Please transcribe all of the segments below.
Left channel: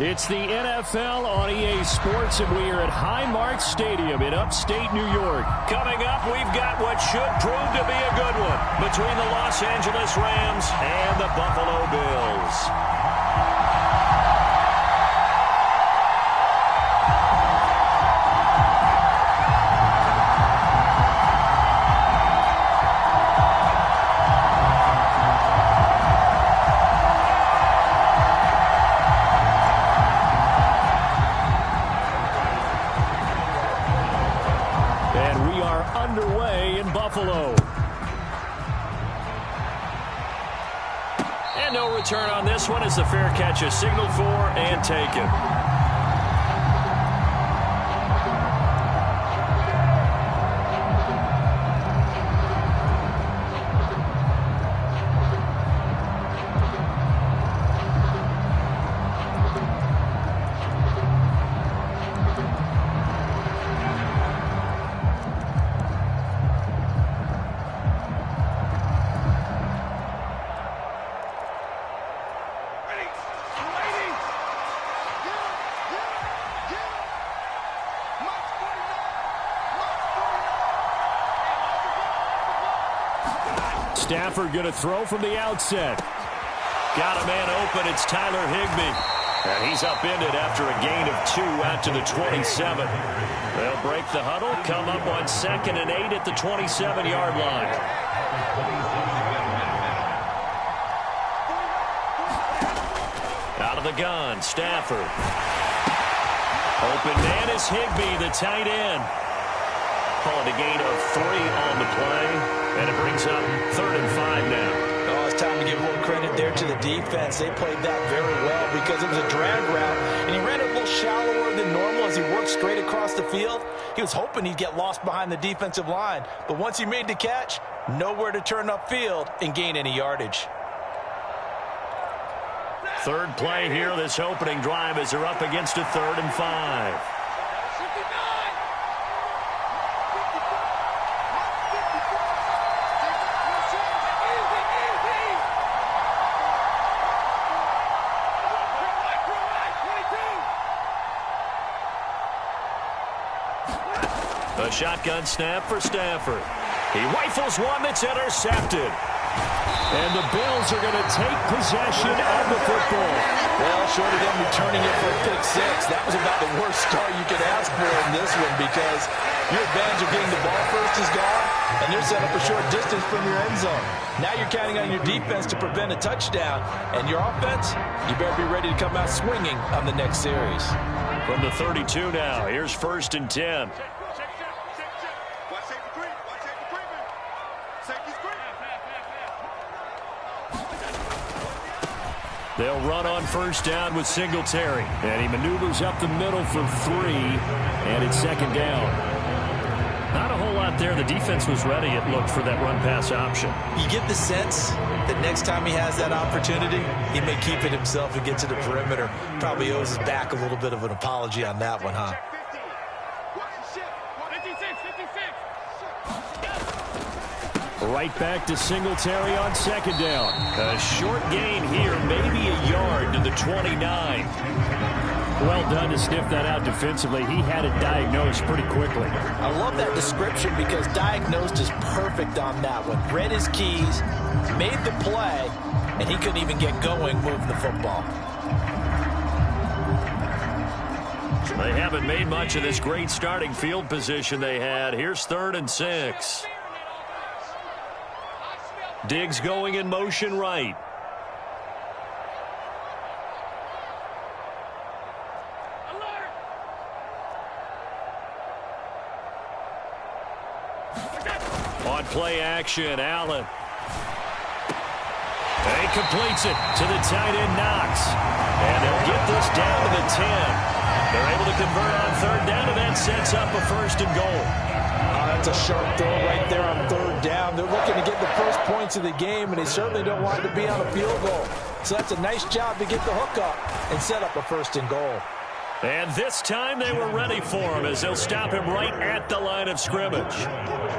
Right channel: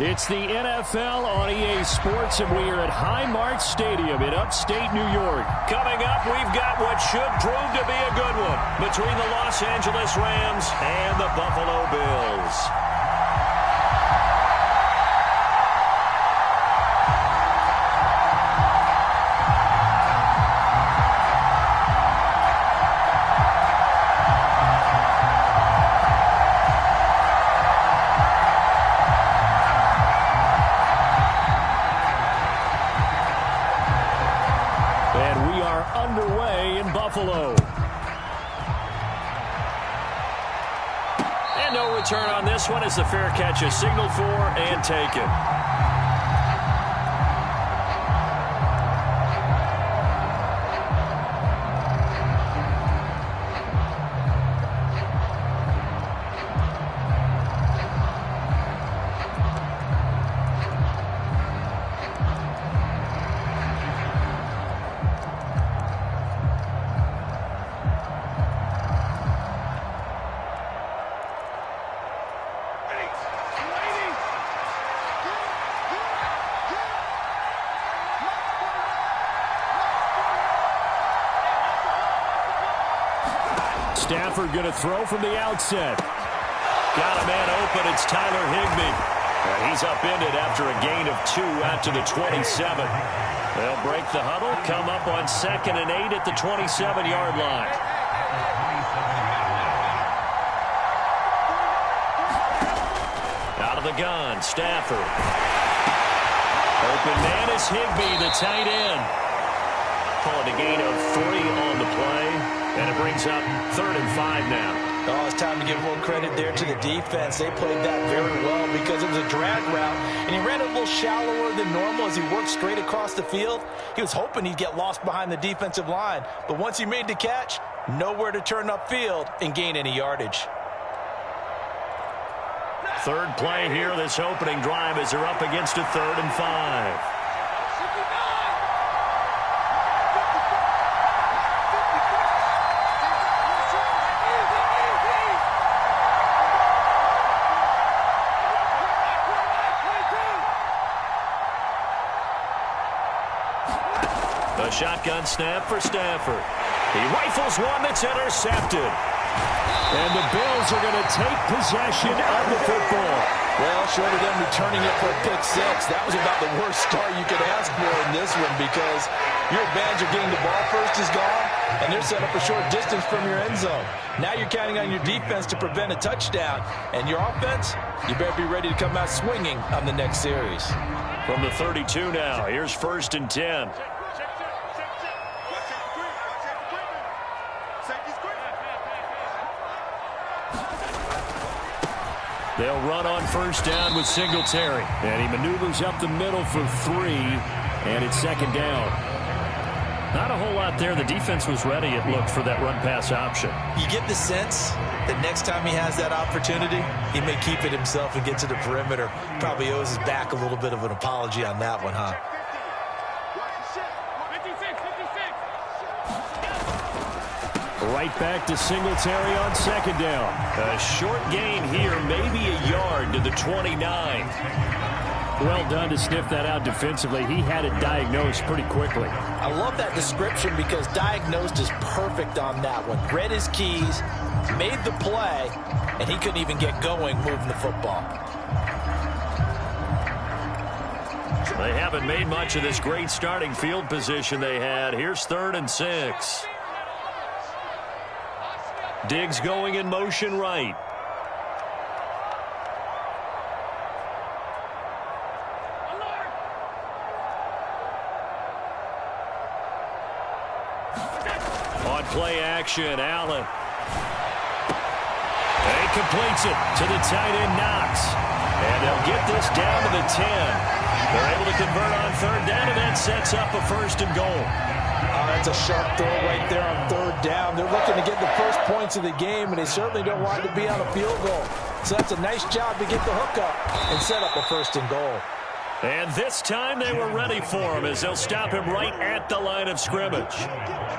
It's the NFL on EA Sports, and we are at Highmark Stadium in upstate New York. Coming up, we've got what should prove to be a good one between the Los Angeles Rams and the Buffalo Bills. Underway in Buffalo. And no return on this one as the fair catch is signaled for and taken. Stafford going to throw from the outset. Got a man open. It's Tyler Higbee. And he's upended after a gain of 2 out to the 27. They'll break the huddle, come up on 2nd and 8 at the 27-yard line. Out of the gun, Stafford. Open man is Higbee, the tight end. Call it a gain of 3 on the play. And it brings up 3rd and 5 now. Oh, it's time to give a little credit there to the defense. They played that very well because it was a drag route, and he ran it a little shallower than normal as he worked straight across the field. He was hoping he'd get lost behind the defensive line, but once he made the catch, nowhere to turn upfield and gain any yardage. Third play here, this opening drive, as they're up against a 3rd and 5. A shotgun snap for Stafford. He rifles one that's intercepted. And the Bills are going to take possession of the football. Well, short of them returning it for a pick 6, that was about the worst start you could ask for in this one because your advantage of getting the ball first is gone, and they're set up a short distance from your end zone. Now you're counting on your defense to prevent a touchdown, and your offense, you better be ready to come out swinging on the next series. From the 32 now, here's 1st and 10. They'll run on 1st down with Singletary. And he maneuvers up the middle for 3. And it's 2nd down. Not a whole lot there. The defense was ready, it looked, for that run-pass option. You get the sense that next time he has that opportunity, he may keep it himself and get to the perimeter. Probably owes his back a little bit of an apology on that one, huh? Right back to Singletary on 2nd down. A short gain here, maybe a yard to the 29. Well done to sniff that out defensively. He had it diagnosed pretty quickly. I love that description because diagnosed is perfect on that one. Read his keys, made the play, and he couldn't even get going moving the football. They haven't made much of this great starting field position they had. Here's 3rd and 6. Diggs going in motion right. On play action, Allen. And he completes it to the tight end, Knox. And they'll get this down to the 10. They're able to convert on 3rd down, and that sets up a 1st and goal. That's a sharp throw right there on 3rd down. They're looking to get the first points of the game, and they certainly don't want it to be on a field goal. So that's a nice job to get the hook up and set up a 1st and goal. And this time they were ready for him as they'll stop him right at the line of scrimmage.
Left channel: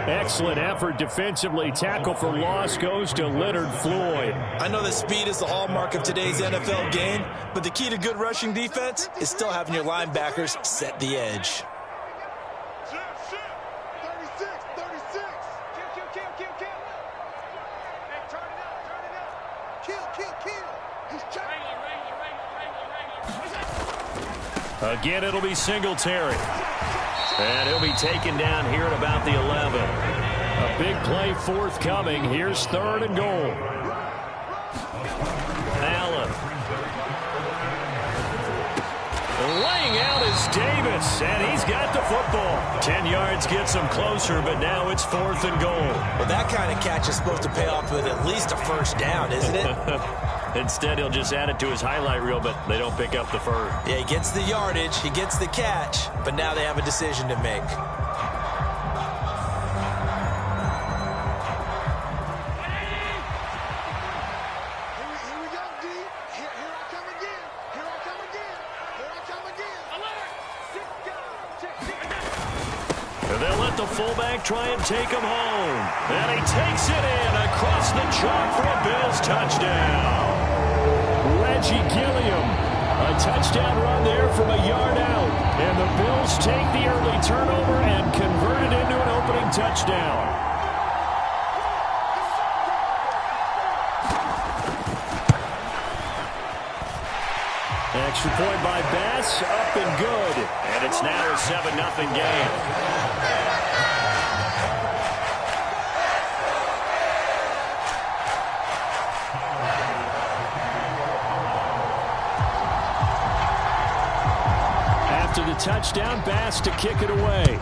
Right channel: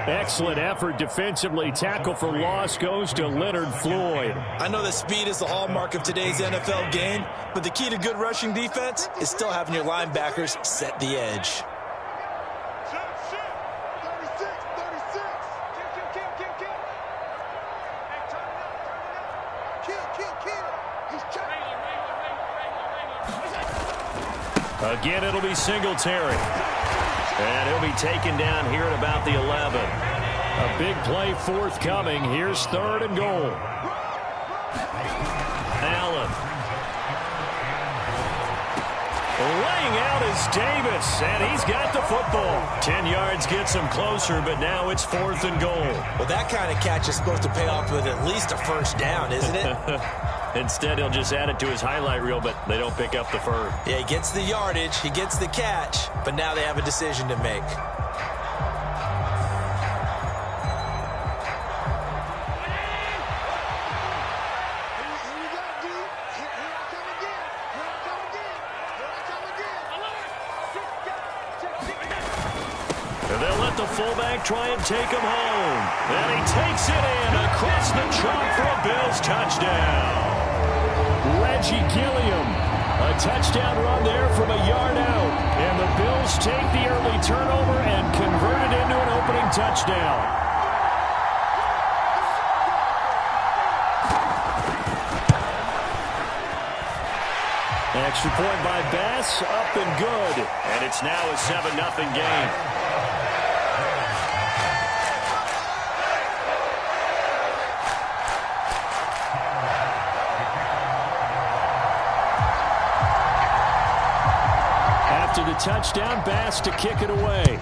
Excellent effort defensively. Tackle for loss goes to Leonard Floyd. I know that speed is the hallmark of today's NFL game, but the key to good rushing defense is still having your linebackers set the edge. Again, it'll be Singletary. And he'll be taken down here at about the 11. A big play forthcoming. Here's 3rd and goal. Allen. Laying out is Davis, and he's got the football. 10 yards gets him closer, but now it's 4th and goal. Well, that kind of catch is supposed to pay off with at least a first down, isn't it? Instead, he'll just add it to his highlight reel, but they don't pick up the first. Yeah, he gets the yardage, he gets the catch, but now they have a decision to make. They'll let the fullback try and take him home. And he takes it in across the chalk for a Bills touchdown. Reggie Gilliam. A touchdown run there from a yard out. And the Bills take the early turnover and convert it into an opening touchdown. Extra point by Bass, up and good. And it's now a 7-0 game. After the touchdown, Bass to kick it away.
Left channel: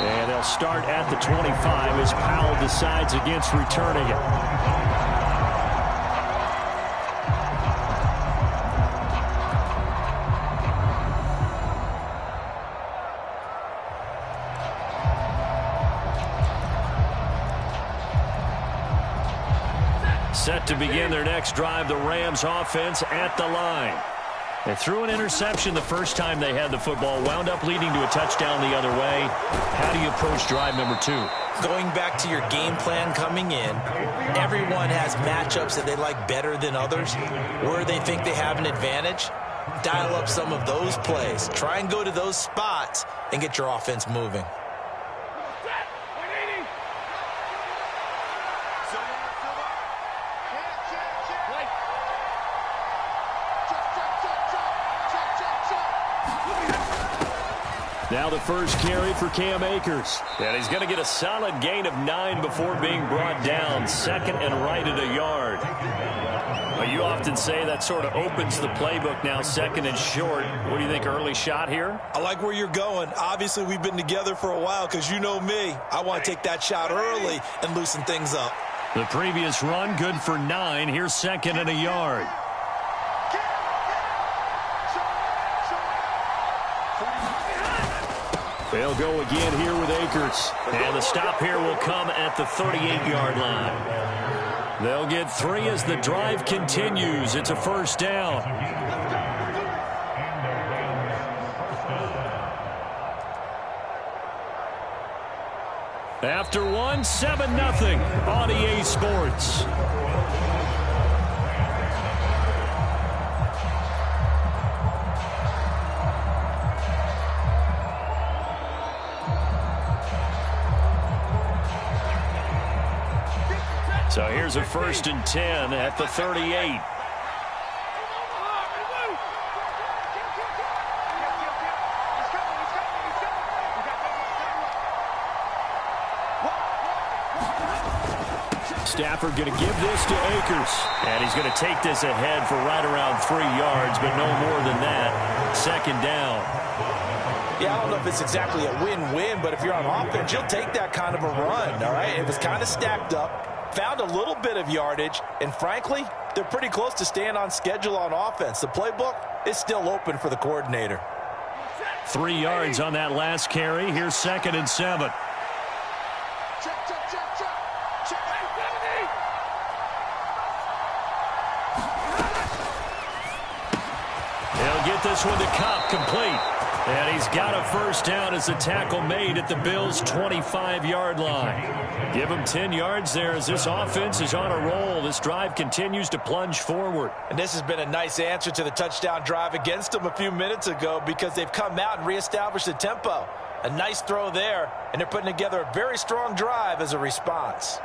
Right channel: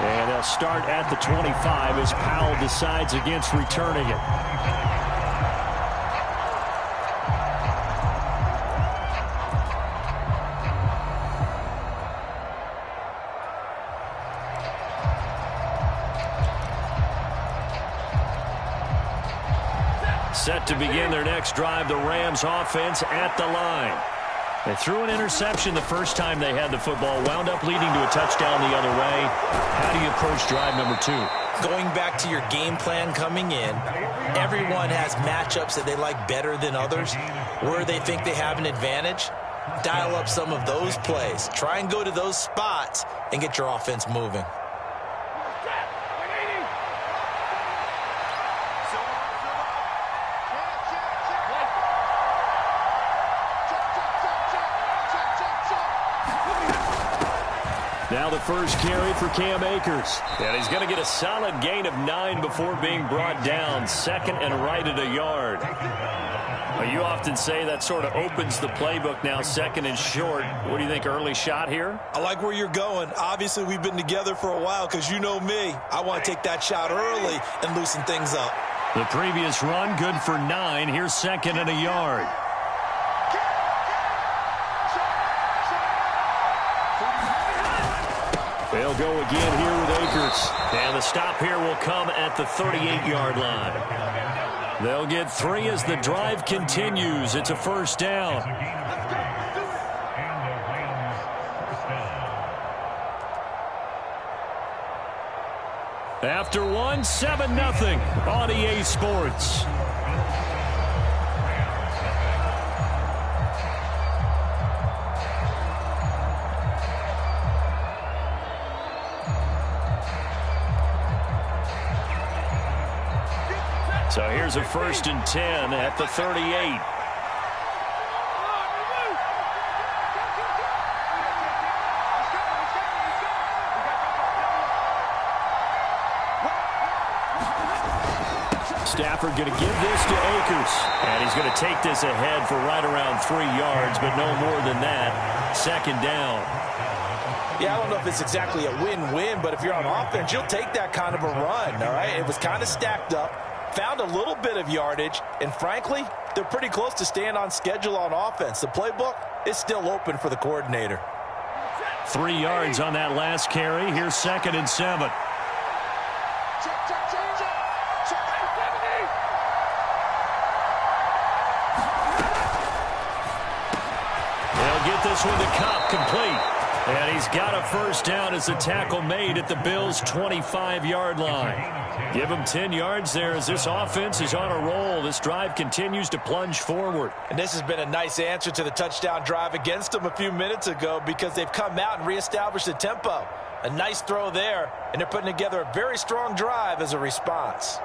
And they'll start at the 25 as Powell decides against returning it. Set to begin their next drive, the Rams offense at the line. They threw an interception the first time they had the football, wound up leading to a touchdown the other way. How do you approach drive number 2? Going back to your game plan coming in, everyone has matchups that they like better than others. Where they think they have an advantage, dial up some of those plays. Try and go to those spots and get your offense moving. Now the first carry for Cam Akers. And he's going to get a solid gain of 9 before being brought down. Second and right at a yard. Well, you often say that sort of opens the playbook now, second and short. What do you think, early shot here? I like where you're going. Obviously, we've been together for a while because you know me. I want to take that shot early and loosen things up. The previous run, good for 9. Here's second and a yard. They'll go again here with Akers. And the stop here will come at the 38-yard line. They'll get 3 as the drive continues. It's a first down. After 1, 7-0 on EA Sports. So here's a 1st and 10 at the 38. Stafford going to give this to Akers. And he's going to take this ahead for right around 3 yards, but no more than that. Second down. Yeah, I don't know if it's exactly a win-win, but if you're on offense, you'll take that kind of a run, all right? It was kind of stacked up. Found a little bit of yardage, and frankly, they're pretty close to staying on schedule on offense. The playbook is still open for the coordinator. 3 yards on that last carry. Here's 2nd and 7. get this one to Kupp, complete. And he's got a first down as the tackle made at the Bills' 25-yard line. Give him 10 yards there as this offense is on a roll. This drive continues to plunge forward. And this has been a nice answer to the touchdown drive against them a few minutes ago because they've come out and reestablished the tempo. A nice throw there, and they're putting together a very strong drive as a response.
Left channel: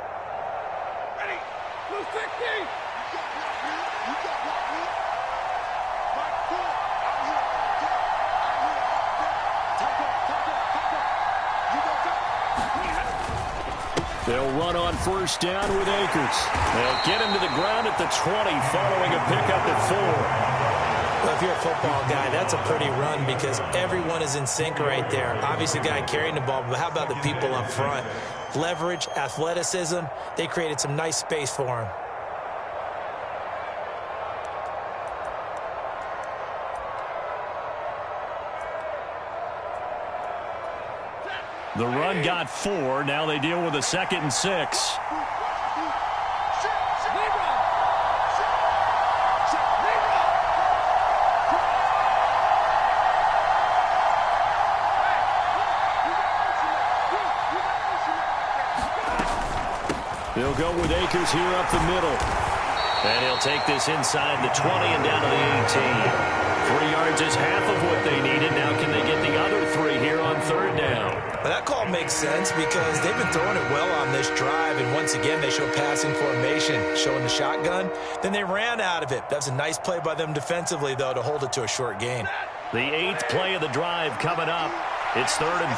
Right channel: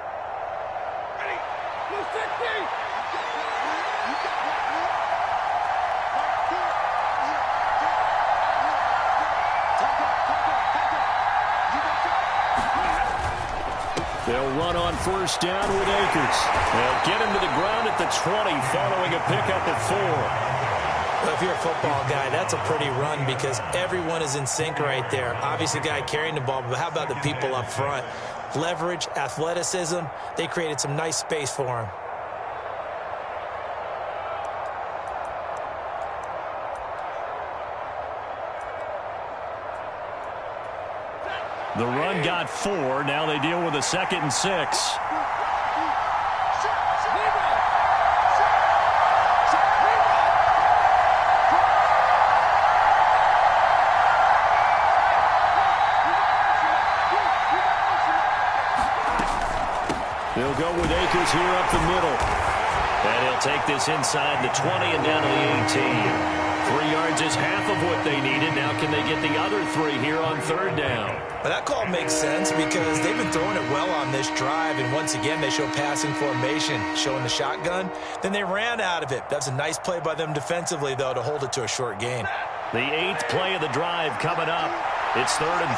Ready, blue 60. They'll run on first down with Akers. They'll get him to the ground at the 20 following a pickup at 4. Well, if you're a football guy, that's a pretty run because everyone is in sync right there. Obviously, the guy carrying the ball, but how about the people up front? Leverage, athleticism, they created some nice space for him. The run got 4. Now they deal with a 2nd and 6. They'll go with Akers here up the middle. And he'll take this inside the 20 and down to the 18. 3 yards is half of what they needed. Now can they get the other 3 here on third down? Well, that call makes sense because they've been throwing it well on this drive. And once again, they show passing formation, showing the shotgun. Then they ran out of it. That's a nice play by them defensively, though, to hold it to a short gain. The 8th play of the drive coming up. It's 3rd and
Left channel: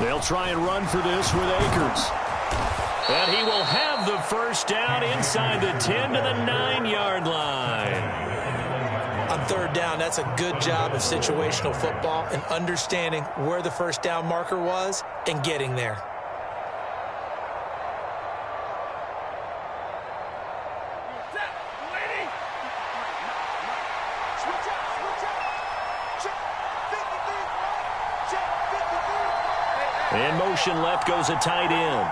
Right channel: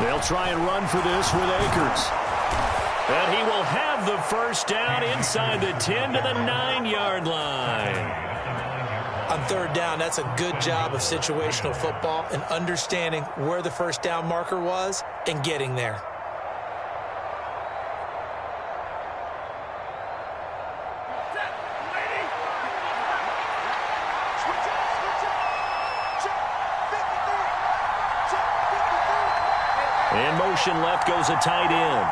3. They'll try and run for this with Akers. And he will have the first down inside the 10 to the 9-yard line. On third down, that's a good job of situational football and understanding where the first down marker was and getting there. In motion left goes a tight end.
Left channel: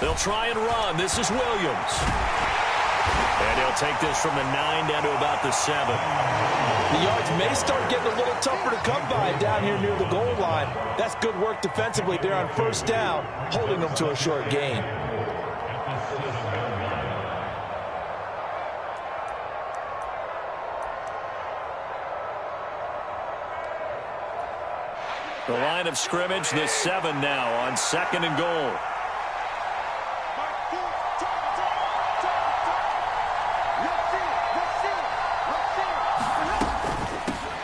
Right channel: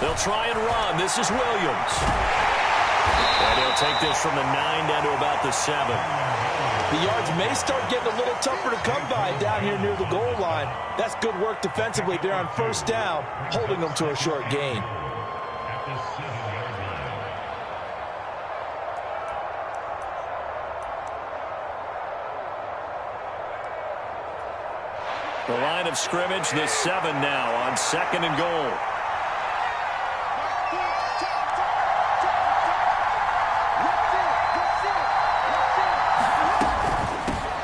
They'll try and run. This is Williams. And he'll take this from the 9 down to about the 7. The yards may start getting a little tougher to come by down here near the goal line. That's good work defensively there on first down, holding them to a short gain. The line of scrimmage, the 7 now on 2nd and goal.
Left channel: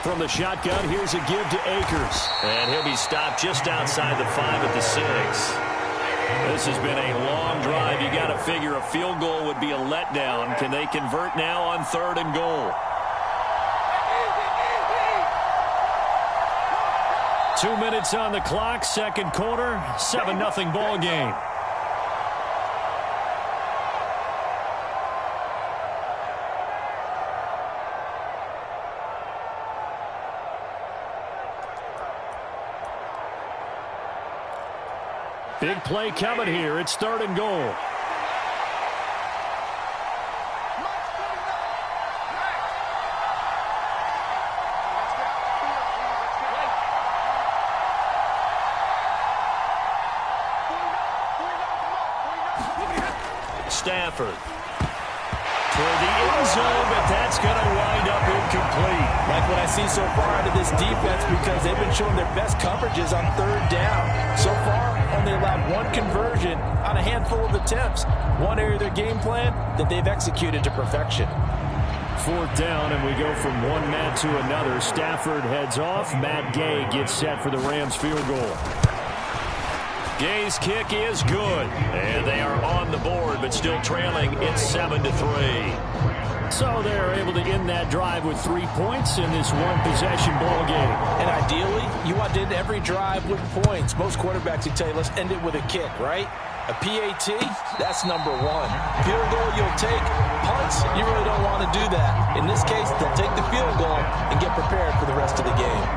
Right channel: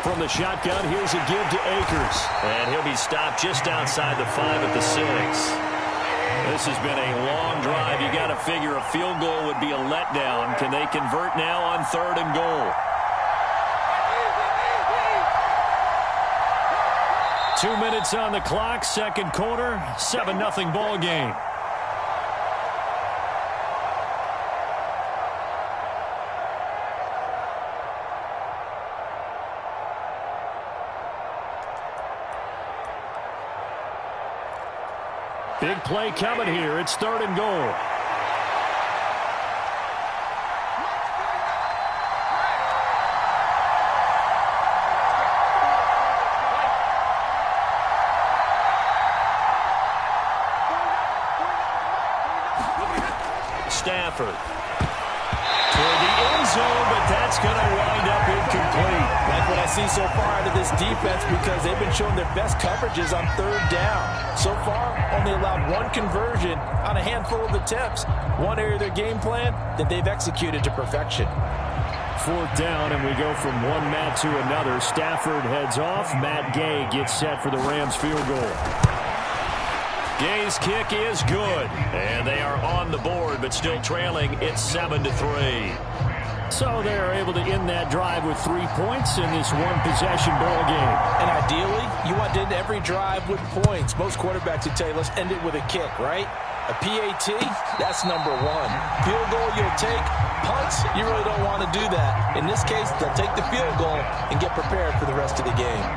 From the shotgun, here's a give to Akers. And he'll be stopped just outside the 5 at the 6. This has been a long drive. You got to figure a field goal would be a letdown. Can they convert now on 3rd and goal? 2 minutes on the clock, second quarter, 7-0 ball game. Big play coming here. It's 3rd and goal. Stafford toward the end zone, but that's going to wind up incomplete. Like what I see so far out of this defense because they've been showing their best coverages on 3rd down. So far, only allowed 1 conversion on a handful of attempts. One area of their game plan that they've executed to perfection. 4th down, and we go from one Matt to another. Stafford heads off. Matt Gay gets set for the Rams field goal. Gay's kick is good, and they are on the board, but still trailing. It's 7-3. So they're able to end that drive with 3 points in this one-possession ball game. And ideally, you want to end every drive with points. Most quarterbacks would tell you, let's end it with a kick, right? A PAT, that's number 1. Field goal, you'll take. Punts, you really don't want to do that. In this case, they'll take the field goal and get prepared for the rest of the game.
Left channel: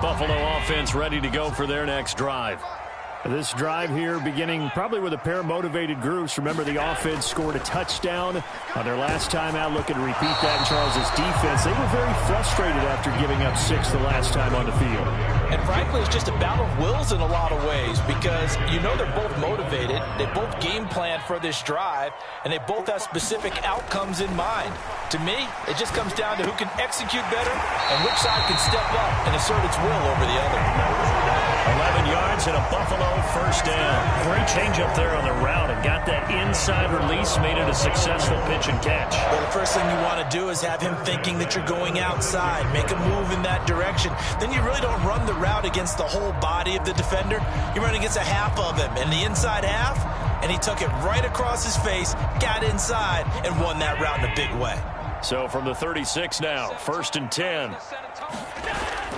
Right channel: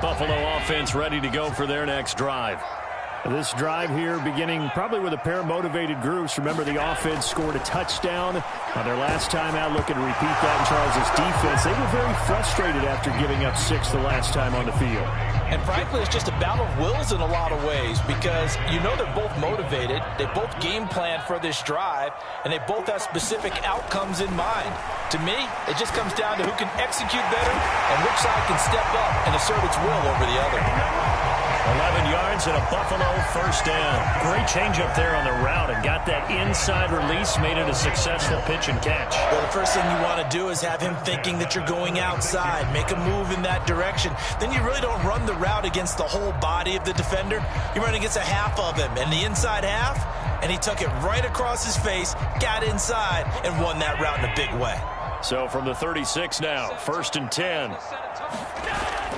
Buffalo offense ready to go for their next drive. This drive here beginning probably with a pair of motivated groups. Remember, the offense scored a touchdown on their last time out, looking to repeat that in Charles' defense. They were very frustrated after giving up 6 the last time on the field. And frankly, it's just a battle of wills in a lot of ways because you know they're both motivated. They both game plan for this drive, and they both have specific outcomes in mind. To me, it just comes down to who can execute better and which side can step up and assert its will over the other. 11 yards and a Buffalo first down. Great change up there on the route and got that inside release, made it a successful pitch and catch. Well, the first thing you want to do is have him thinking that you're going outside, make a move in that direction. Then you really don't run the route against the whole body of the defender. You run against a half of him, and the inside half, and he took it right across his face, got inside, and won that route in a big way. So from the 36 now, 1st and 10.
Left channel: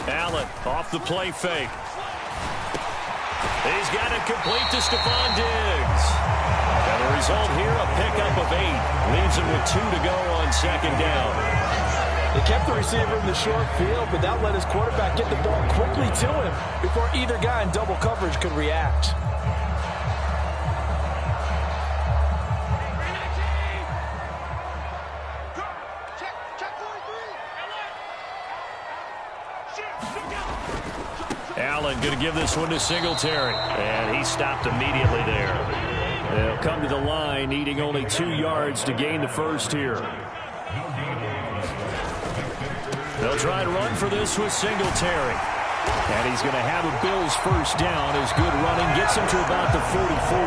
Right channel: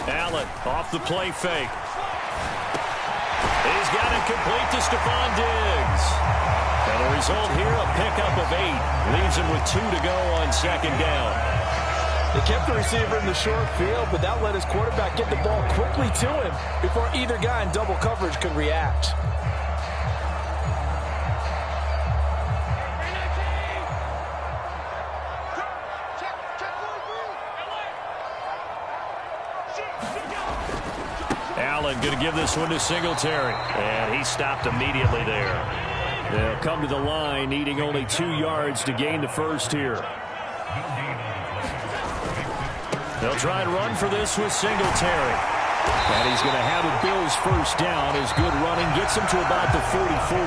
Allen off the play fake. He's got it complete to Stephon Diggs. And the result here, a pickup of 8. Leaves him with 2 to go on 2nd down. They kept the receiver in the short field, but that let his quarterback get the ball quickly to him before either guy in double coverage could react. Allen going to give this one to Singletary. And he stopped immediately there. They'll come to the line, needing only 2 yards to gain the first here. They'll try and run for this with Singletary. And he's going to have a Bills first down as good running gets him to about the 44.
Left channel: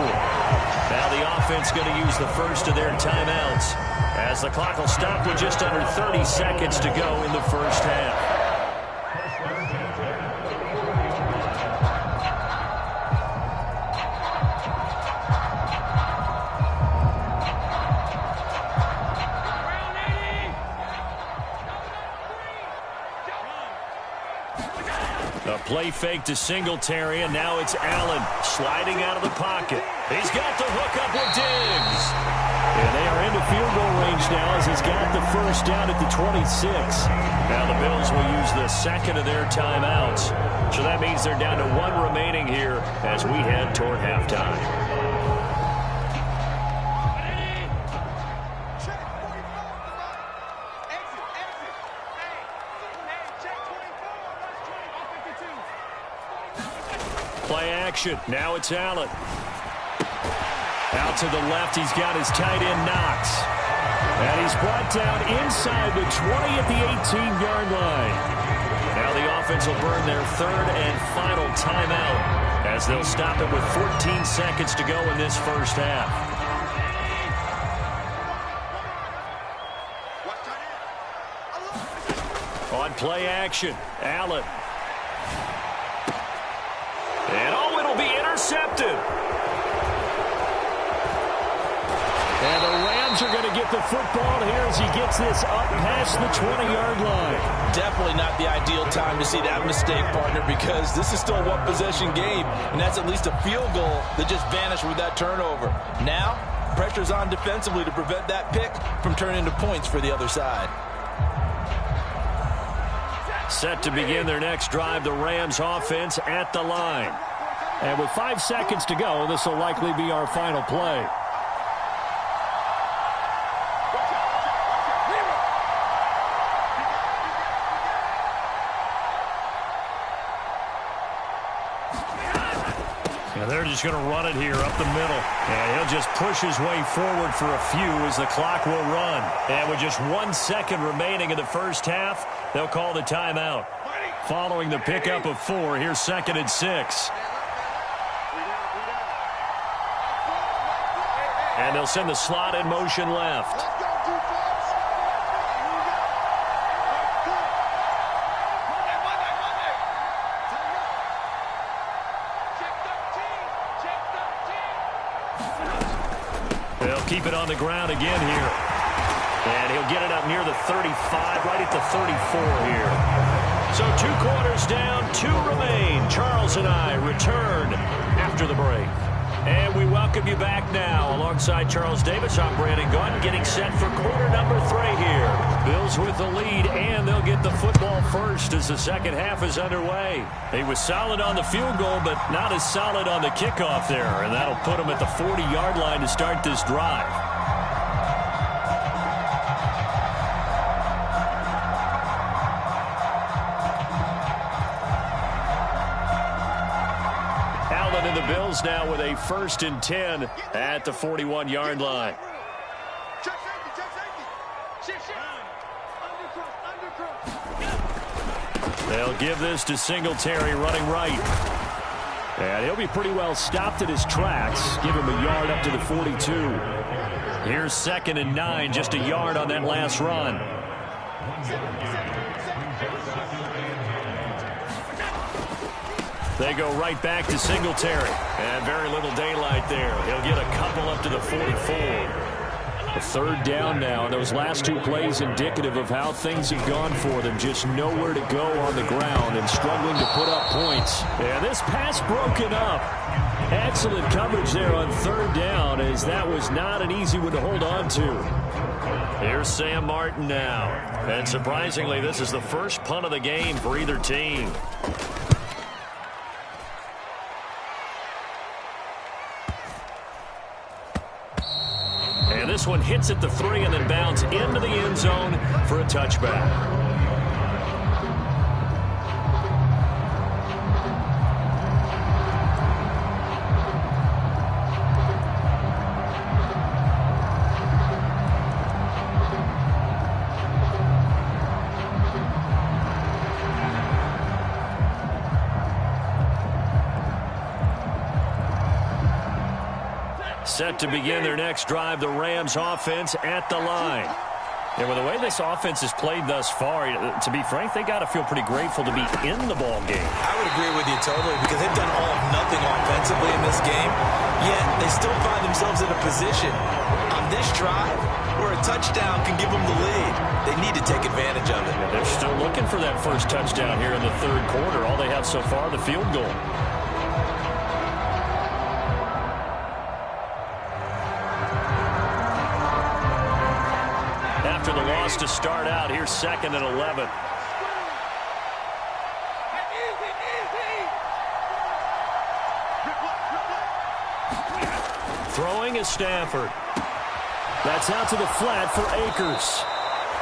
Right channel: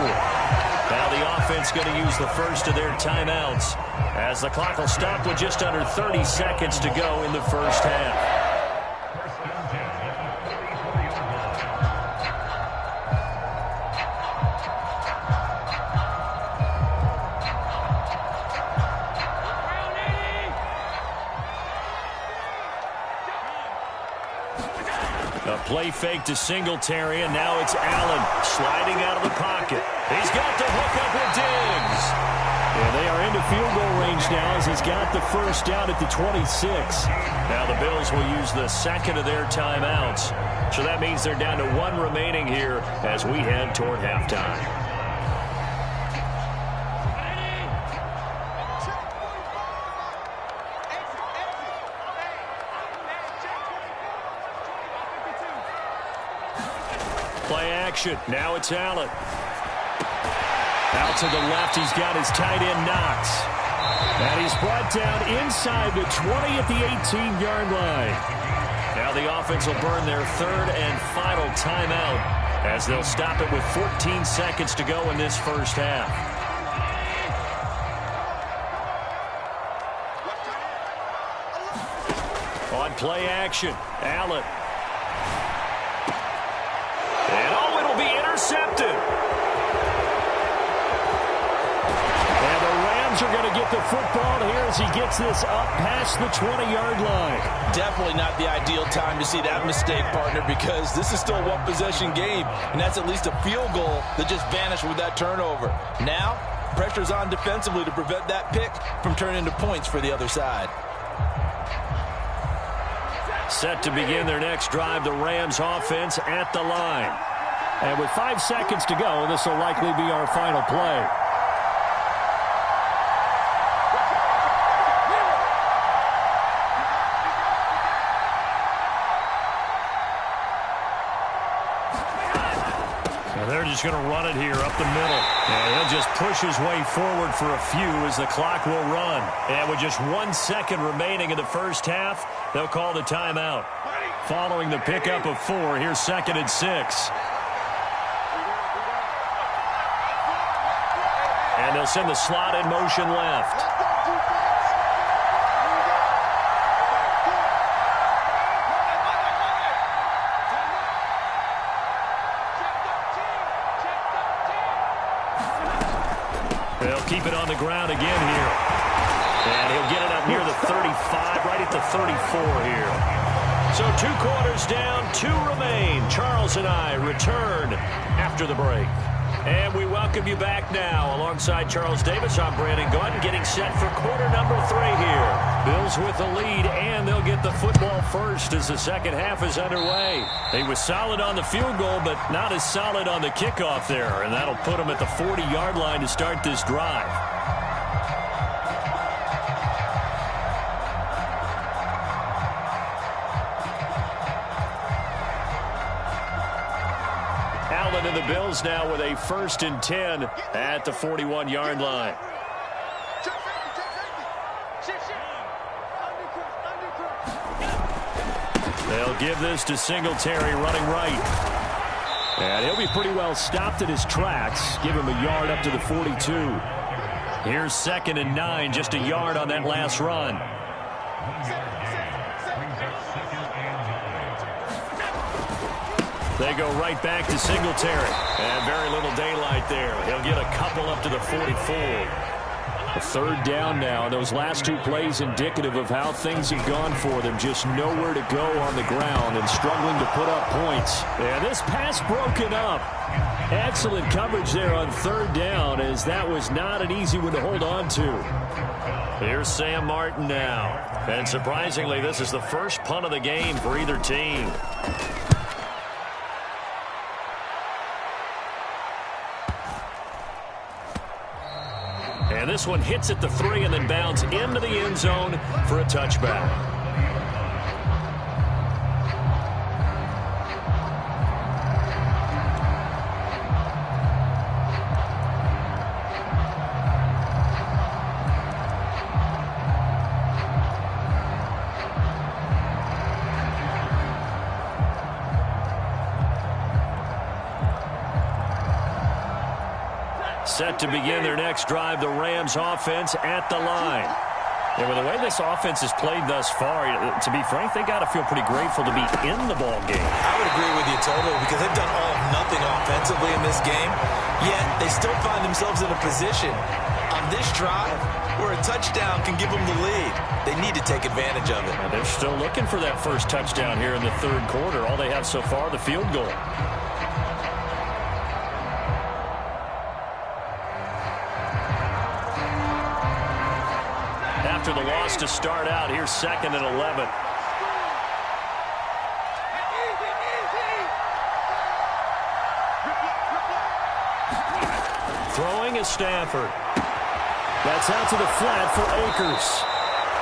Now the offense going to use the first of their timeouts as the clock will stop with just under 30 seconds to go in the first half. A play fake to Singletary, and now it's Allen sliding out of the pocket. He's got the hook up with Diggs. And they are into field goal range now as he's got the first down at the 26. Now the Bills will use the second of their timeouts. So that means they're down to 1 remaining here as we head toward halftime. Play action. Now it's Allen. Out to the left, he's got his tight end Knox. And he's brought down inside the 20 at the 18-yard line. Now the offense will burn their 3rd and final timeout as they'll stop it with 14 seconds to go in this first half. On play action, Allen. And oh, it'll be intercepted. And the Rams are going to get the football here as he gets this up past the 20-yard line. Definitely not the ideal time to see that mistake, partner, because this is still a one-possession game, and that's at least a field goal that just vanished with that turnover. Now, pressure's on defensively to prevent that pick from turning into points for the other side. Set to begin their next drive, the Rams offense at the line. And with 5 seconds to go, this will likely be our final play. And they're just going to run it here up the middle. And he'll just push his way forward for a few as the clock will run. And with just 1 second remaining in the first half, they'll call the timeout. Following the pickup of 4, here's 2nd and 6. And they'll send the slot in motion left. They'll keep it on the ground again here. And he'll get it up near the 35, right at the 34 here. So 2 quarters down, 2 remain. Charles and I return after the break. And we welcome you back now. Alongside Charles Davis, I'm Brandon Gaudin, getting set for quarter number 3 here. Bills with the lead, and they'll get the football first as the second half is underway. He was solid on the field goal, but not as solid on the kickoff there, and that'll put him at the 40-yard line to start this drive. Allen and the Bills now with a 1st and 10 at the 41-yard line. They'll give this to Singletary running right. And he'll be pretty well stopped in his tracks. Give him a yard up to the 42. Here's 2nd and 9, just a yard on that last run. They go right back to Singletary. And very little daylight there. He'll get a couple up to the 44. A 3rd down now. And those last 2 plays indicative of how things have gone for them. Just nowhere to go on the ground and struggling to put up points. And this pass broken up. Excellent coverage there on 3rd down, as that was not an easy one to hold on to. Here's Sam Martin now. And surprisingly, this is the first punt of the game for either team. And this one hits at the 3 and then bounds into the end zone for a touchback. Set to begin their next drive, the Rams offense at the line. And with the way this offense has played thus far, to be frank, they got to feel pretty grateful to be in the ball game. I would agree with you totally, because they've done all of nothing offensively in this game, yet they still find themselves in a position on this drive where a touchdown can give them the lead. They need to take advantage of it. And they're still looking for that first touchdown here in the 3rd quarter. All they have so far, the field goal. After the loss to start out, here's 2nd and 11. Throwing is Stafford. That's out to the flat for Akers.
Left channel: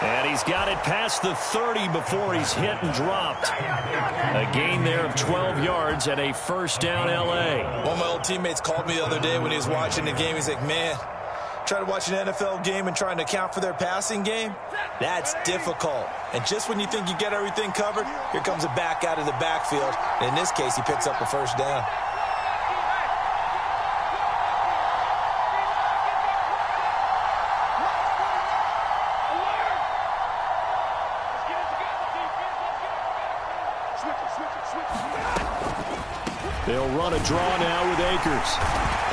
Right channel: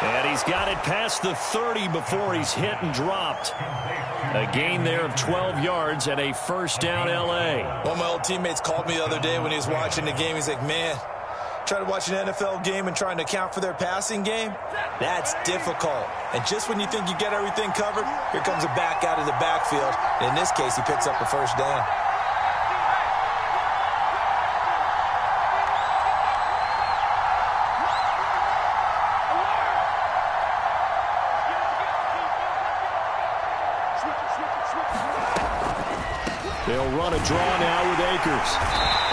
And he's got it past the 30 before he's hit and dropped. A gain there of 12 yards and a 1st down L.A. One of my old teammates called me the other day when he was watching the game. He's like, man, trying to watch an NFL game and trying to account for their passing game, that's difficult. And just when you think you get everything covered, here comes a back out of the backfield. And in this case, he picks up a 1st down. They'll run a draw now with Akers.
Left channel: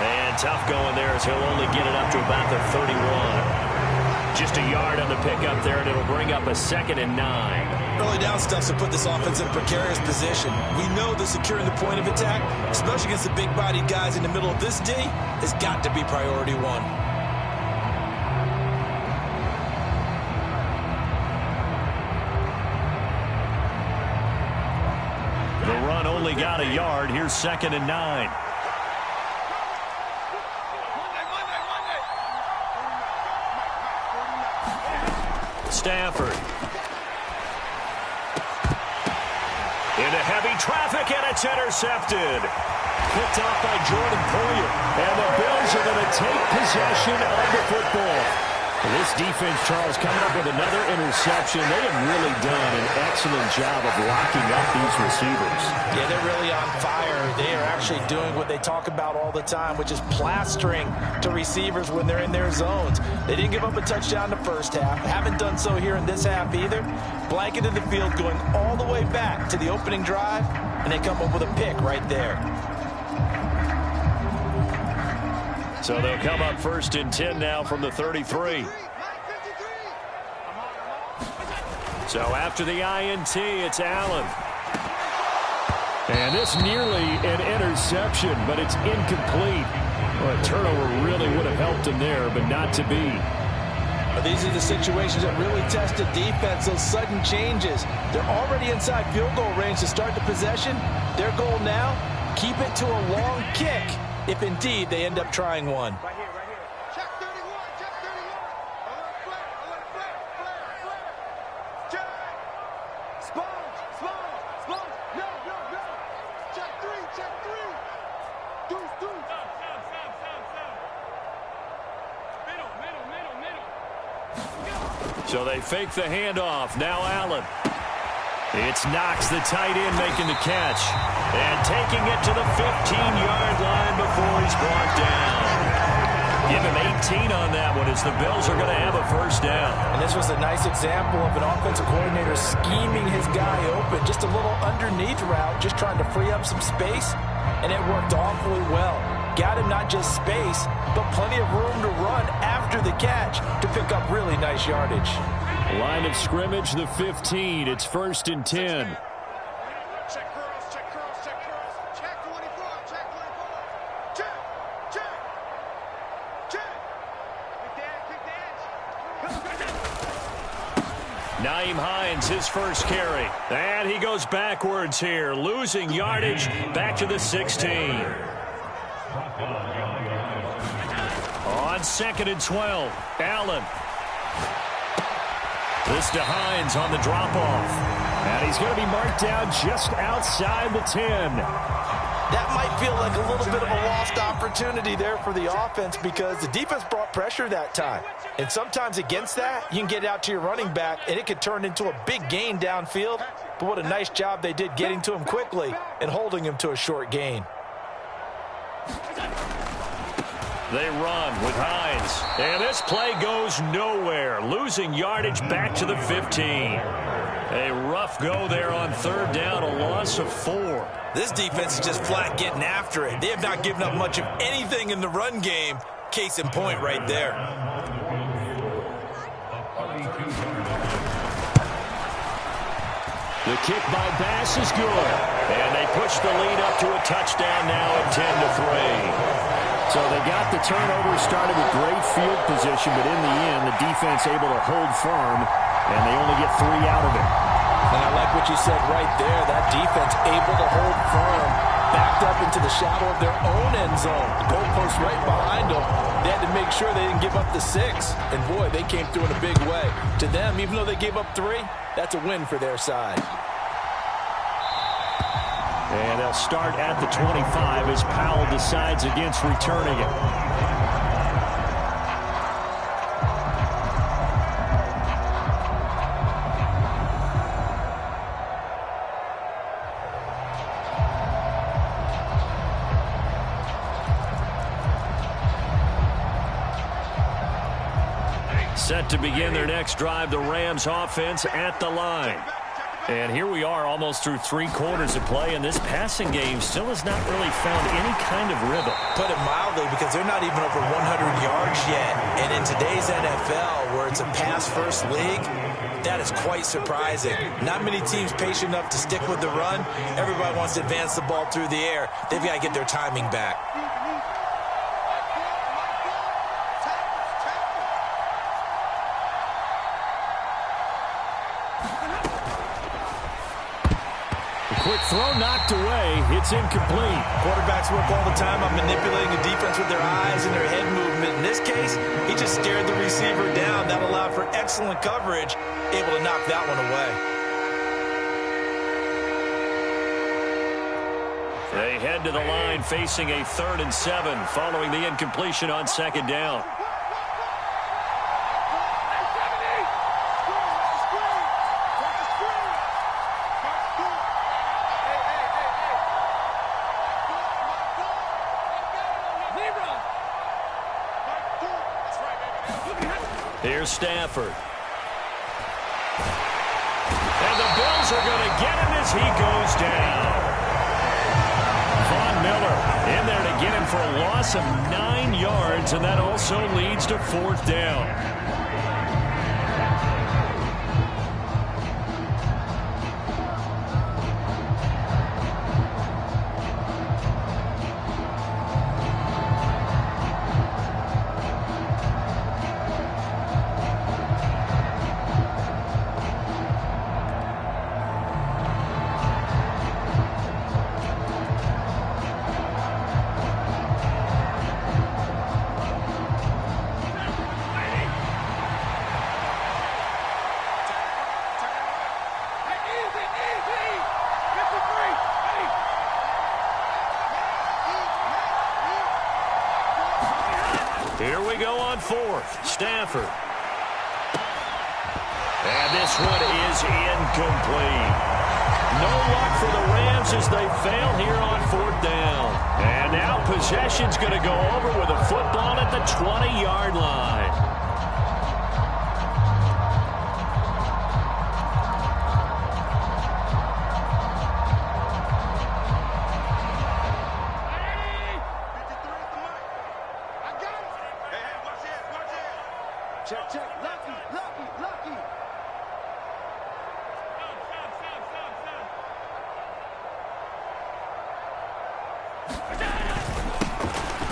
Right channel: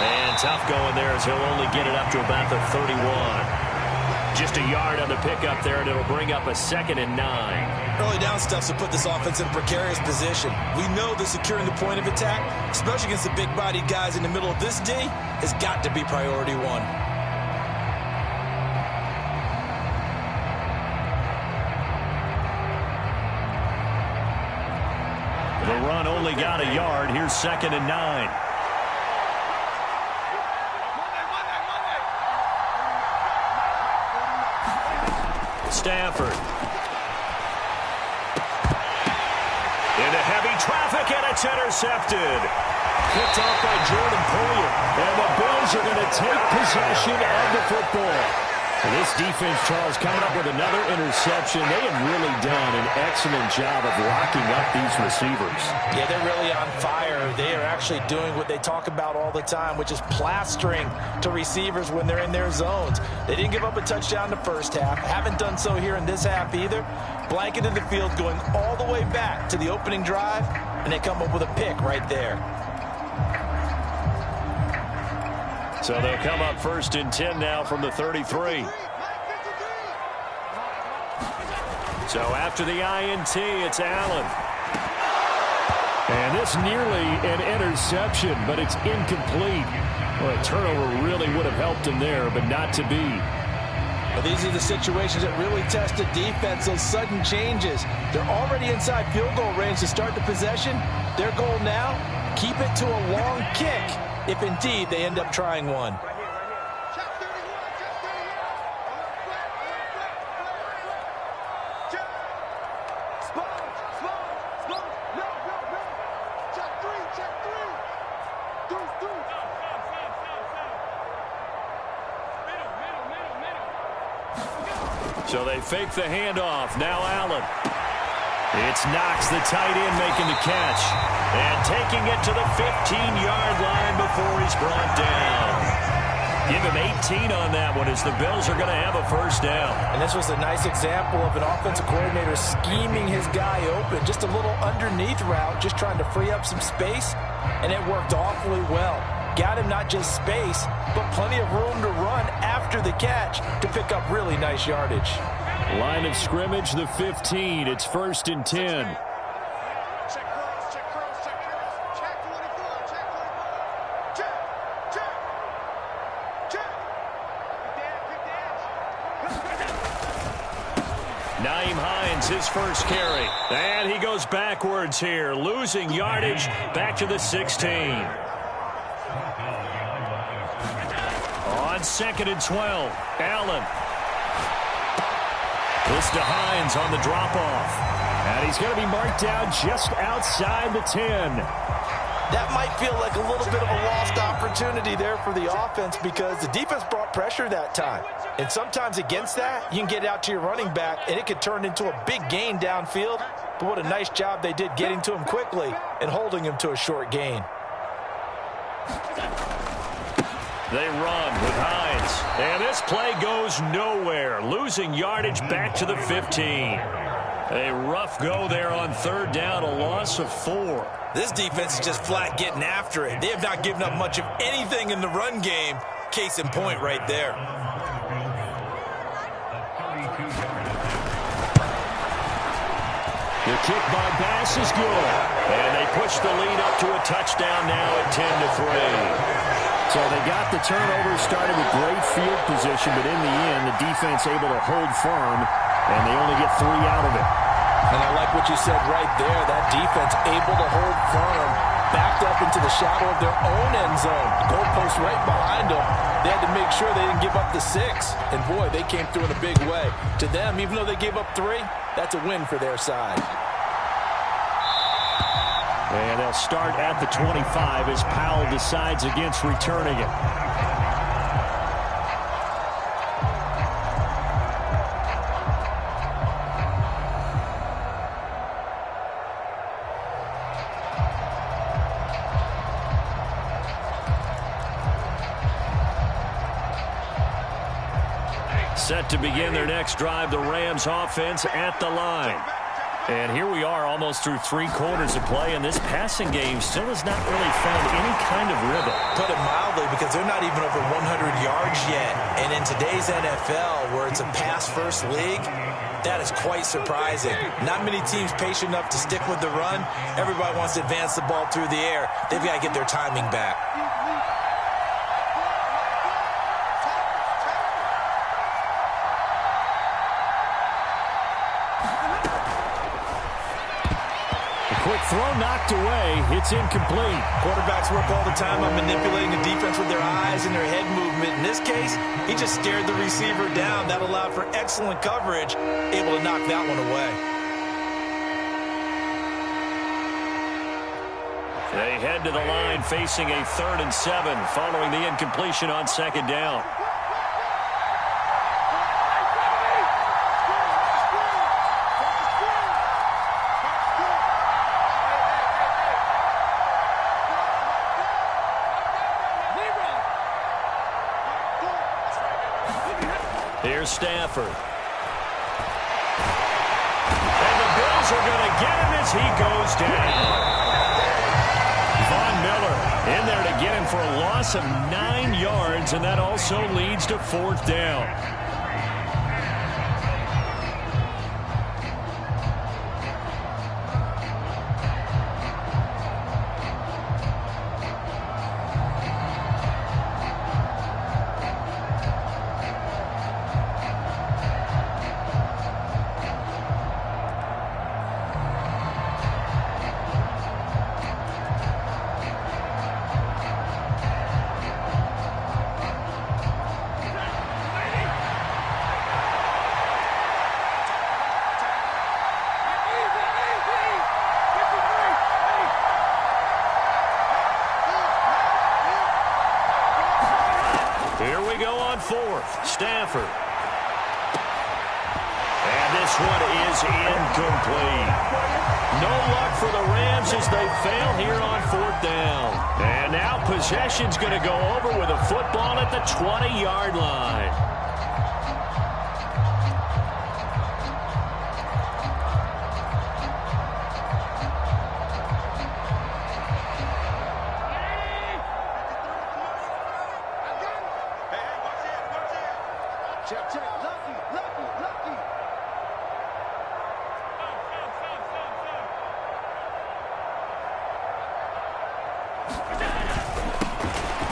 And tough going there, as he'll only get it up to about the 31. Just a yard on the pickup there, and it'll bring up a 2nd and 9. Early down stuff's to put this offense in a precarious position. We know that securing the point of attack, especially against the big-bodied guys in the middle of this D, has got to be priority 1. The run only got a yard. Here's 2nd and 9. Stafford. Into heavy traffic, and it's intercepted. Picked off by Jordan Poyer. And the Bills are going to take possession of the football. This defense, Charles, coming up with another interception. They have really done an excellent job of locking up these receivers. Yeah, they're really on fire. They are actually doing what they talk about all the time, which is plastering to receivers when they're in their zones. They didn't give up a touchdown in the first half. Haven't done so here in this half either. Blanketed the field going all the way back to the opening drive, and they come up with a pick right there. So they'll come up 1st and 10 now from the 33. So after the INT, it's Allen. And this nearly an interception, but it's incomplete. Well, a turnover really would have helped him there, but not to be. But these are the situations that really test a defense, those sudden changes. They're already inside field goal range to start the possession. Their goal now, keep it to a long kick, if indeed they end up trying one. Right here, right here. Check 31, check 31. A little flat, flare. Check. Sponge. No. Check three. Deuce. Stop. Middle. So they fake the handoff. Now Allen. It's Knox, the tight end, making the catch. And taking it to the 15-yard line before he's brought down. Give him 18 on that one as the Bills are going to have a first down. And this was a nice example of an offensive coordinator scheming his guy open. Just a little underneath route, just trying to free up some space. And it worked awfully well. Got him not just space, but plenty of room to run after the catch to pick up really nice yardage. Line of scrimmage, the 15. It's 1st and 10. Check curls. Check 24. Check. Quick dash. Nyheim Hines, his first carry. And he goes backwards here, losing yardage back to the 16. On 2nd and 12, Allen. This to Hines on the drop-off. And he's going to be marked down just outside the 10. That might feel like a little bit of a lost opportunity there for the offense because the defense brought pressure that time. And sometimes against that, you can get out to your running back, and it could turn into a big gain downfield. But what a nice job they did getting to him quickly and holding him to a short gain. They run with Hines. And this play goes nowhere, losing yardage back to the 15. A rough go there on 3rd down, a loss of 4. This defense is just flat getting after it. They have not given up much of anything in the run game. Case in point right there. The kick by Bass is good. And they push the lead up to a touchdown now at 10-3. So they got the turnover started with great field position, but in the end, the defense able to hold firm, and they only get 3 out of it. And I like what you said right there. That defense able to hold firm, backed up into the shadow of their own end zone. The goalpost right behind them. They had to make sure they didn't give up the 6. And, boy, they came through in a big way. To them, even though they gave up 3, that's a win for their side. And they'll start at the 25 as Powell decides against returning it. Set to begin their next drive, the Rams offense at the line. And here we are almost through 3 quarters of play, and this passing game still has not really found any kind of rhythm. Put it mildly, because they're not even over 100 yards yet. And in today's NFL, where it's a pass-first league, that is quite surprising. Not many teams patient enough to stick with the run. Everybody wants to advance the ball through the air. They've got to get their timing back. Quick throw knocked away. It's incomplete. Quarterbacks work all the time on manipulating a defense with their eyes and their head movement. In this case, he just stared the receiver down. That allowed for excellent coverage, able to knock that one away. They head to the line facing a 3rd and 7 following the incompletion on 2nd down. Here's Stafford. And the Bills are going to get him as he goes down. Von Miller in there to get him for a loss of 9 yards, and that also leads to 4th down. Here we go on fourth. Stafford. And this one is incomplete. No luck for the Rams as they fail here on fourth down. And now possession's going to go over with a football at the 20-yard line. Check, check. Lucky, lucky, lucky.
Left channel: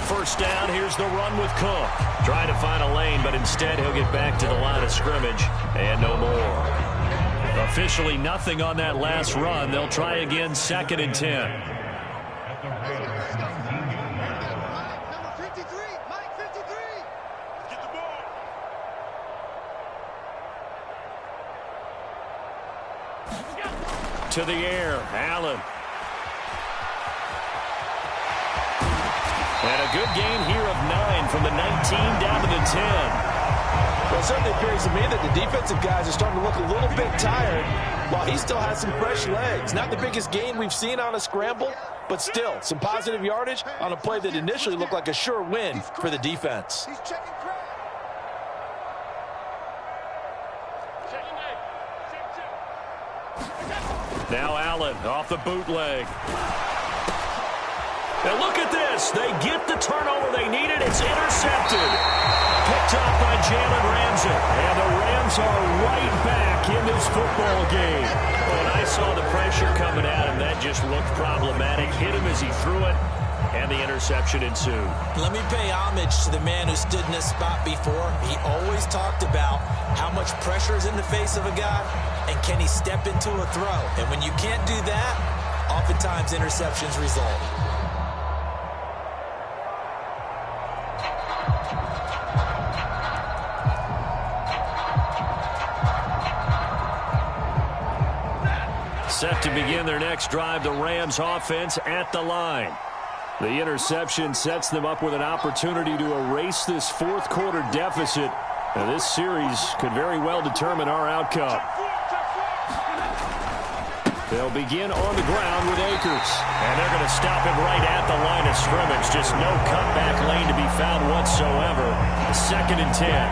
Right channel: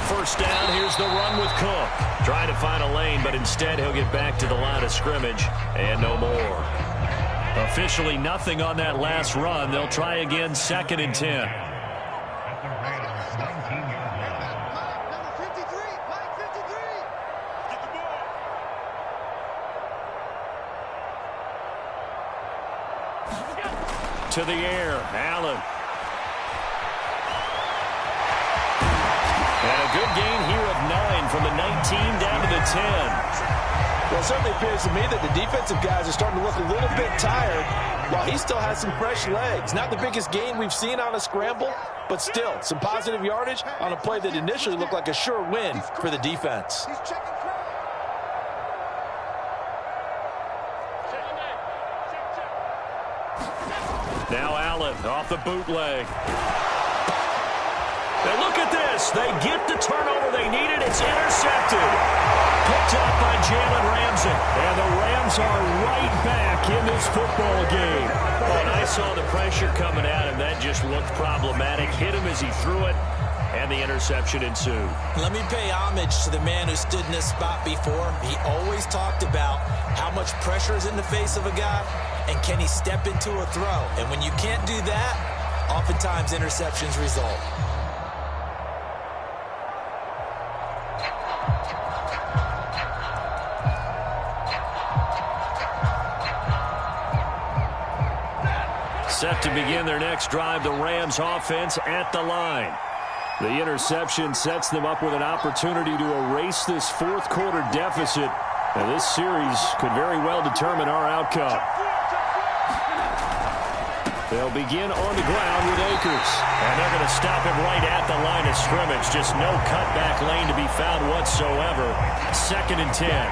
First down, here's the run with Cook. Trying to find a lane, but instead he'll get back to the line of scrimmage and no more. Officially nothing on that last run. They'll try again, 2nd and 10. Mike, number 53. Mike, 53. Get the ball. To the air, Allen. And a good gain here of 9 from the 19 down to the 10. Well, it certainly appears to me that the defensive guys are starting to look a little bit tired while he still has some fresh legs. Not the biggest gain we've seen on a scramble, but still some positive yardage on a play that initially looked like a sure win for the defense. He's checking crowd. Now Allen off the bootleg. Now look at this. They get the turnover they needed. It's intercepted. Picked up by Jalen Ramsey. And the Rams are right back in this football game. When I saw the pressure coming at him, that just looked problematic. Hit him as he threw it, and the interception ensued. Let me pay homage to the man who stood in this spot before. He always talked about how much pressure is in the face of a guy, and can he step into a throw. And when you can't do that, oftentimes interceptions result. Set to begin their next drive, the Rams offense at the line. The interception sets them up with an opportunity to erase this fourth quarter deficit. Now, this series could very well determine our outcome. They'll begin on the ground with Akers. And they're going to stop him right at the line of scrimmage. Just no cutback lane to be found whatsoever. 2nd and 10.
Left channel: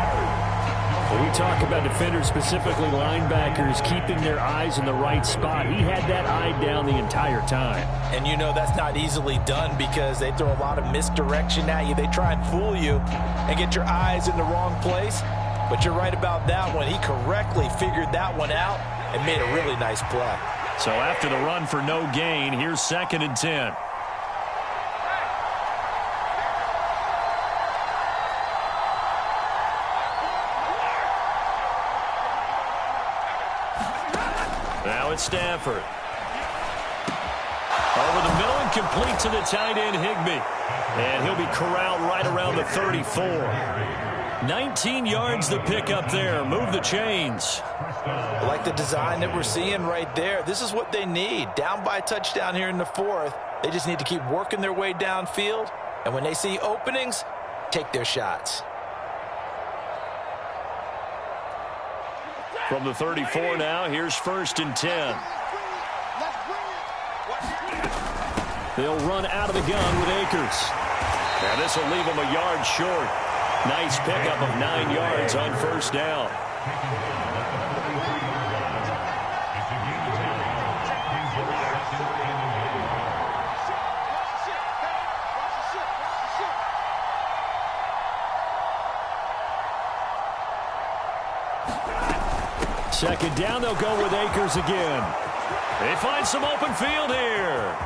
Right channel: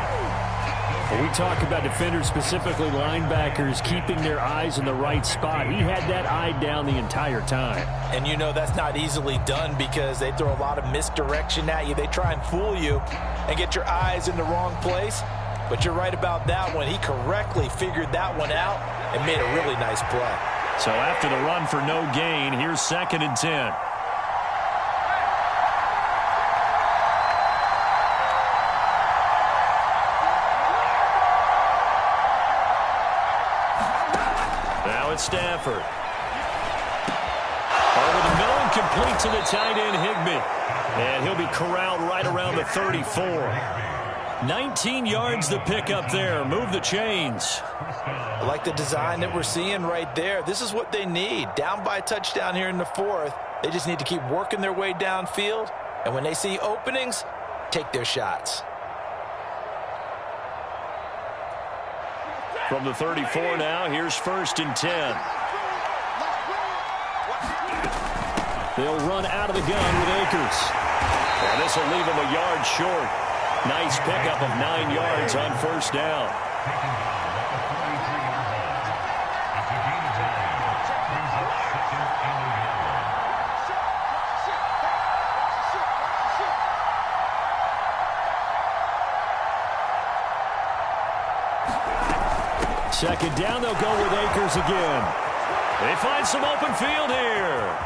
When we talk about defenders, specifically linebackers, keeping their eyes in the right spot, he had that eye down the entire time. And you know that's not easily done because they throw a lot of misdirection at you. They try and fool you and get your eyes in the wrong place. But you're right about that one. He correctly figured that one out and made a really nice play. So after the run for no gain, here's 2nd and 10. Now it's Stafford. Over the middle and complete to the tight end, Higbee. And he'll be corralled right around the 34. 19 yards the pickup there. Move the chains. I like the design that we're seeing right there. This is what they need. Down by a touchdown here in the 4th. They just need to keep working their way downfield. And when they see openings, take their shots. From the 34 now, here's 1st and 10. They'll run out of the gun with Akers. And this will leave them a yard short. Nice pickup of 9 yards on 1st down. Second down, they'll go with Akers again. They find some open field here.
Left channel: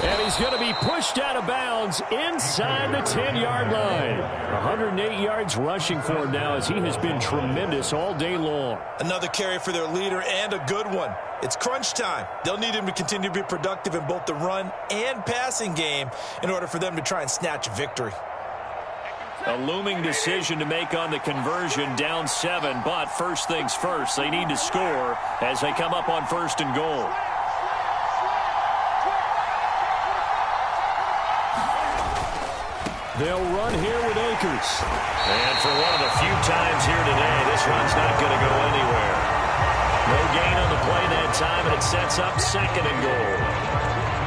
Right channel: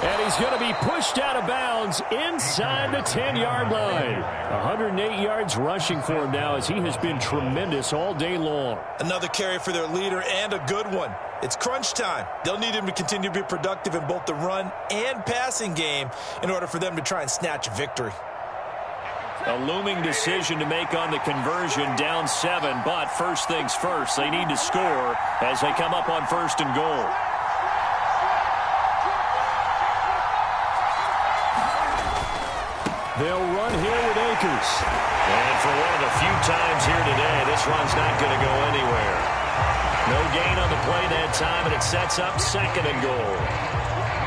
And he's going to be pushed out of bounds inside the 10-yard line. 108 yards rushing for him now as he has been tremendous all day long. Another carry for their leader and a good one. It's crunch time. They'll need him to continue to be productive in both the run and passing game in order for them to try and snatch a victory. A looming decision to make on the conversion, down 7, but first things first, they need to score as they come up on 1st and goal. They'll run here with Akers. And for one of the few times here today, this run's not going to go anywhere. No gain on the play that time, and it sets up 2nd and goal.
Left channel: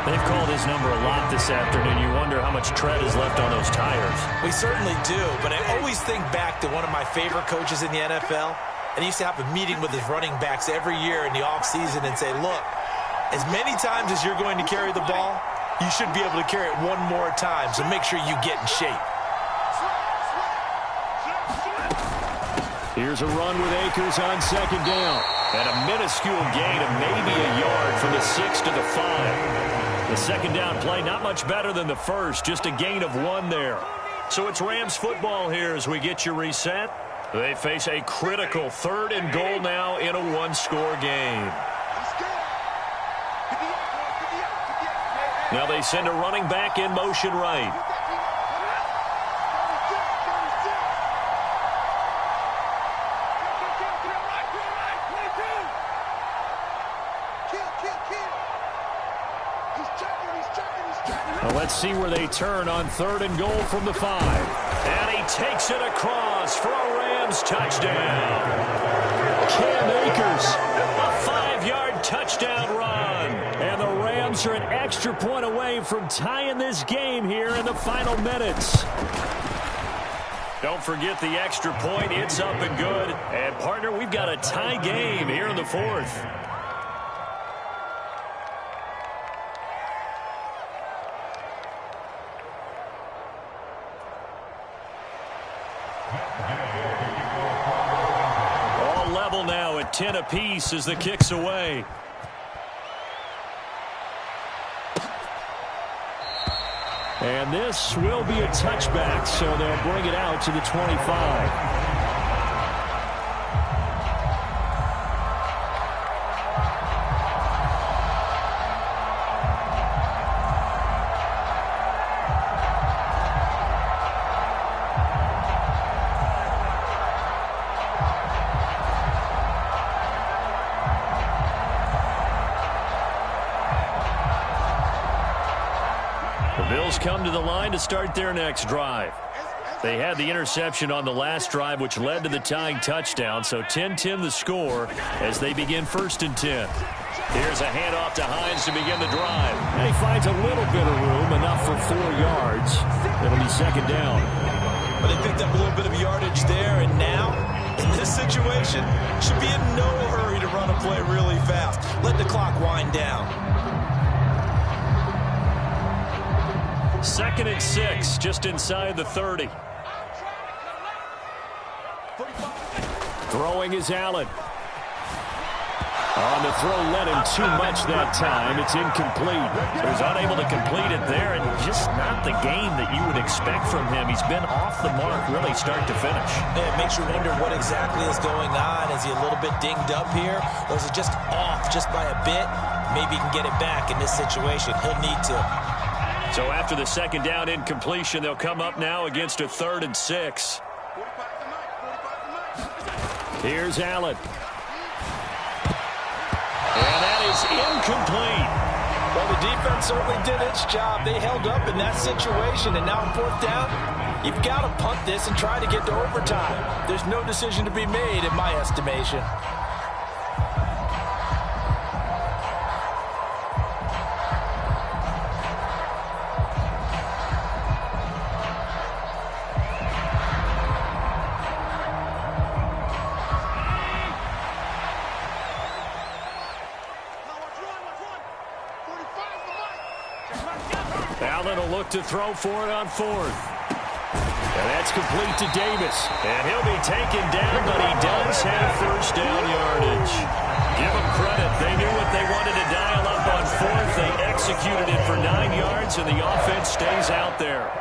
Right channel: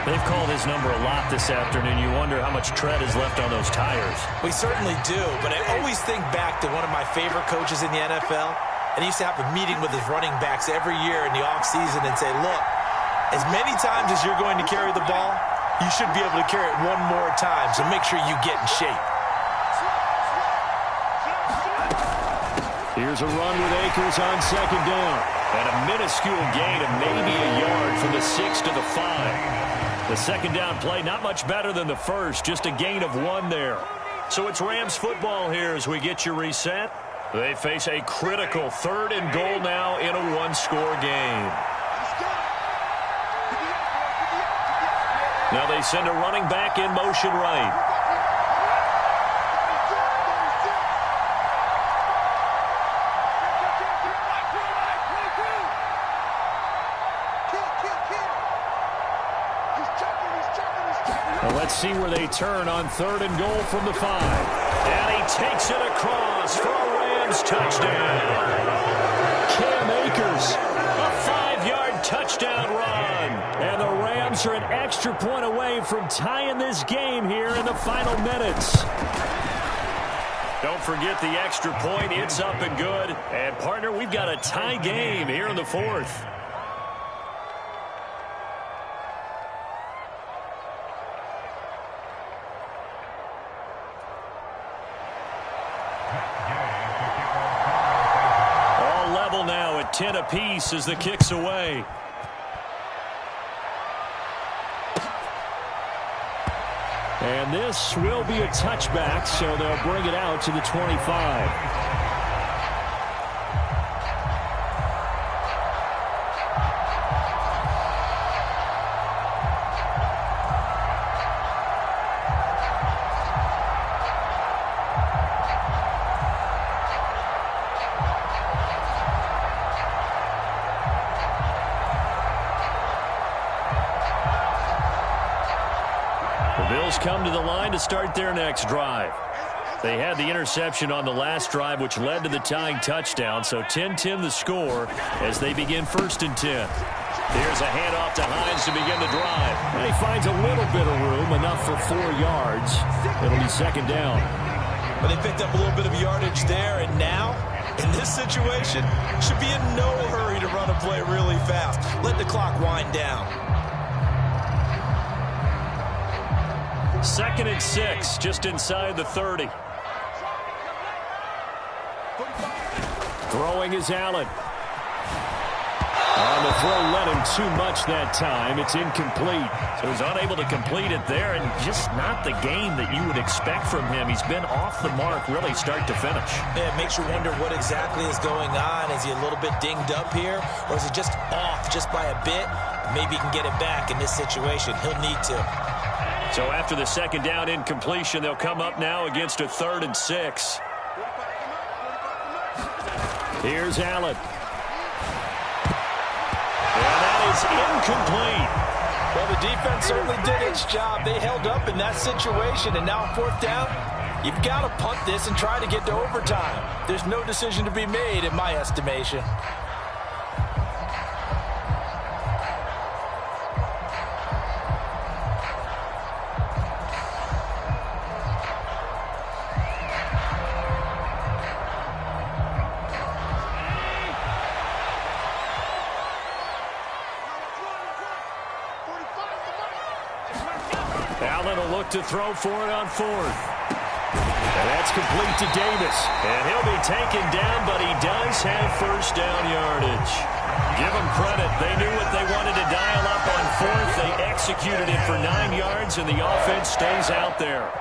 They've called his number a lot this afternoon. You wonder how much tread is left on those tires. We certainly do, but I always think back to one of my favorite coaches in the NFL, and he used to have a meeting with his running backs every year in the offseason and say, look, as many times as you're going to carry the ball, you should be able to carry it one more time, so make sure you get in shape. Here's a run with Akers on 2nd down. And a minuscule gain of maybe a yard from the 6 to the 5. The 2nd down play, not much better than the first, just a gain of 1 there. So it's Rams football here as we get you reset. They face a critical 3rd and goal now in a 1-score game. Now they send a running back in motion right. Well, let's see where they turn on 3rd and goal from the 5. And he takes it across for a Rams touchdown. Cam Akers. A 5-yard touchdown run. And the Rams are an extra point away from tying this game here in the final minutes. Don't forget the extra point. It's up and good. And, partner, we've got a tie game here in the 4th. All level now at 10 apiece as the kick's away. And this will be a touchback, so they'll bring it out to the 25. Come to the line to start their next drive. They had the interception on the last drive, which led to the tying touchdown, so 10-10 the score as they begin 1st and 10. Here's a handoff to Hines to begin the drive. And he finds a little bit of room, enough for 4 yards. It'll be 2nd down. But they picked up a little bit of yardage there, and now, in this situation, should be in no hurry to run a play really fast. Let the clock wind down. 2nd and 6, just inside the 30. Throwing is Allen. On the throw, led him too much that time. It's incomplete. So he's unable to complete it there, and just not the game that you would expect from him. He's been off the mark really start to finish. Yeah, it makes you wonder what exactly is going on. Is he a little bit dinged up here, or is he just off just by a bit? Maybe he can get it back in this situation. He'll need to. So after the 2nd down incompletion, they'll come up now against a 3rd and 6. Here's Allen. And that is incomplete. Well, the defense certainly did its job. They held up in that situation, and now on 4th down, you've got to punt this and try to get to overtime. There's no decision to be made in my estimation. Allen will look to throw for it on 4th. And that's complete to Davis. And he'll be taken down, but he does have 1st down yardage. Give them credit. They knew what they wanted to dial up on 4th. They executed it for 9 yards, and the offense stays out there.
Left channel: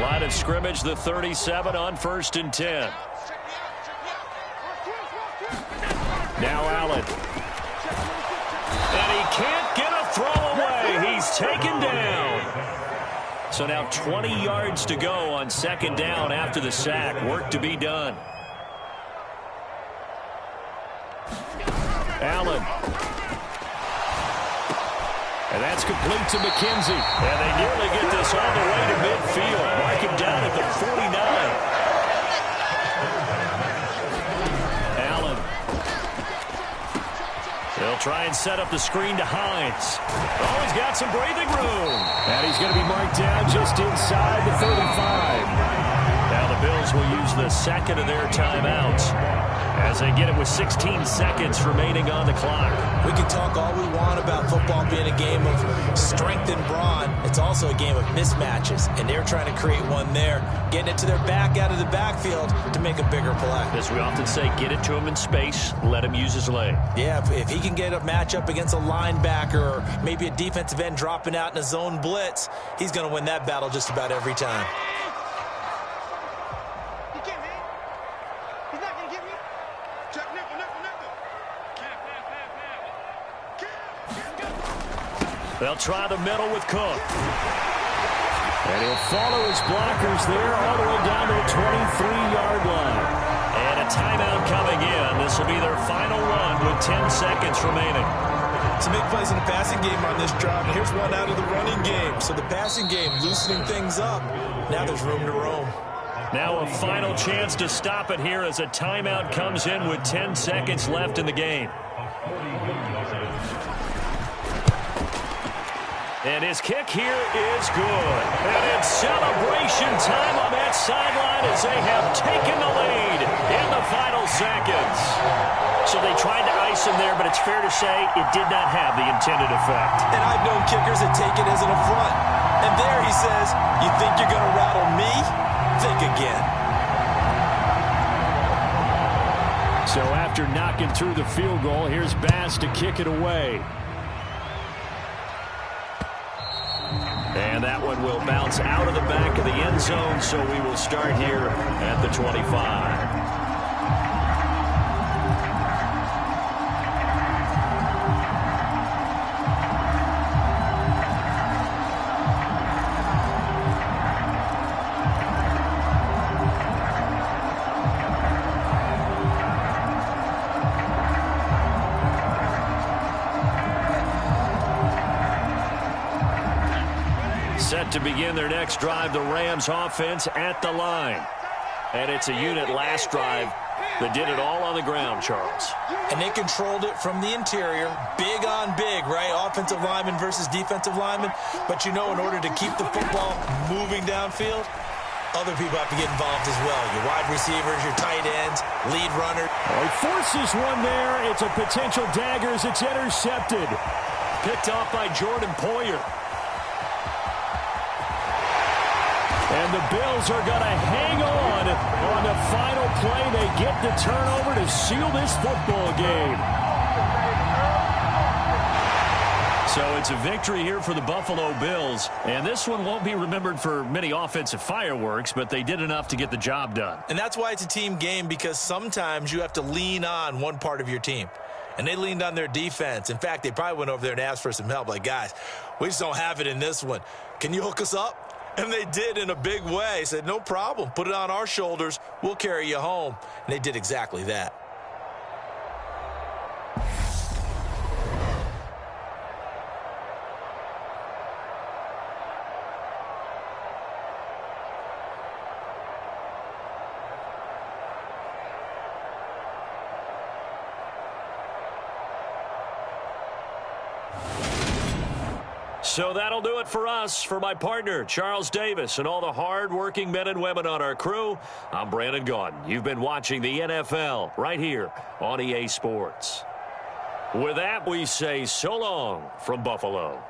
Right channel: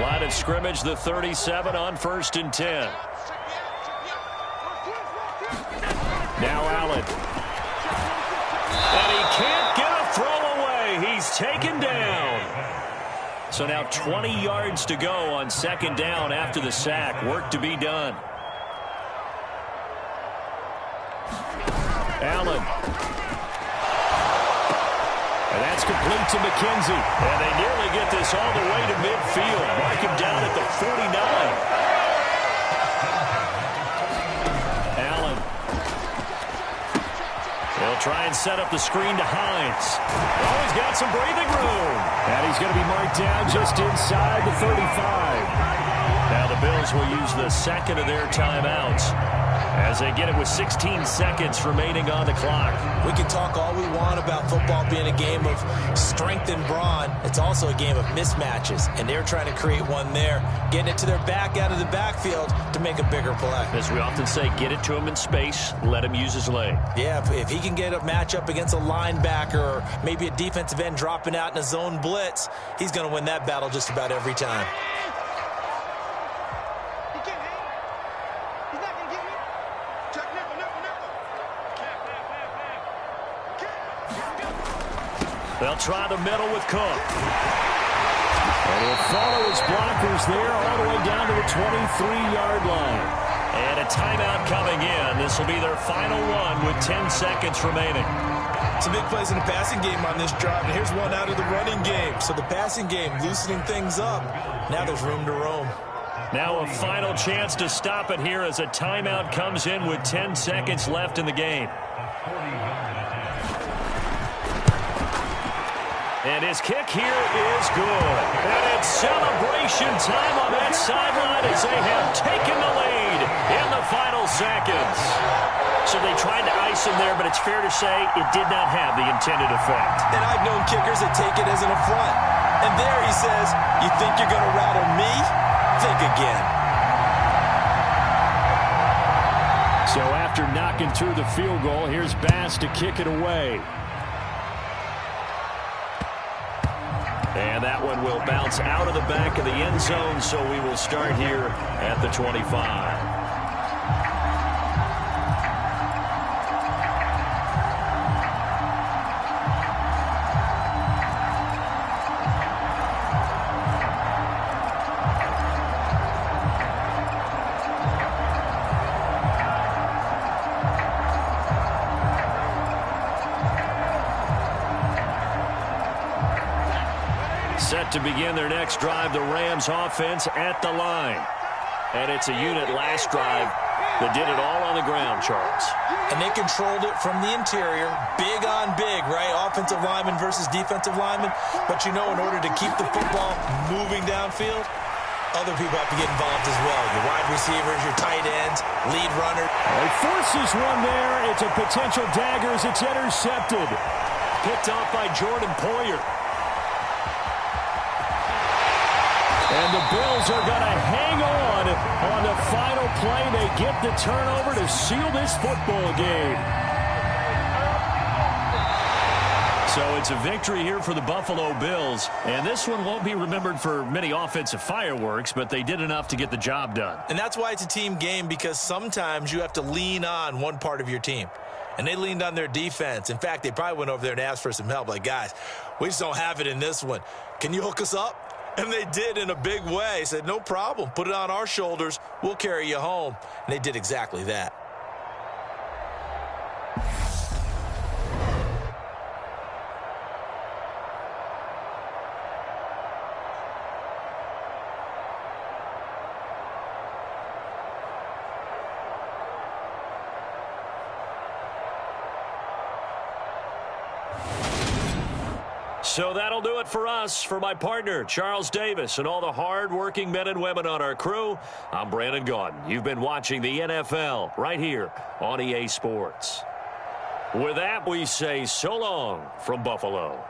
Line of scrimmage, the 37 on 1st and 10. Now Allen. And he can't get a throw away. He's taken down. So now 20 yards to go on 2nd down after the sack. Work to be done. Allen. And that's complete to McKenzie. And they nearly get this all the way to midfield. Mark him down at the 49. Allen. They'll try and set up the screen to Hines. Oh, he's got some breathing room. And he's going to be marked down just inside the 35. Now the Bills will use the second of their timeouts as they get it with 16 seconds remaining on the clock. We can talk all we want about football being a game of strength and brawn. It's also a game of mismatches, and they're trying to create one there, getting it to their back out of the backfield to make a bigger play. As we often say, get it to him in space, let him use his leg. Yeah, if he can get a matchup against a linebacker or maybe a defensive end dropping out in a zone blitz, he's going to win that battle just about every time. He can't hang. He's not going to get me. Check nickel, nickel, nickel. They'll try the middle with Cook. And he'll follow his blockers there all the way down to the 23-yard line. And a timeout coming in. This will be their final one with 10 seconds remaining. Some big plays in the passing game on this drive, and here's one out of the running game. So the passing game loosening things up. Now there's room to roam. Now a final chance to stop it here as a timeout comes in with 10 seconds left in the game. And his kick here is good. And it's celebration time on that sideline as they have taken the lead in the final seconds. So they tried to ice him there, but it's fair to say it did not have the intended effect. And I've known kickers that take it as an affront. And there he says, you think you're going to rattle me? Think again. So after knocking through the field goal, here's Bass to kick it away. And that one will bounce out of the back of the end zone, so we will start here at the 25. Set to begin their next drive, the Rams offense at the line. And it's a unit last drive that did it all on the ground, Charles. And they controlled it from the interior, big on big, right? Offensive lineman versus defensive lineman. But you know, in order to keep the football moving downfield, other people have to get involved as well. Your wide receivers, your tight ends, lead runner. Well, he forces one there. It's a potential dagger as it's intercepted. Picked off by Jordan Poyer. And the Bills are going to hang on the final play. They get the turnover to seal this football game. So it's a victory here for the Buffalo Bills. And this one won't be remembered for many offensive fireworks, but they did enough to get the job done. And that's why it's a team game, because sometimes you have to lean on one part of your team. And they leaned on their defense. In fact, they probably went over there and asked for some help. Like, guys, we just don't have it in this one. Can you hook us up? And they did in a big way. Said, no problem. Put it on our shoulders. We'll carry you home. And they did exactly that. So that'll do it for us. For my partner, Charles Davis, and all the hard-working men and women on our crew, I'm Brandon Gaudin. You've been watching the NFL right here on EA Sports. With that, we say so long from Buffalo.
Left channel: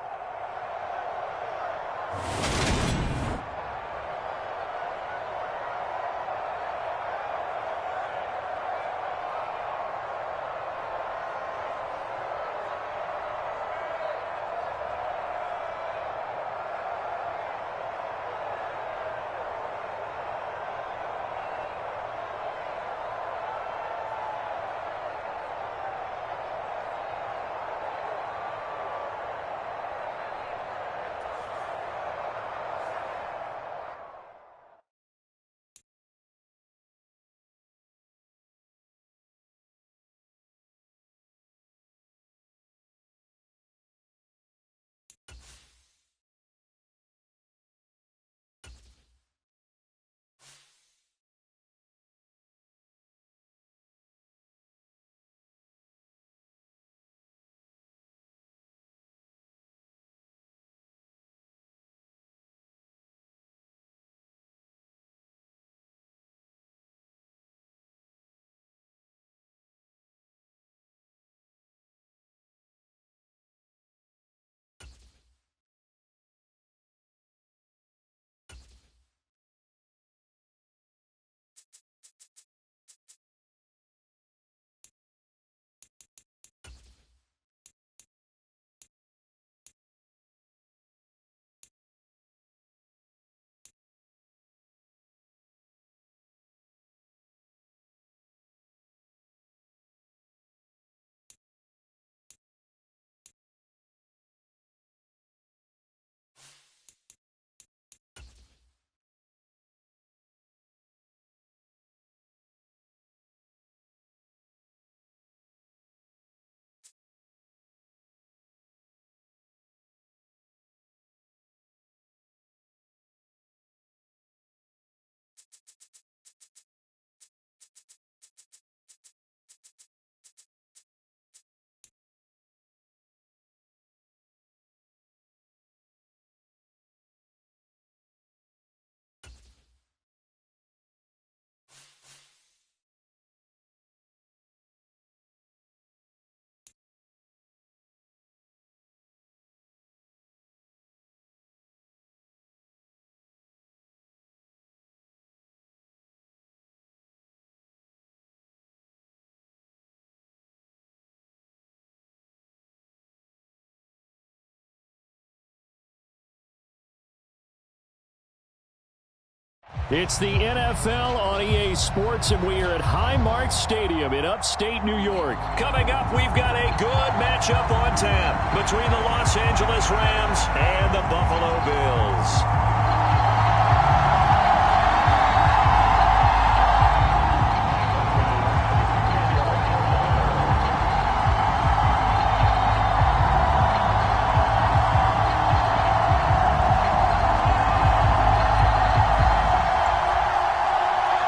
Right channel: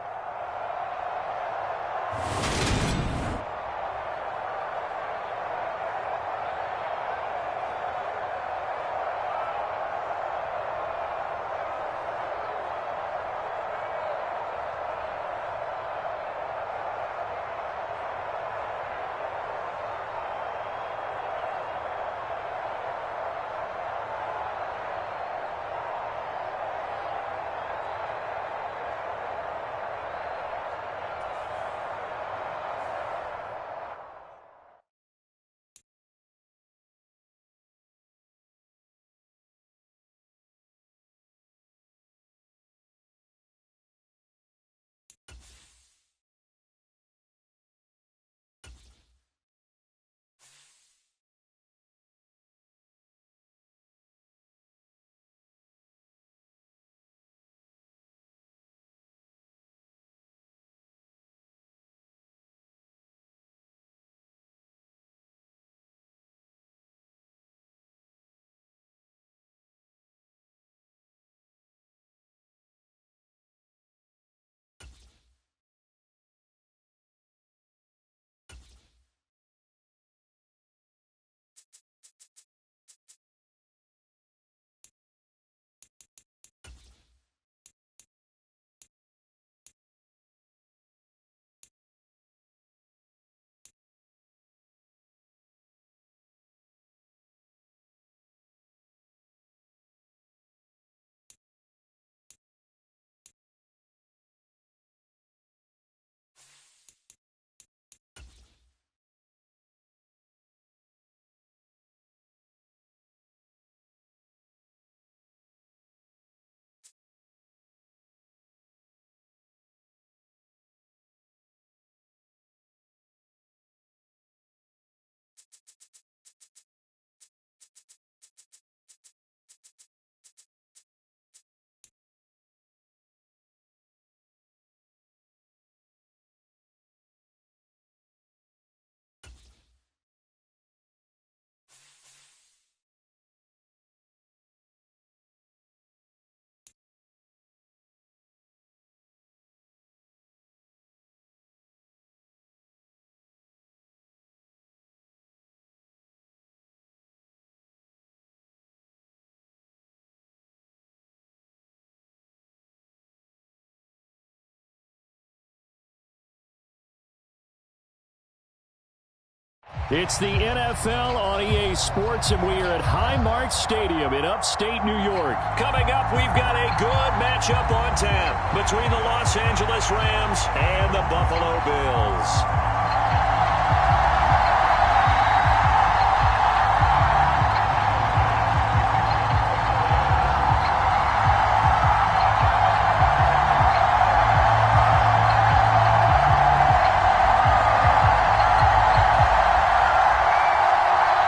It's the NFL on EA Sports, and we are at Highmark Stadium in upstate New York. Coming up, we've got a good matchup on tap between the Los Angeles Rams and the Buffalo Bills.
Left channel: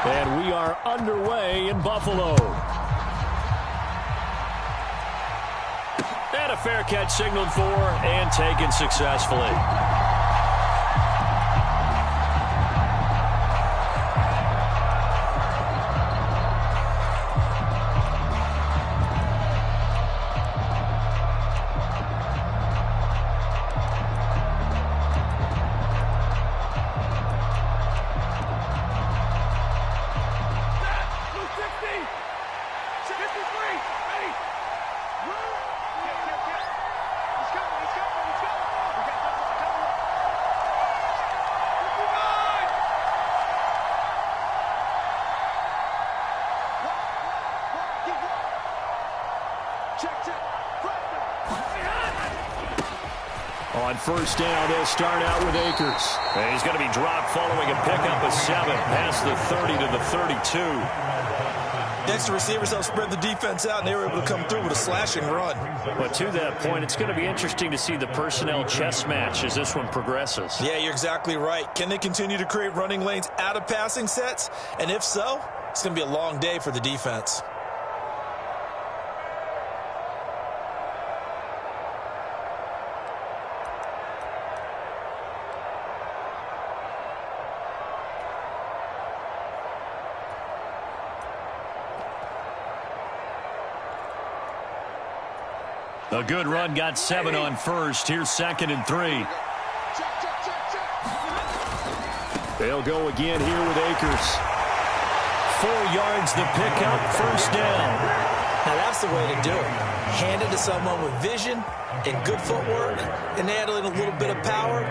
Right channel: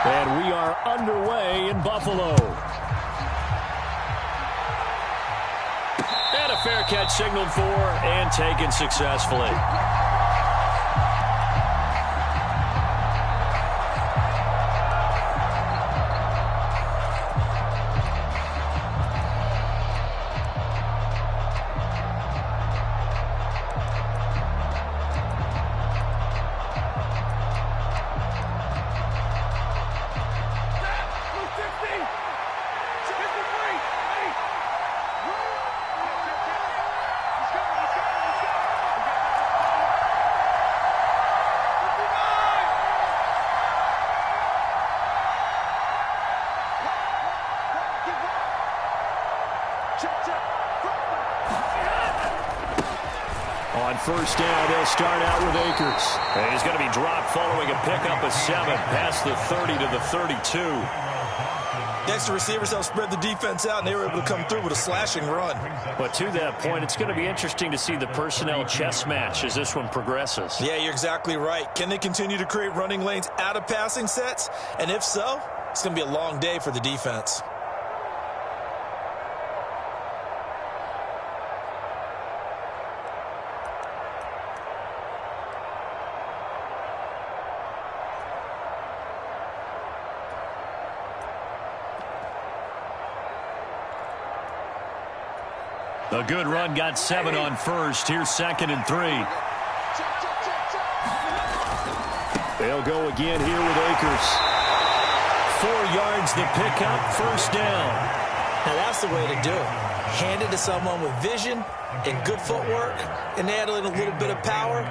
And we are underway in Buffalo. And a fair catch signaled for and taken successfully. On first down, they'll start out with Akers. And he's going to be dropped following a pickup of 7 past the 30 to the 32. Next, the receivers helped spread the defense out, and they were able to come through with a slashing run. But to that point, it's going to be interesting to see the personnel chess match as this one progresses. Yeah, you're exactly right. Can they continue to create running lanes out of passing sets? And if so, it's going to be a long day for the defense. A good run, got 7 on first. Here's 2nd and 3. They'll go again here with Akers. 4 yards the pickup, first down. Now that's the way to do it. Hand it to someone with vision and good footwork and add in a little bit of power,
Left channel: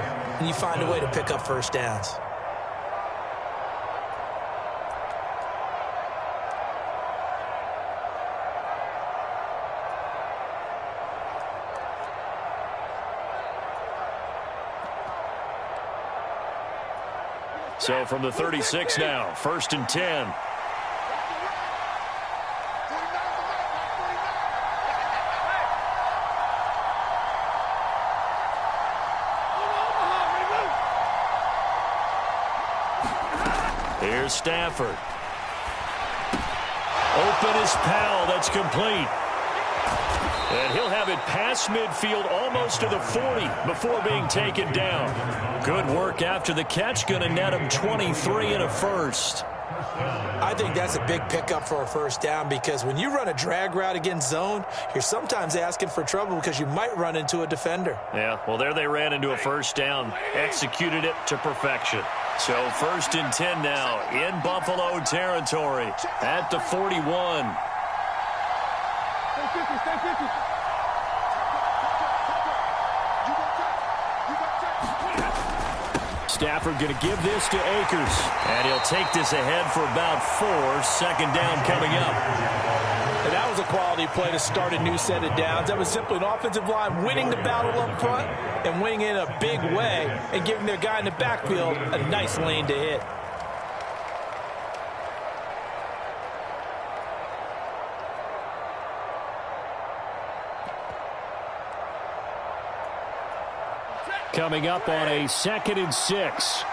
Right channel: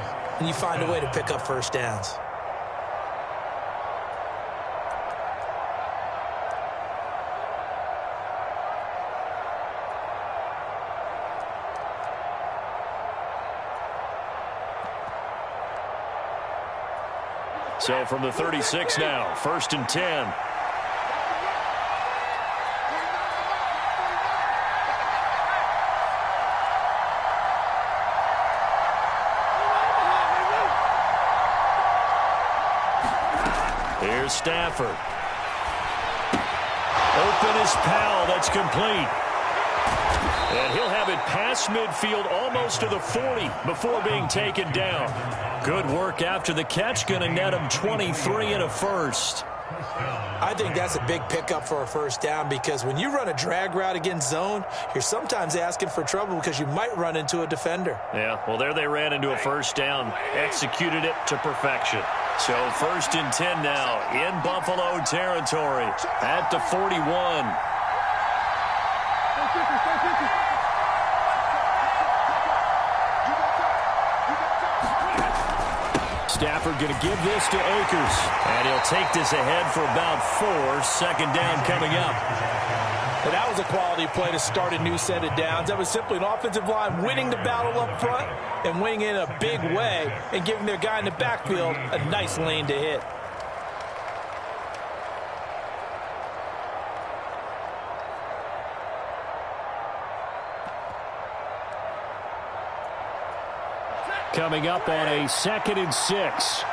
and you find a way to pick up first downs. So from the 36 now, 1st and 10. Here's Stafford. Open is Powell. That's complete. And he'll have it past midfield almost to the 40 before being taken down. Good work after the catch. Going to net him 23 and a first. I think that's a big pickup for a first down because when you run a drag route against zone, you're sometimes asking for trouble because you might run into a defender. Yeah, well, there they ran into a first down. Executed it to perfection. So 1st and 10 now in Buffalo territory at the 41. Stafford going to give this to Akers. And he'll take this ahead for about 4. 2nd down coming up. And that was a quality play to start a new set of downs. That was simply an offensive line winning the battle up front and winning in a big way and giving their guy in the backfield a nice lane to hit. Coming up on a 2nd and 6.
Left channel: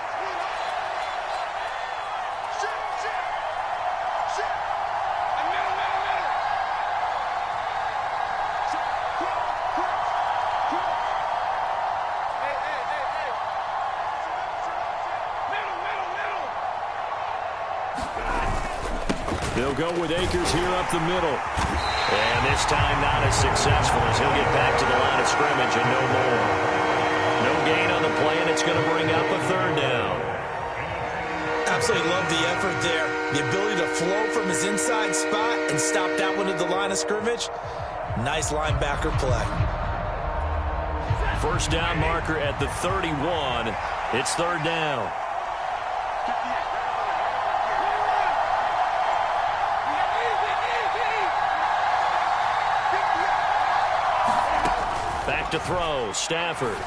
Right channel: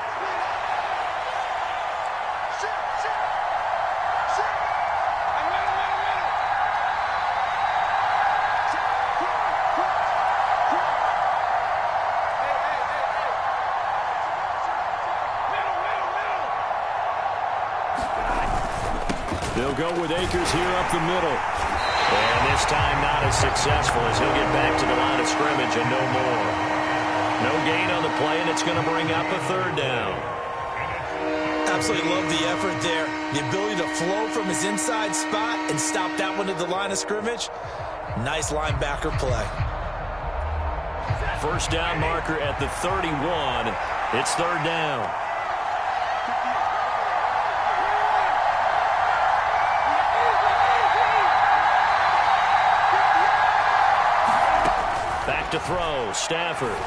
They'll go with Akers here up the middle. And this time not as successful as he'll get back to the line of scrimmage and no more. No gain on the play, and it's going to bring up a 3rd down. Absolutely love the effort there. The ability to flow from his inside spot and stop that one at the line of scrimmage. Nice linebacker play. First down marker at the 31. It's 3rd down. Back to throw, Stafford.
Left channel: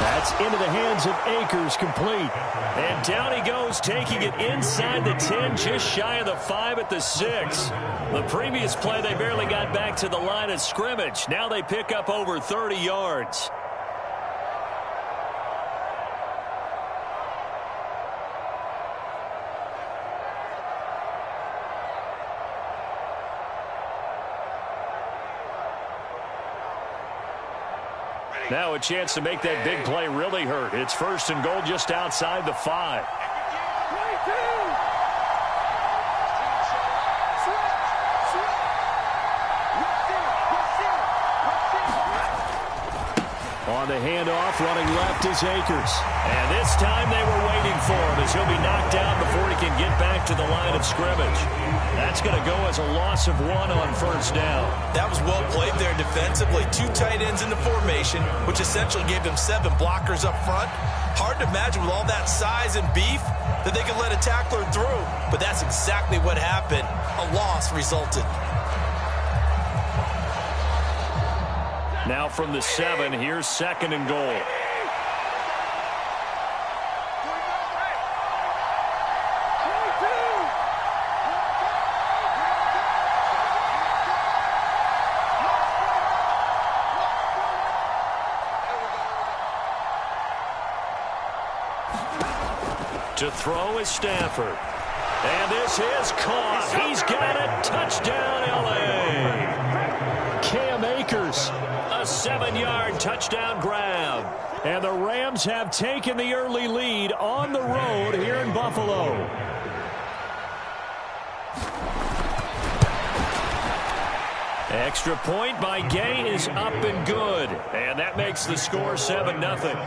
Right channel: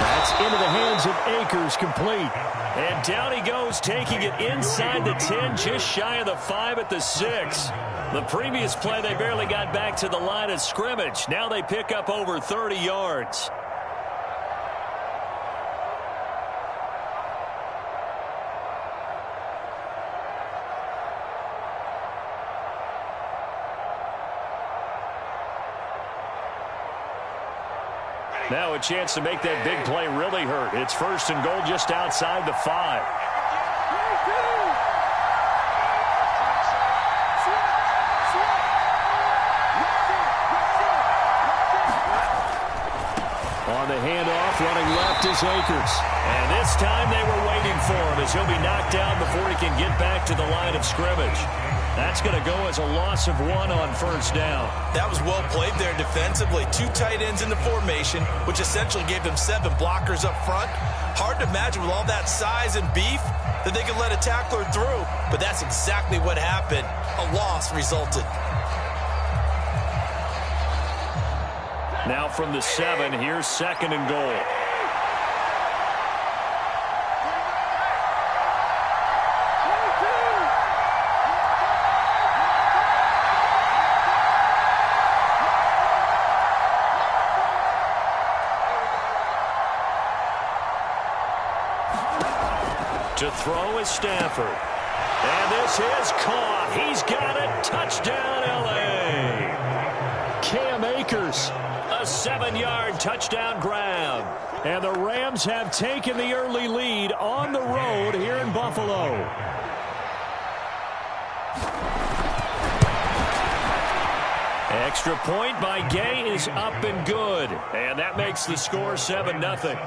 That's into the hands of Akers, complete. And down he goes, taking it inside the 10, just shy of the 5 at the 6. The previous play, they barely got back to the line of scrimmage. Now they pick up over 30 yards. Now a chance to make that big play really hurt. It's 1st and goal just outside the 5. On the handoff, running left is Akers. And this time they were waiting for him as he'll be knocked down before he can get back to the line of scrimmage. That's going to go as a loss of 1 on 1st down. That was well played there defensively. 2 tight ends in the formation, which essentially gave them 7 blockers up front. Hard to imagine with all that size and beef that they could let a tackler through. But that's exactly what happened. A loss resulted. Now from the 7, here's 2nd and goal. To throw is Stafford. And this is caught. He's got it. Touchdown, L.A. Cam Akers. A 7-yard touchdown grab. And the Rams have taken the early lead on the road here in Buffalo. Extra point by Gay is up and good. And that makes the score 7-0.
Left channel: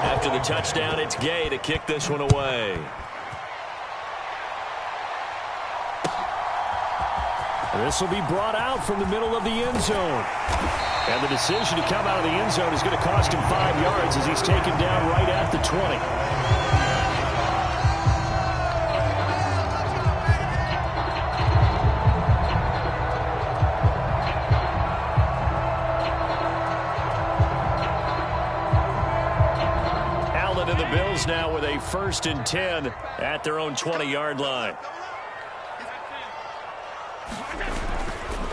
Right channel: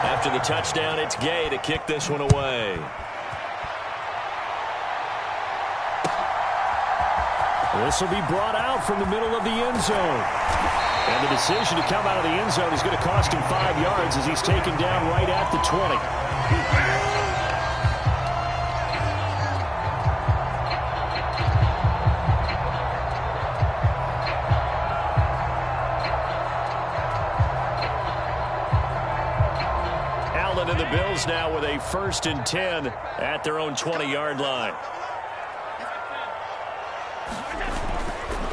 After the touchdown, it's Gay to kick this one away. This will be brought out from the middle of the end zone. And the decision to come out of the end zone is going to cost him 5 yards as he's taken down right at the 20. Allen and the Bills now with a 1st and 10 at their own 20-yard line.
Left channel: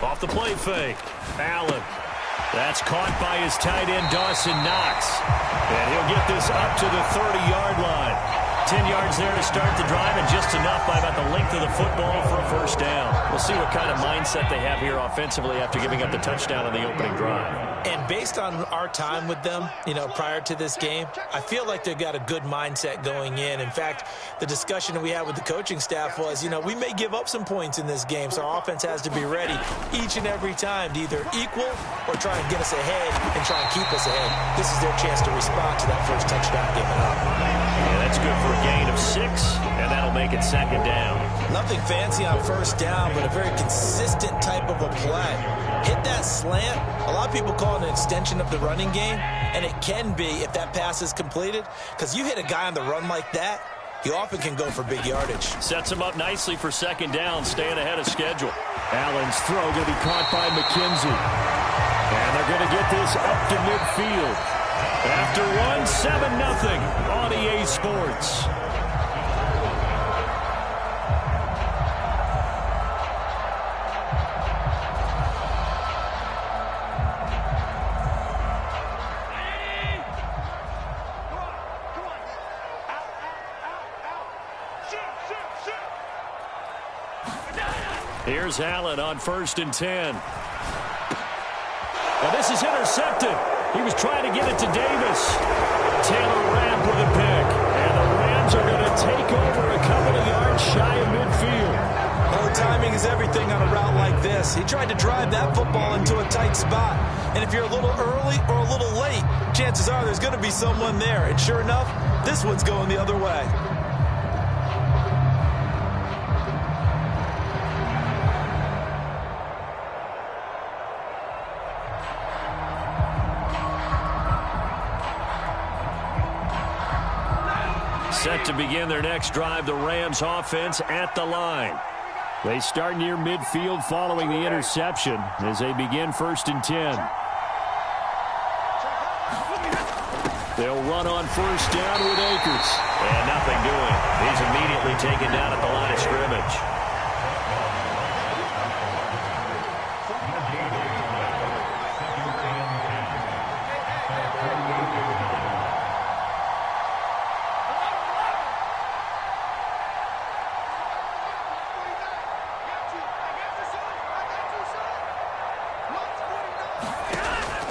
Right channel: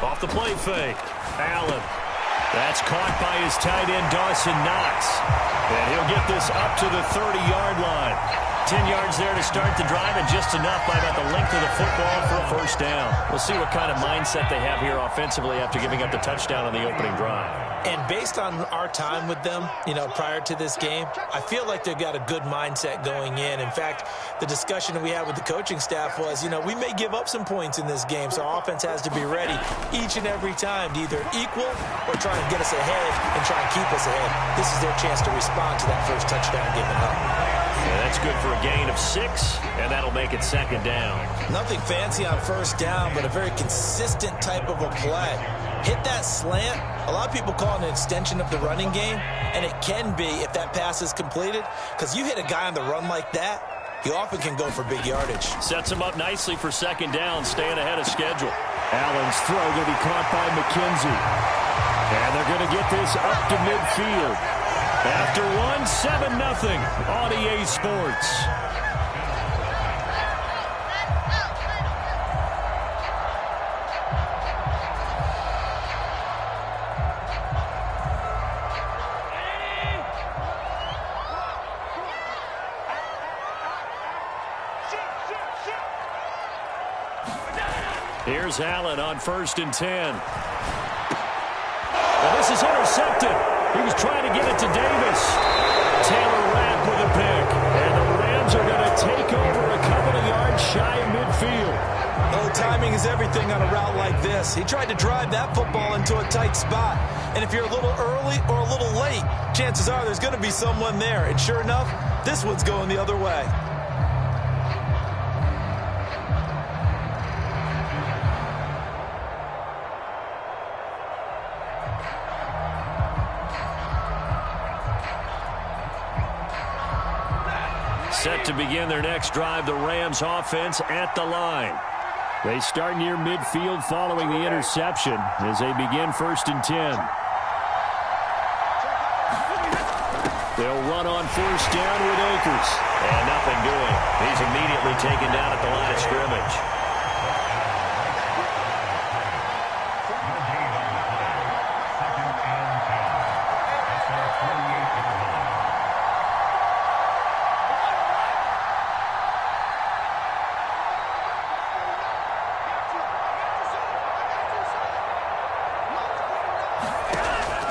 Off the play fake. Allen. That's caught by his tight end, Dawson Knox. And he'll get this up to the 30-yard line. 10 yards there to start the drive, and just enough by about the length of the football for a 1st down. We'll see what kind of mindset they have here offensively after giving up the touchdown on the opening drive. And based on our time with them, prior to this game, I feel like they've got a good mindset going in. In fact, the discussion that we had with the coaching staff was, we may give up some points in this game, so our offense has to be ready each and every time to either equal or try and get us ahead and try and keep us ahead. This is their chance to respond to that first touchdown given up. Yeah, that's good for a gain of 6, and that'll make it 2nd down. Nothing fancy on 1st down, but a very consistent type of a play. Hit that slant. A lot of people call it an extension of the running game, and it can be if that pass is completed, because you hit a guy on the run like that, he often can go for big yardage. Sets him up nicely for 2nd down, staying ahead of schedule. Allen's throw going to be caught by McKenzie. And they're going to get this up to midfield. After 7-0 on EA Sports. Here's Allen on 1st and 10. Now this is intercepted. He was trying to get it to Davis. Taylor Rapp with a pick. And the Rams are going to take over a couple of yards shy of midfield. Oh, timing is everything on a route like this. He tried to drive that football into a tight spot. And if you're a little early or a little late, chances are there's going to be someone there. And sure enough, this one's going the other way. Set to begin their next drive, the Rams offense at the line. They start near midfield following the interception as they begin 1st and 10. They'll run on 1st down with Akers. And nothing doing. He's immediately taken down at the line of scrimmage.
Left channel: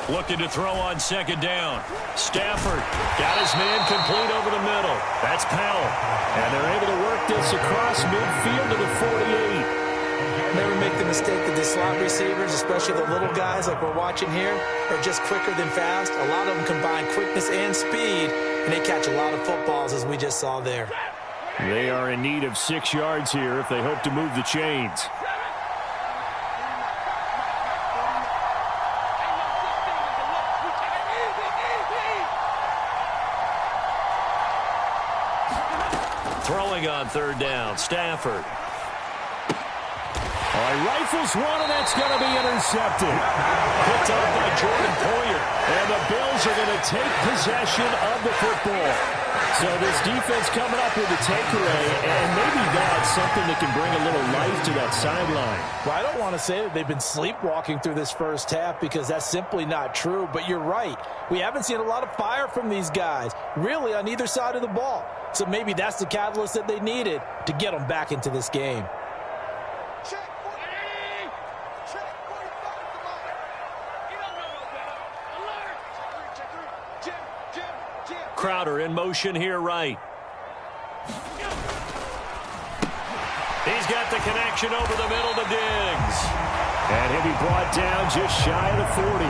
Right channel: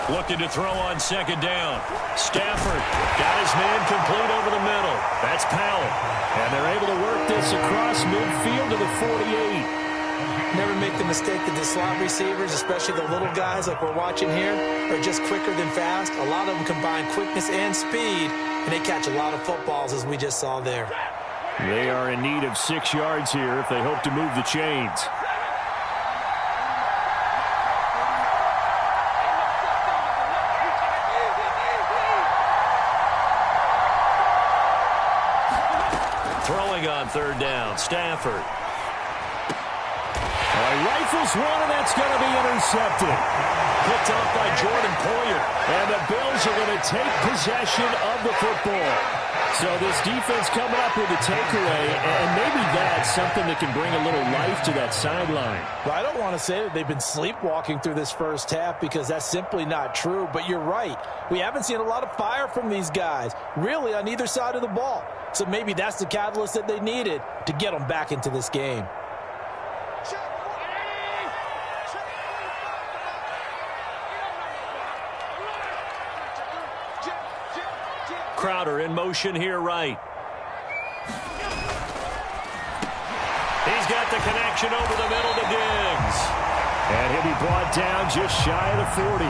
Looking to throw on 2nd down. Stafford got his man complete over the middle. That's Powell. And they're able to work this across midfield to the 48. Never make the mistake that the slot receivers, especially the little guys like we're watching here, are just quicker than fast. A lot of them combine quickness and speed, and they catch a lot of footballs, as we just saw there. They are in need of 6 yards here if they hope to move the chains. Throwing on 3rd down, Stafford. All right, rifles one, and that's going to be intercepted. Picked off by Jordan Poyer. And the Bills are going to take possession of the football. So this defense coming up with a takeaway, and maybe that's something that can bring a little life to that sideline. Well, I don't want to say that they've been sleepwalking through this first half because that's simply not true, but you're right. We haven't seen a lot of fire from these guys, really, on either side of the ball. So maybe that's the catalyst that they needed to get them back into this game. Check 40. Check 45. Come on. You don't know no better. Alert. Check 3. Jim. Crowder in motion here right. He's got the connection over the middle to Diggs. And he'll be brought down just shy of the 40.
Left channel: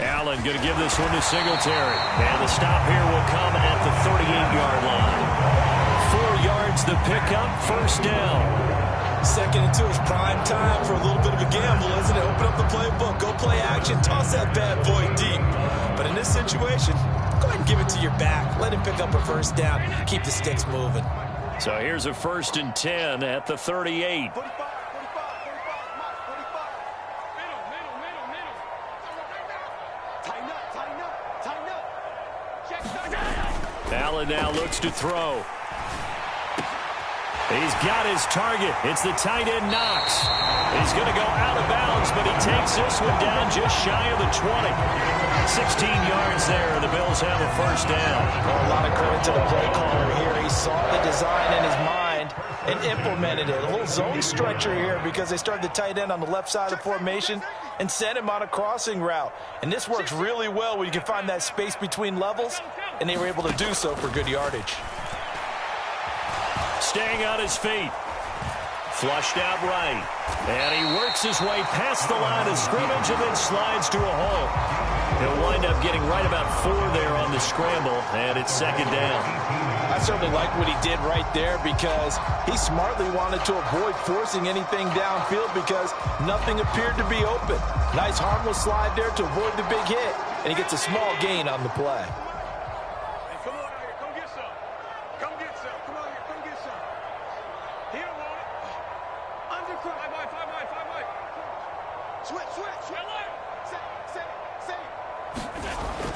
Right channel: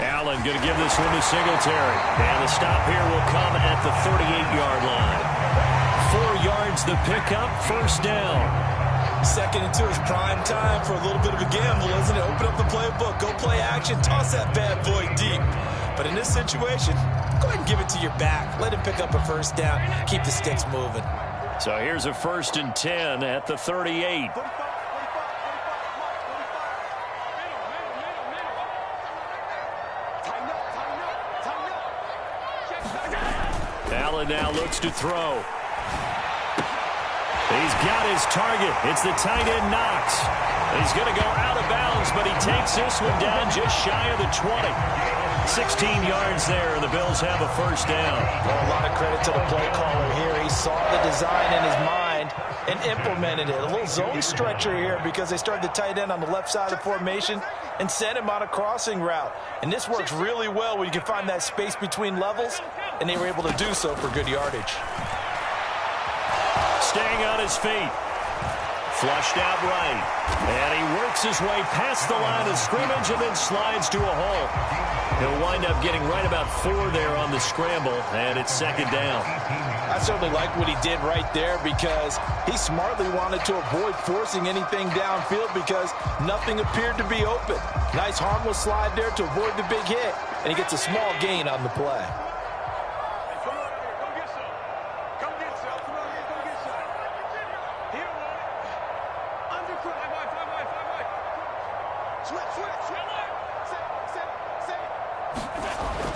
Allen going to give this one to Singletary. And the stop here will come at the 38-yard line. 4 yards the pickup, 1st down. 2nd and 2 is prime time for a little bit of a gamble, isn't it? Open up the playbook, go play action, toss that bad boy deep. But in this situation, go ahead and give it to your back. Let him pick up a 1st down, keep the sticks moving. So here's a 1st and 10 at the 38. 45. Allen now looks to throw. He's got his target. It's the tight end Knox. He's going to go out of bounds, but he takes this one down just shy of the 20. 16 yards there, and the Bills have a 1st down. Well, a lot of credit to the play caller here. He saw the design in his mind and implemented it. A little zone stretcher here because they started the tight end on the left side of the formation and sent him on a crossing route. And this works really well when you can find that space between levels, and they were able to do so for good yardage. Staying on his feet. Flushed out right. And he works his way past the line of scrimmage and then slides to a hole. He'll wind up getting right about 4 there on the scramble, and it's 2nd down. I certainly like what he did right there because he smartly wanted to avoid forcing anything downfield because nothing appeared to be open. Nice harmless slide there to avoid the big hit, and he gets a small gain on the play. Come on out here. Come get some. Come get some. Come on here. Come get some. He don't want it. Undercut. 5 wide. Switch.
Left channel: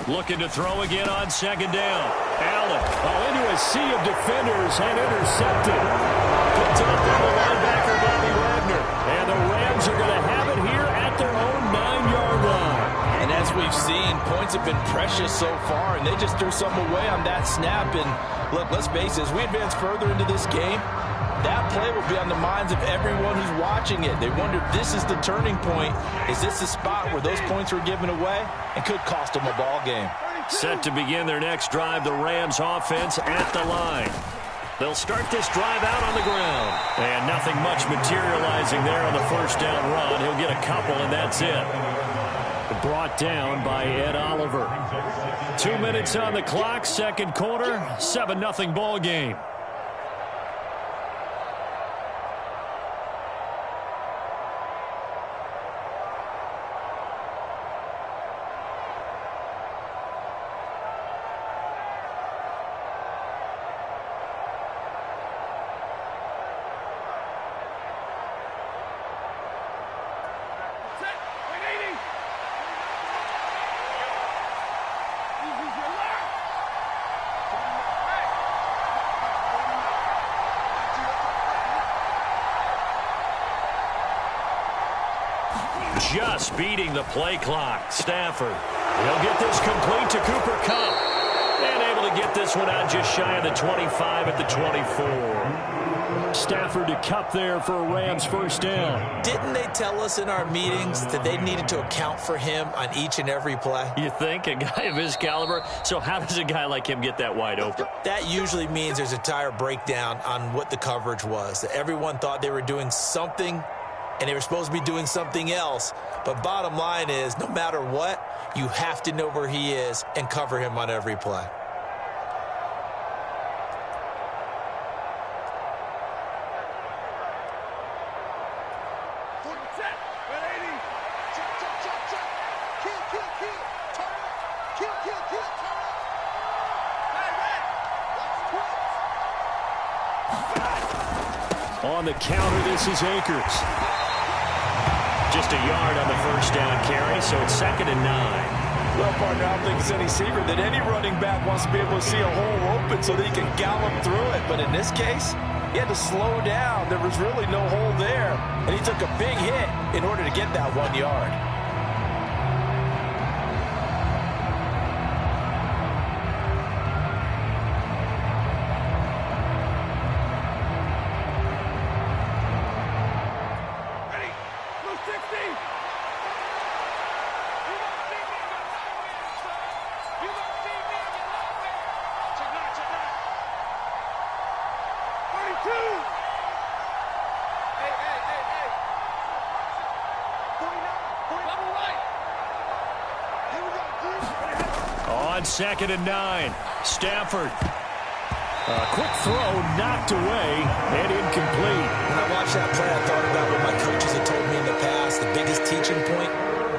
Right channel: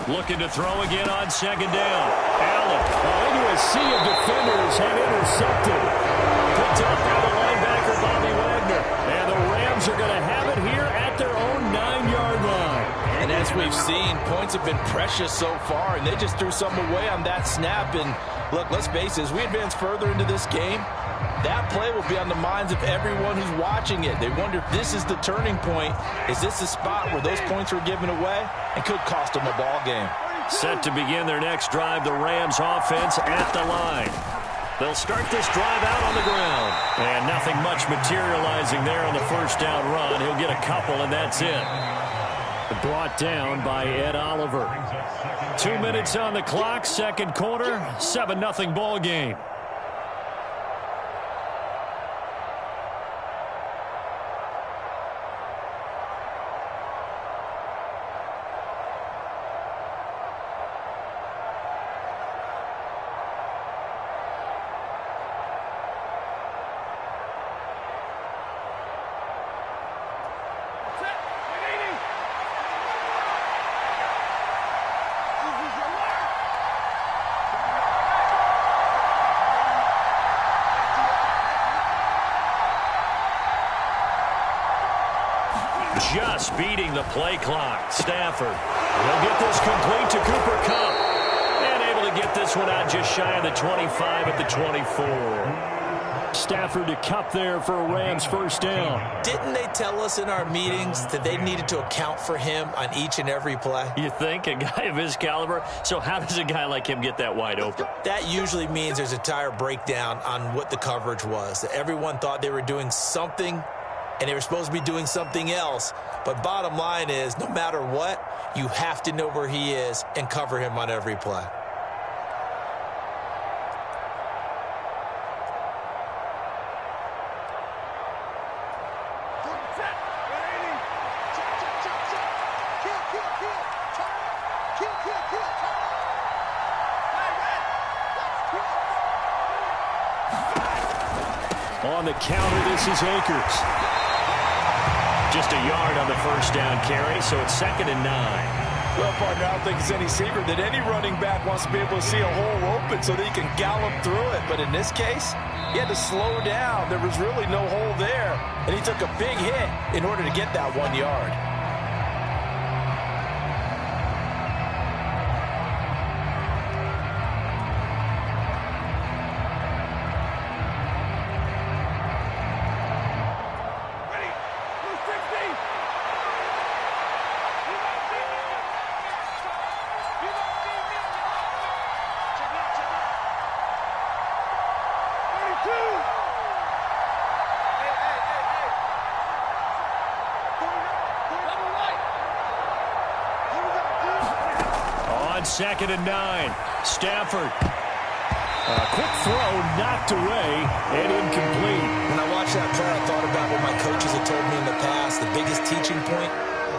Looking to throw again on 2nd down. Allen. Into a sea of defenders and intercepted. Picked up by the linebacker, Bobby Wagner. And the Rams are going to have it here at their own 9-yard line. And as we've seen, points have been precious so far, and they just threw some away on that snap. And look, let's face it, as we advance further into this game, that play will be on the minds of everyone who's watching it. They wonder if this is the turning point. Is this the spot where those points were given away and could cost them a ball game? Set to begin their next drive, the Rams offense at the line. They'll start this drive out on the ground. And nothing much materializing there on the first down run. He'll get a couple, and that's it. Brought down by Ed Oliver. 2 minutes on the clock, second quarter, 7-0 ball game. Just beating the play clock. Stafford. He'll get this complete to Cooper Kupp. And able to get this one out just shy of the 25 at the 24. Stafford to Kupp there for a Rams first down. Didn't they tell us in our meetings that they needed to account for him on each and every play? You think? A guy of his caliber? So how does a guy like him get that wide open? That usually means there's a entire breakdown on what the coverage was. That everyone thought they were doing something and they were supposed to be doing something else. But bottom line is, no matter what, you have to know where he is and cover him on every play. On the counter, this is Akers. Just a yard on the first down carry, so it's 2nd and 9. Well, partner, I don't think it's any secret that any running back wants to be able to see a hole open so that he can gallop through it. But in this case, he had to slow down. There was really no hole there, and he took a big hit in order to get that 1 yard. On 2nd and 9, Stafford. A quick throw knocked away and incomplete. When I watched that play, I thought about what my coaches had told me in the past. The biggest teaching point,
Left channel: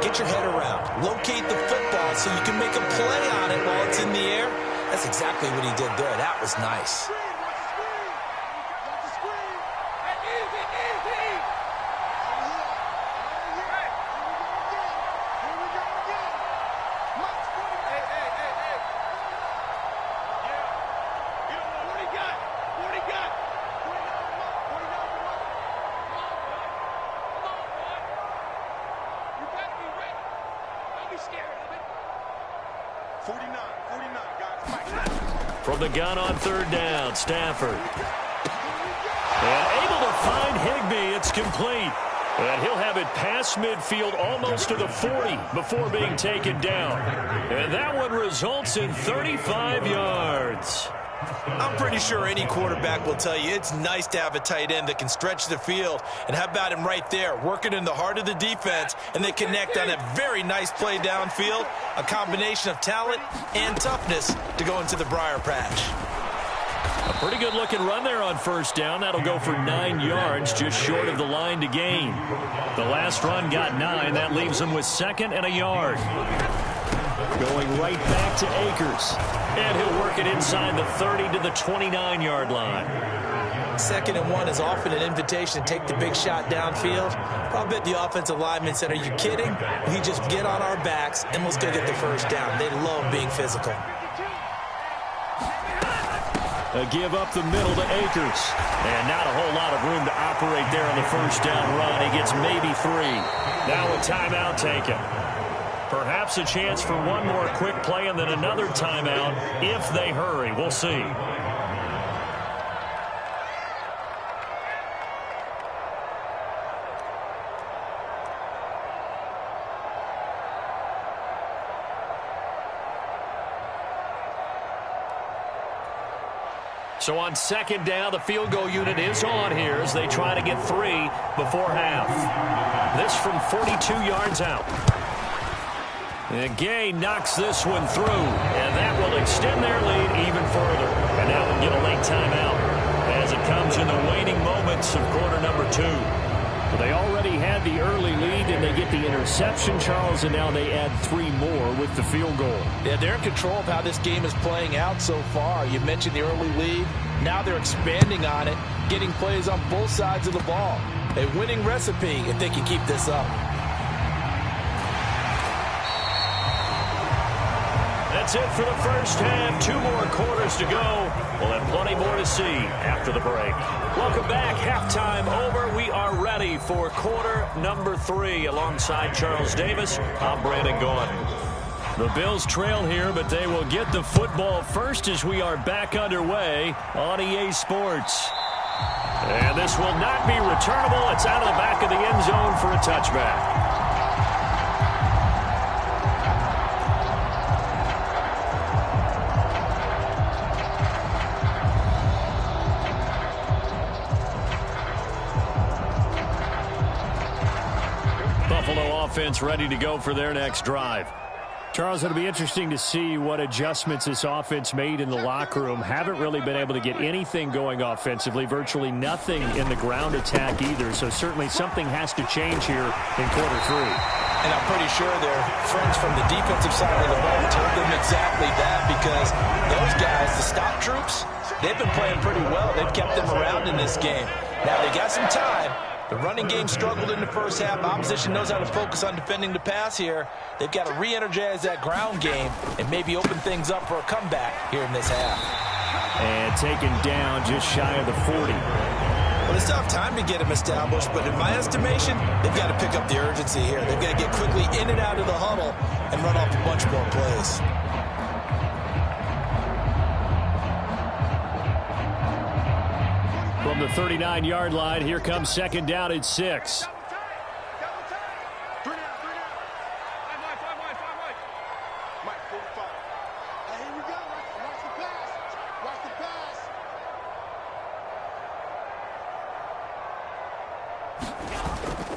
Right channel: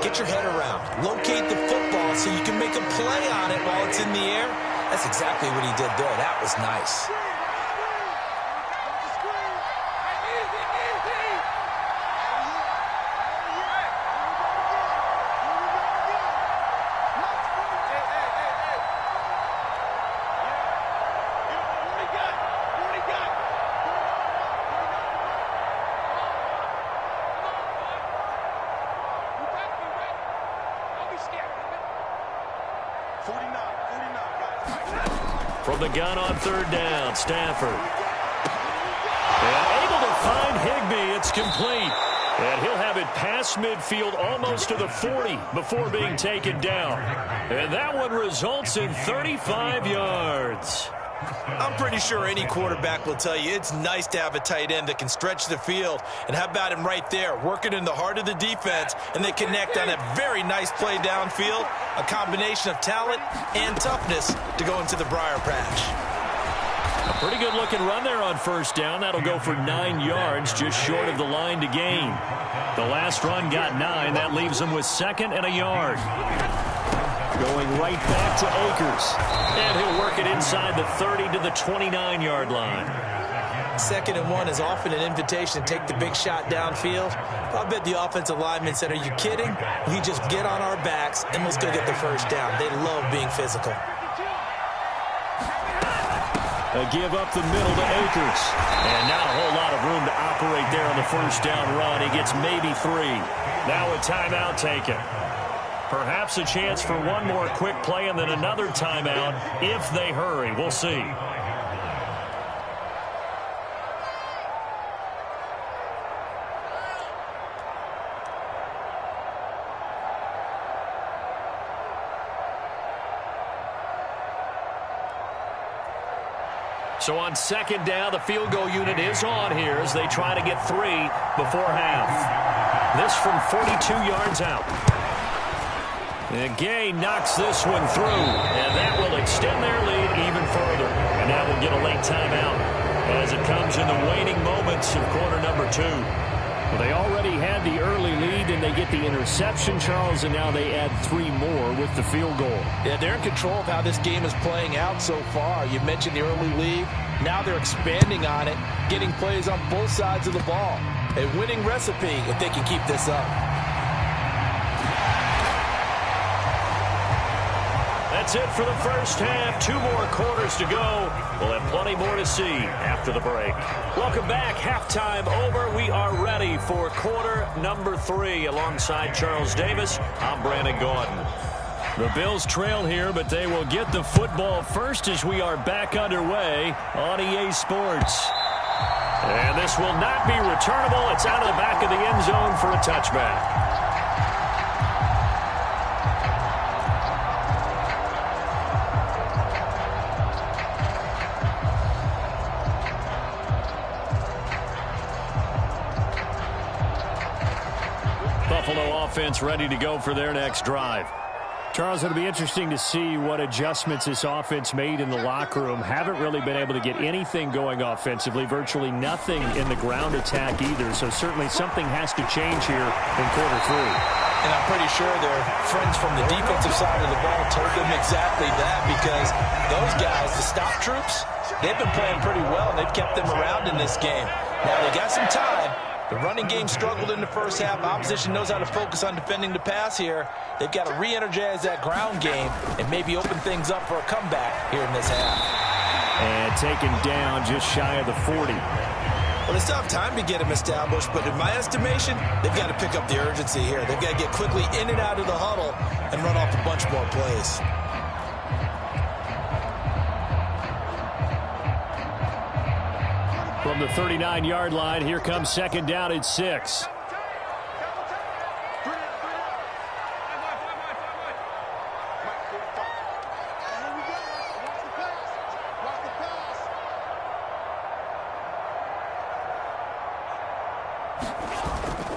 get your head around. Locate the football so you can make a play on it while it's in the air. That's exactly what he did there. That was nice. From the gun on 3rd down, Stafford. And able to find Higbee. It's complete. And he'll have it past midfield almost to the 40 before being taken down. And that one results in 35 yards. I'm pretty sure any quarterback will tell you it's nice to have a tight end that can stretch the field. And how about him right there, working in the heart of the defense, and they connect on a very nice play downfield, a combination of talent and toughness to go into the briar patch. A pretty good-looking run there on first down. That'll go for 9 yards, just short of the line to gain. The last run got 9. That leaves them with 2nd and a yard. Going right back to Akers. And he'll work it inside the 30 to the 29-yard line. 2nd and 1 is often an invitation to take the big shot downfield. I'll bet the offensive lineman said, are you kidding? We just get on our backs and let's go get the first down. They love being physical. A give up the middle to Akers. And not a whole lot of room to operate there on the first down run. He gets maybe 3. Now a timeout taken. Perhaps a chance for one more quick play and then another timeout if they hurry. We'll see. So on second down, the field goal unit is on here as they try to get 3 before half. This from 42 yards out. And Gay knocks this one through, and that will extend their lead even further. And now we'll get a late timeout as it comes in the waning moments of quarter number 2. Well, they already had the early lead, and they get the interception, Charles, and now they add 3 more with the field goal. Yeah, they're in control of how this game is playing out so far. You mentioned the early lead. Now they're expanding on it, getting plays on both sides of the ball. A winning recipe if they can keep this up. That's it for the first half. 2 more quarters to go. We'll have plenty more to see after the break. Welcome back. Halftime over. We are ready for quarter number 3. Alongside Charles Davis, I'm Brandon Gaudin. The Bills trail here, but they will get the football first as we are back underway on EA Sports. And this will not be returnable. It's out of the back of the end zone for a touchback. Buffalo offense ready to go for their next drive. Charles, it'll be interesting to see what adjustments this offense made in the locker room. Haven't really been able to get anything going offensively, virtually nothing in the ground attack either. So certainly something has to change here in quarter 3. And I'm pretty sure their friends from the defensive side of the ball told them exactly that, because those guys, the stop troops, they've been playing pretty well. They've kept them around in this game. Now they got some time. The running game struggled in the first half. Opposition knows how to focus on defending the pass here. They've got to re-energize that ground game and maybe open things up for a comeback here in this half. And taken down just shy of the 40. Well, they still have time to get him established, but in my estimation, they've got to pick up the urgency here. They've got to get quickly in and out of the huddle and run off a bunch more plays. From the 39-yard line, here comes second down at 6.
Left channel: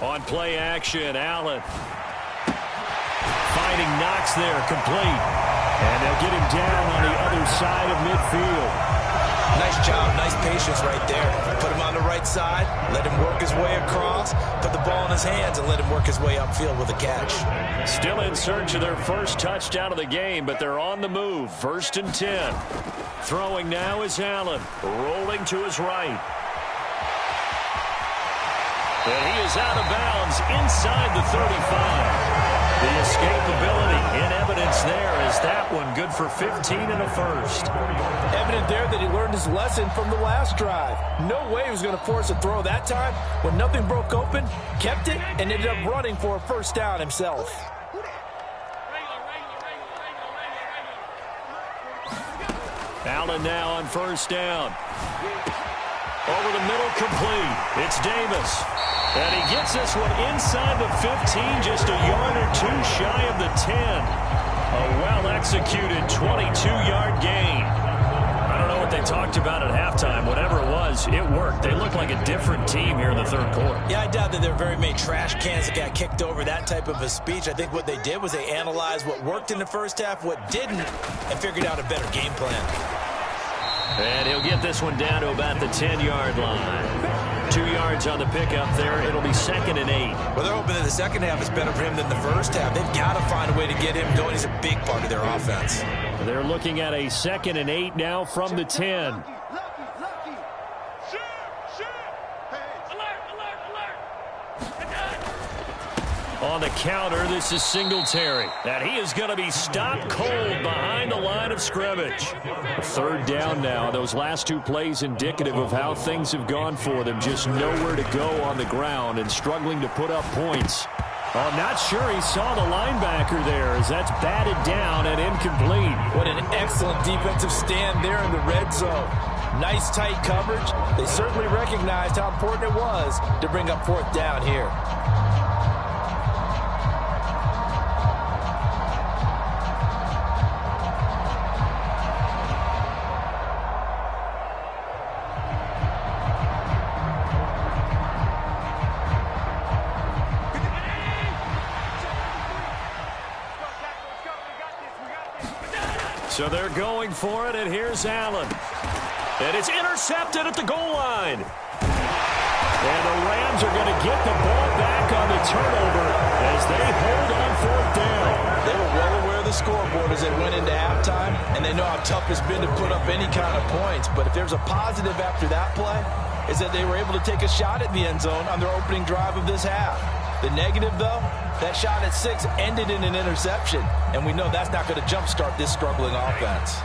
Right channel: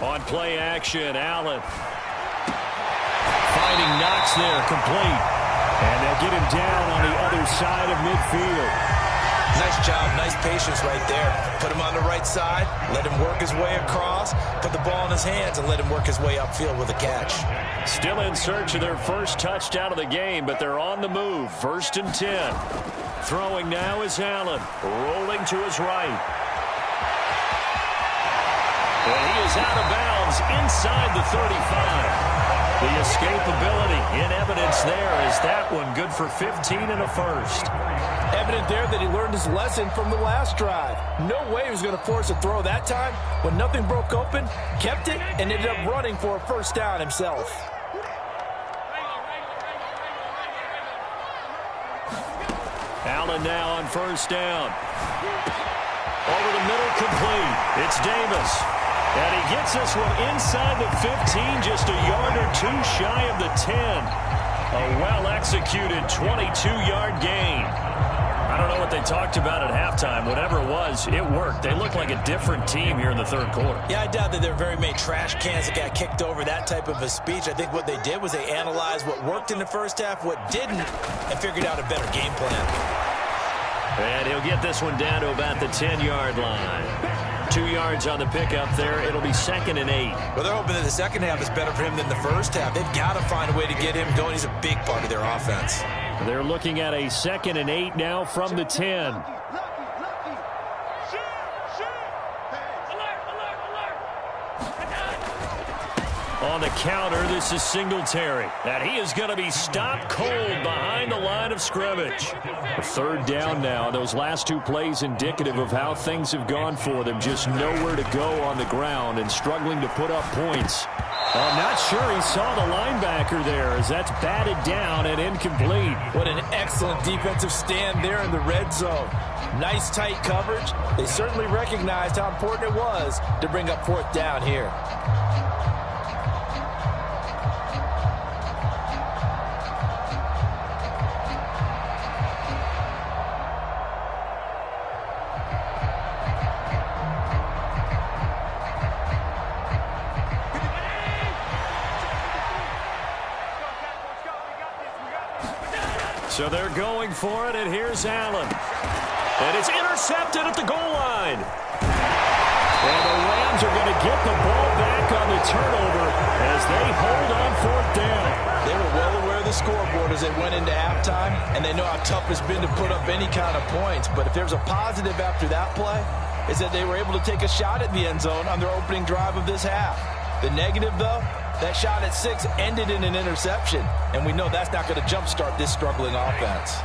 On play action, Allen. Finding Knox there, complete. And they'll get him down on the other side of midfield. Nice job, nice patience right there. Put him on the right side, let him work his way across, put the ball in his hands, and let him work his way upfield with a catch. Still in search of their first touchdown of the game, but they're on the move. 1st and 10. Throwing now is Allen, rolling to his right. And he is out of bounds inside the 35. The escapability in evidence there as that one good for 15 and a first. Evident there that he learned his lesson from the last drive. No way he was going to force a throw that time. When nothing broke open, kept it, and ended up running for a first down himself. Allen now on first down. Over the middle, complete. It's Davis. And he gets this one inside the 15, just a yard or 2 shy of the 10. A well-executed 22-yard gain. I don't know what they talked about at halftime. Whatever it was, it worked. They look like a different team here in the third quarter. Yeah, I doubt that there are very many trash cans that got kicked over, that type of a speech. I think what they did was they analyzed what worked in the first half, what didn't, and figured out a better game plan. And he'll get this one down to about the 10-yard line. 2 yards on the pickup there. It'll be 2nd and 8. Well, they're hoping that the second half is better for him than the first half. They've got to find a way to get him going. He's a big part of their offense. They're looking at a 2nd and 8 now from the 10. Lucky. Shoot. Hey. Alert. On the counter, this is Singletary. And he is going to be stopped cold behind the line of scrimmage. 3rd down now. Those last 2 plays indicative of how things have gone for them. Just nowhere to go on the ground and struggling to put up points. I'm not sure he saw the linebacker there as that's batted down and incomplete. What an excellent defensive stand there in the red zone. Nice tight coverage. They certainly recognized how important it was to bring up 4th down here. So they're going for it, and here's Allen. And it's intercepted at the goal line. And the Rams are going to get the ball back on the turnover as they hold on 4th down. They were well aware of the scoreboard as they went into halftime, and they know how tough it's been to put up any kind of points. But if there's a positive after that play, is that they were able to take a shot at the end zone on their opening drive of this half. The negative, though, that shot at 6 ended in an interception, and we know that's not going to jumpstart this struggling offense.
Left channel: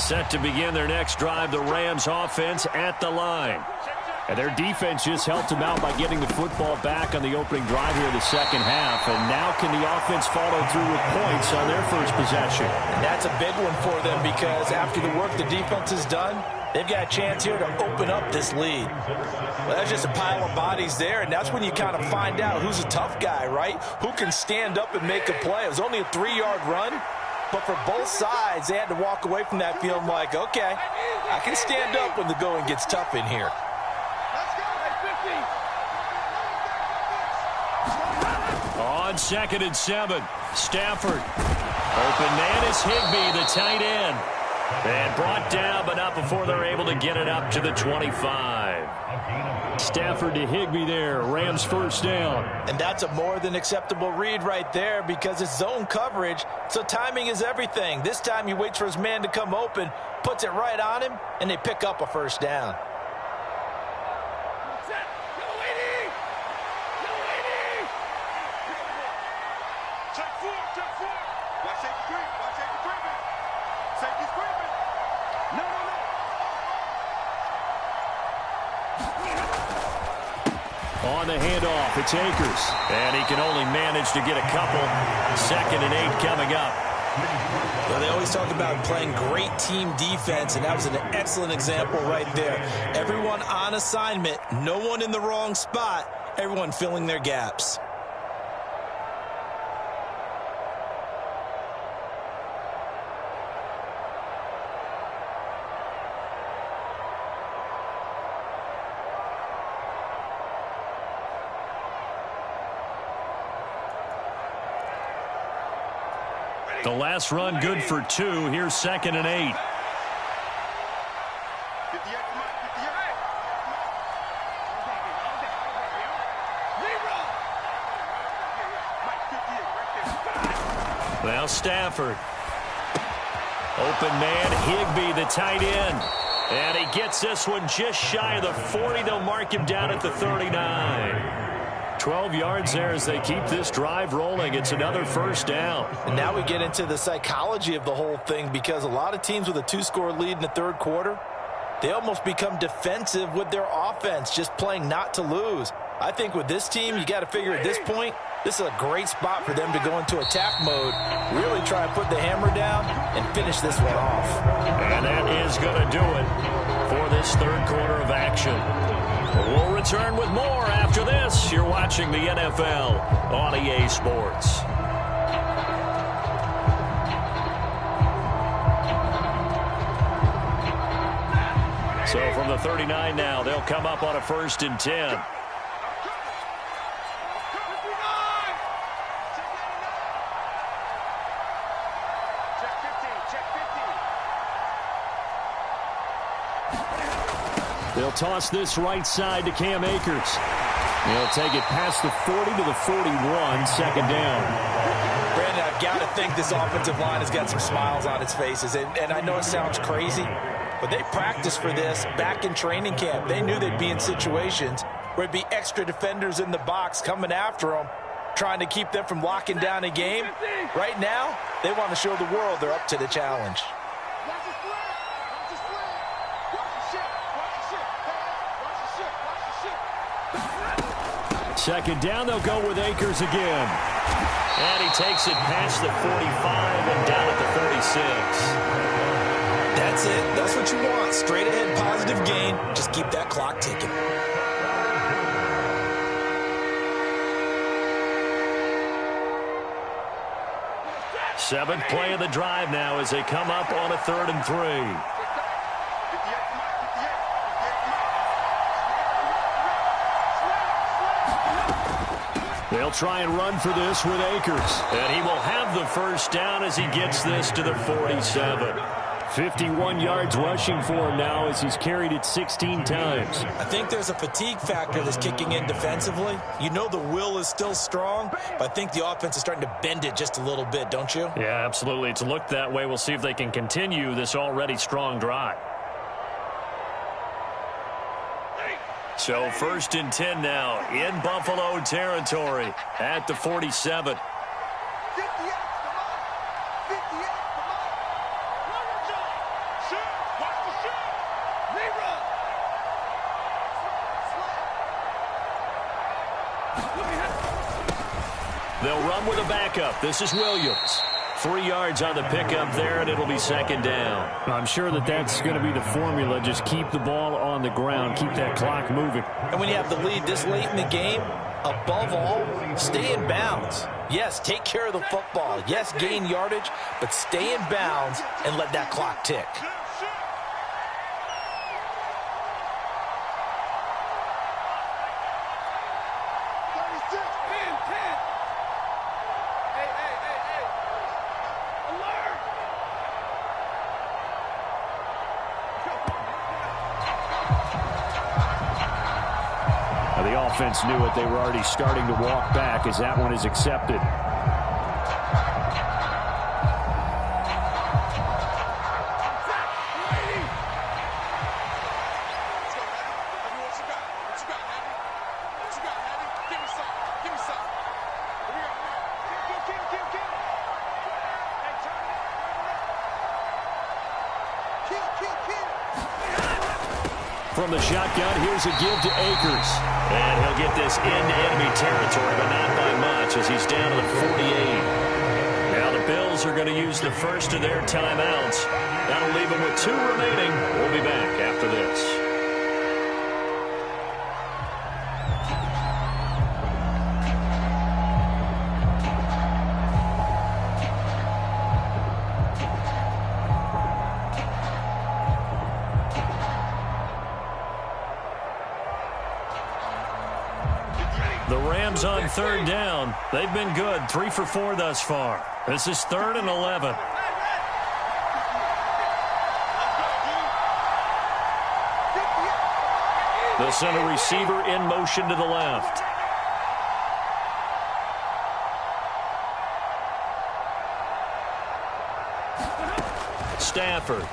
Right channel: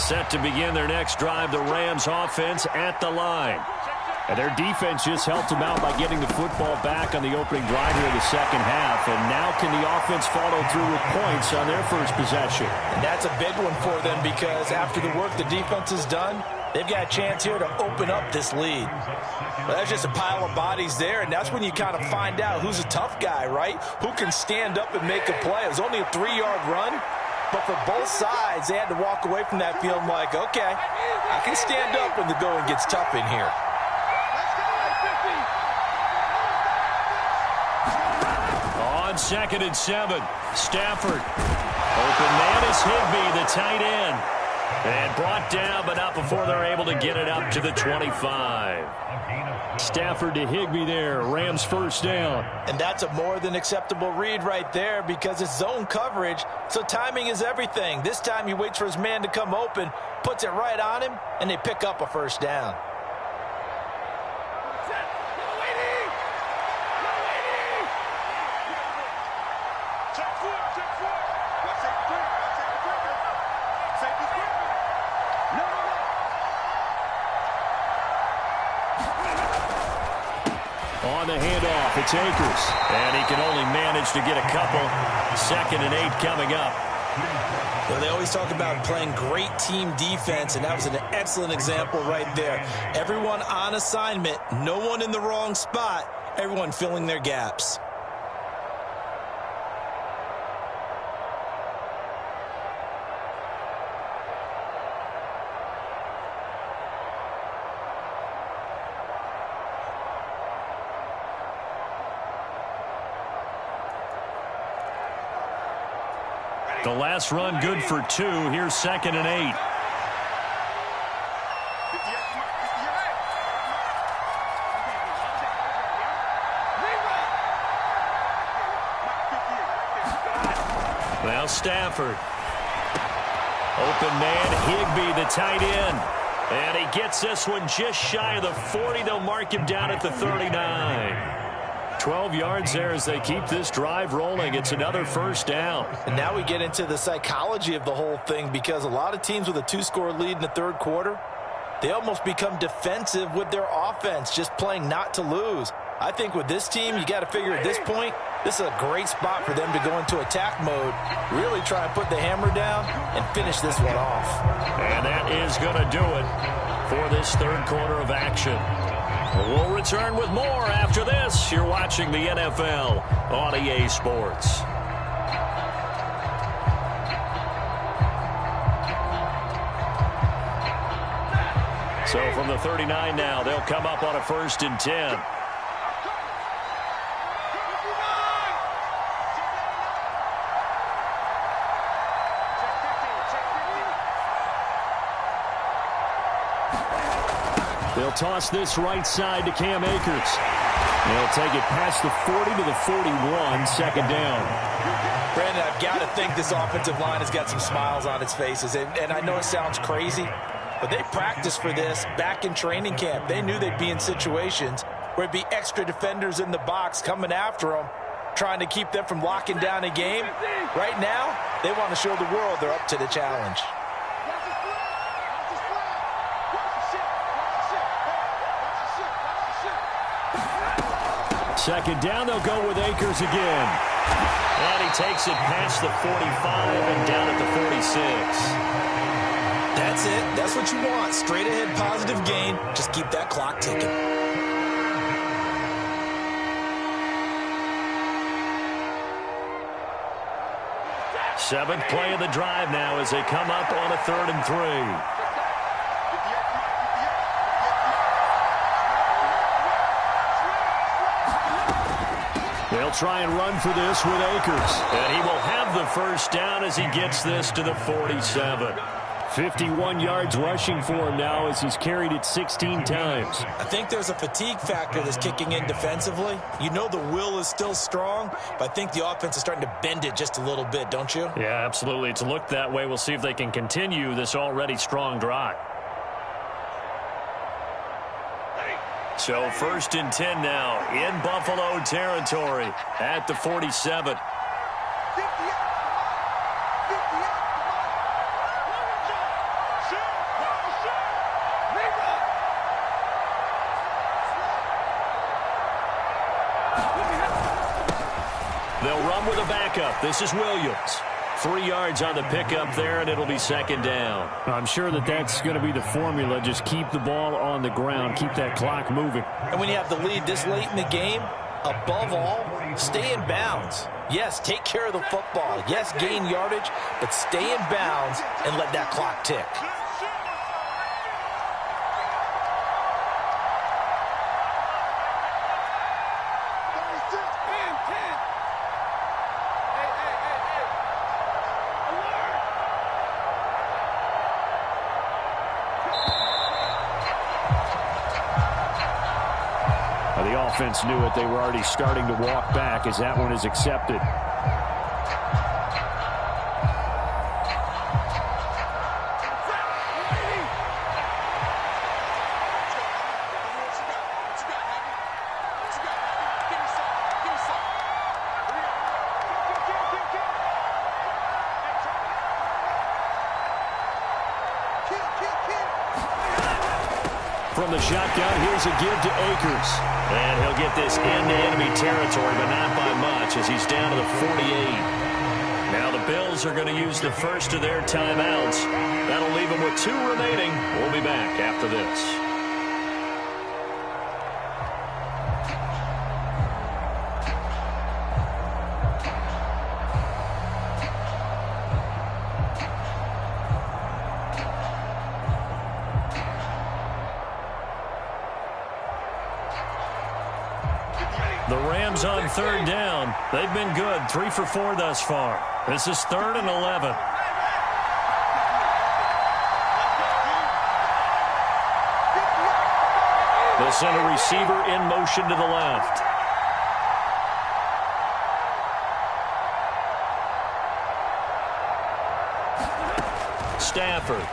Set to begin their next drive, the Rams offense at the line. And their defense just helped them out by getting the football back on the opening drive here in the second half. And now can the offense follow through with points on their first possession? And that's a big one for them because after the work the defense has done, they've got a chance here to open up this lead. Well, that's just a pile of bodies there, and that's when you kind of find out who's a tough guy, right? Who can stand up and make a play. It was only a 3-yard run, but for both sides, they had to walk away from that feeling like, okay, I can stand up when the going gets tough in here. On 2nd and 7, Stafford. Open man is Higbee, the tight end. And brought down, but not before they're able to get it up to the 25. Stafford to Higbee there. Rams first down. And that's a more than acceptable read right there because it's zone coverage, so timing is everything. This time he waits for his man to come open, puts it right on him, and they pick up a first down. On the handoff, it's Akers. And he can only manage to get a couple. 2nd and 8 coming up. Well, they always talk about playing great team defense, and that was an excellent example right there. Everyone on assignment, no one in the wrong spot, everyone filling their gaps. The last run good for 2. Here's 2nd and 8. Well, Stafford. Open man, Higbee, the tight end. And he gets this one just shy of the 40. They'll mark him down at the 39. 12 yards there as they keep this drive rolling. It's another first down. And now we get into the psychology of the whole thing because a lot of teams with a 2-score lead in the third quarter, they almost become defensive with their offense, just playing not to lose. I think with this team, you got to figure at this point, this is a great spot for them to go into attack mode, really try and put the hammer down and finish this one off. And that is going to do it for this third quarter of action. We'll return with more after this. You're watching the NFL on EA Sports. So from the 39 now, they'll come up on a 1st and 10. They'll toss this right side to Cam Akers. They'll take it past the 40 to the 41, 2nd down. Brandon, I've got to think this offensive line has got some smiles on its faces. And I know it sounds crazy, but they practiced for this back in training camp. They knew they'd be in situations where it'd be extra defenders in the box coming after them, trying to keep them from locking down a game. Right now, they want to show the world they're up to the challenge. 2nd down, they'll go with Akers again. And he takes it past the 45 and down at the 46. That's it. That's what you want. Straight ahead, positive gain. Just keep that clock ticking. Seventh play of the drive now as they come up on a 3rd and 3. They'll try and run for this with Akers. And he will have the first down as he gets this to the 47. 51 yards rushing for him now as he's carried it 16 times. I think there's a fatigue factor that's kicking in defensively. You know the will is still strong, but I think the offense is starting to bend it just a little bit, don't you? Yeah, absolutely. It's looked that way. We'll see if they can continue this already strong drive. So 1st and 10 now in Buffalo territory at the 47. They'll run with a backup. This is Williams. 3 yards on the pickup there, and it'll be 2nd down. I'm sure that's going to be the formula. Just keep the ball on the ground. Keep that clock moving. And when you have the lead this late in the game, above all, stay in bounds. Yes, take care of the football. Yes, gain yardage, but stay in bounds and let that clock tick. The offense knew it. They were already starting to walk back as that one is accepted. From the shotgun, here's a give to Akers. And he'll get this into enemy territory, but not by much as he's down to the 48. Now the Bills are going to use the first of their timeouts. That'll leave them with 2 remaining. We'll be back after this. The Rams on 3rd down. They've been good. 3 for 4 thus far. This is 3rd and 11. They'll send a receiver in motion to the left. Stafford.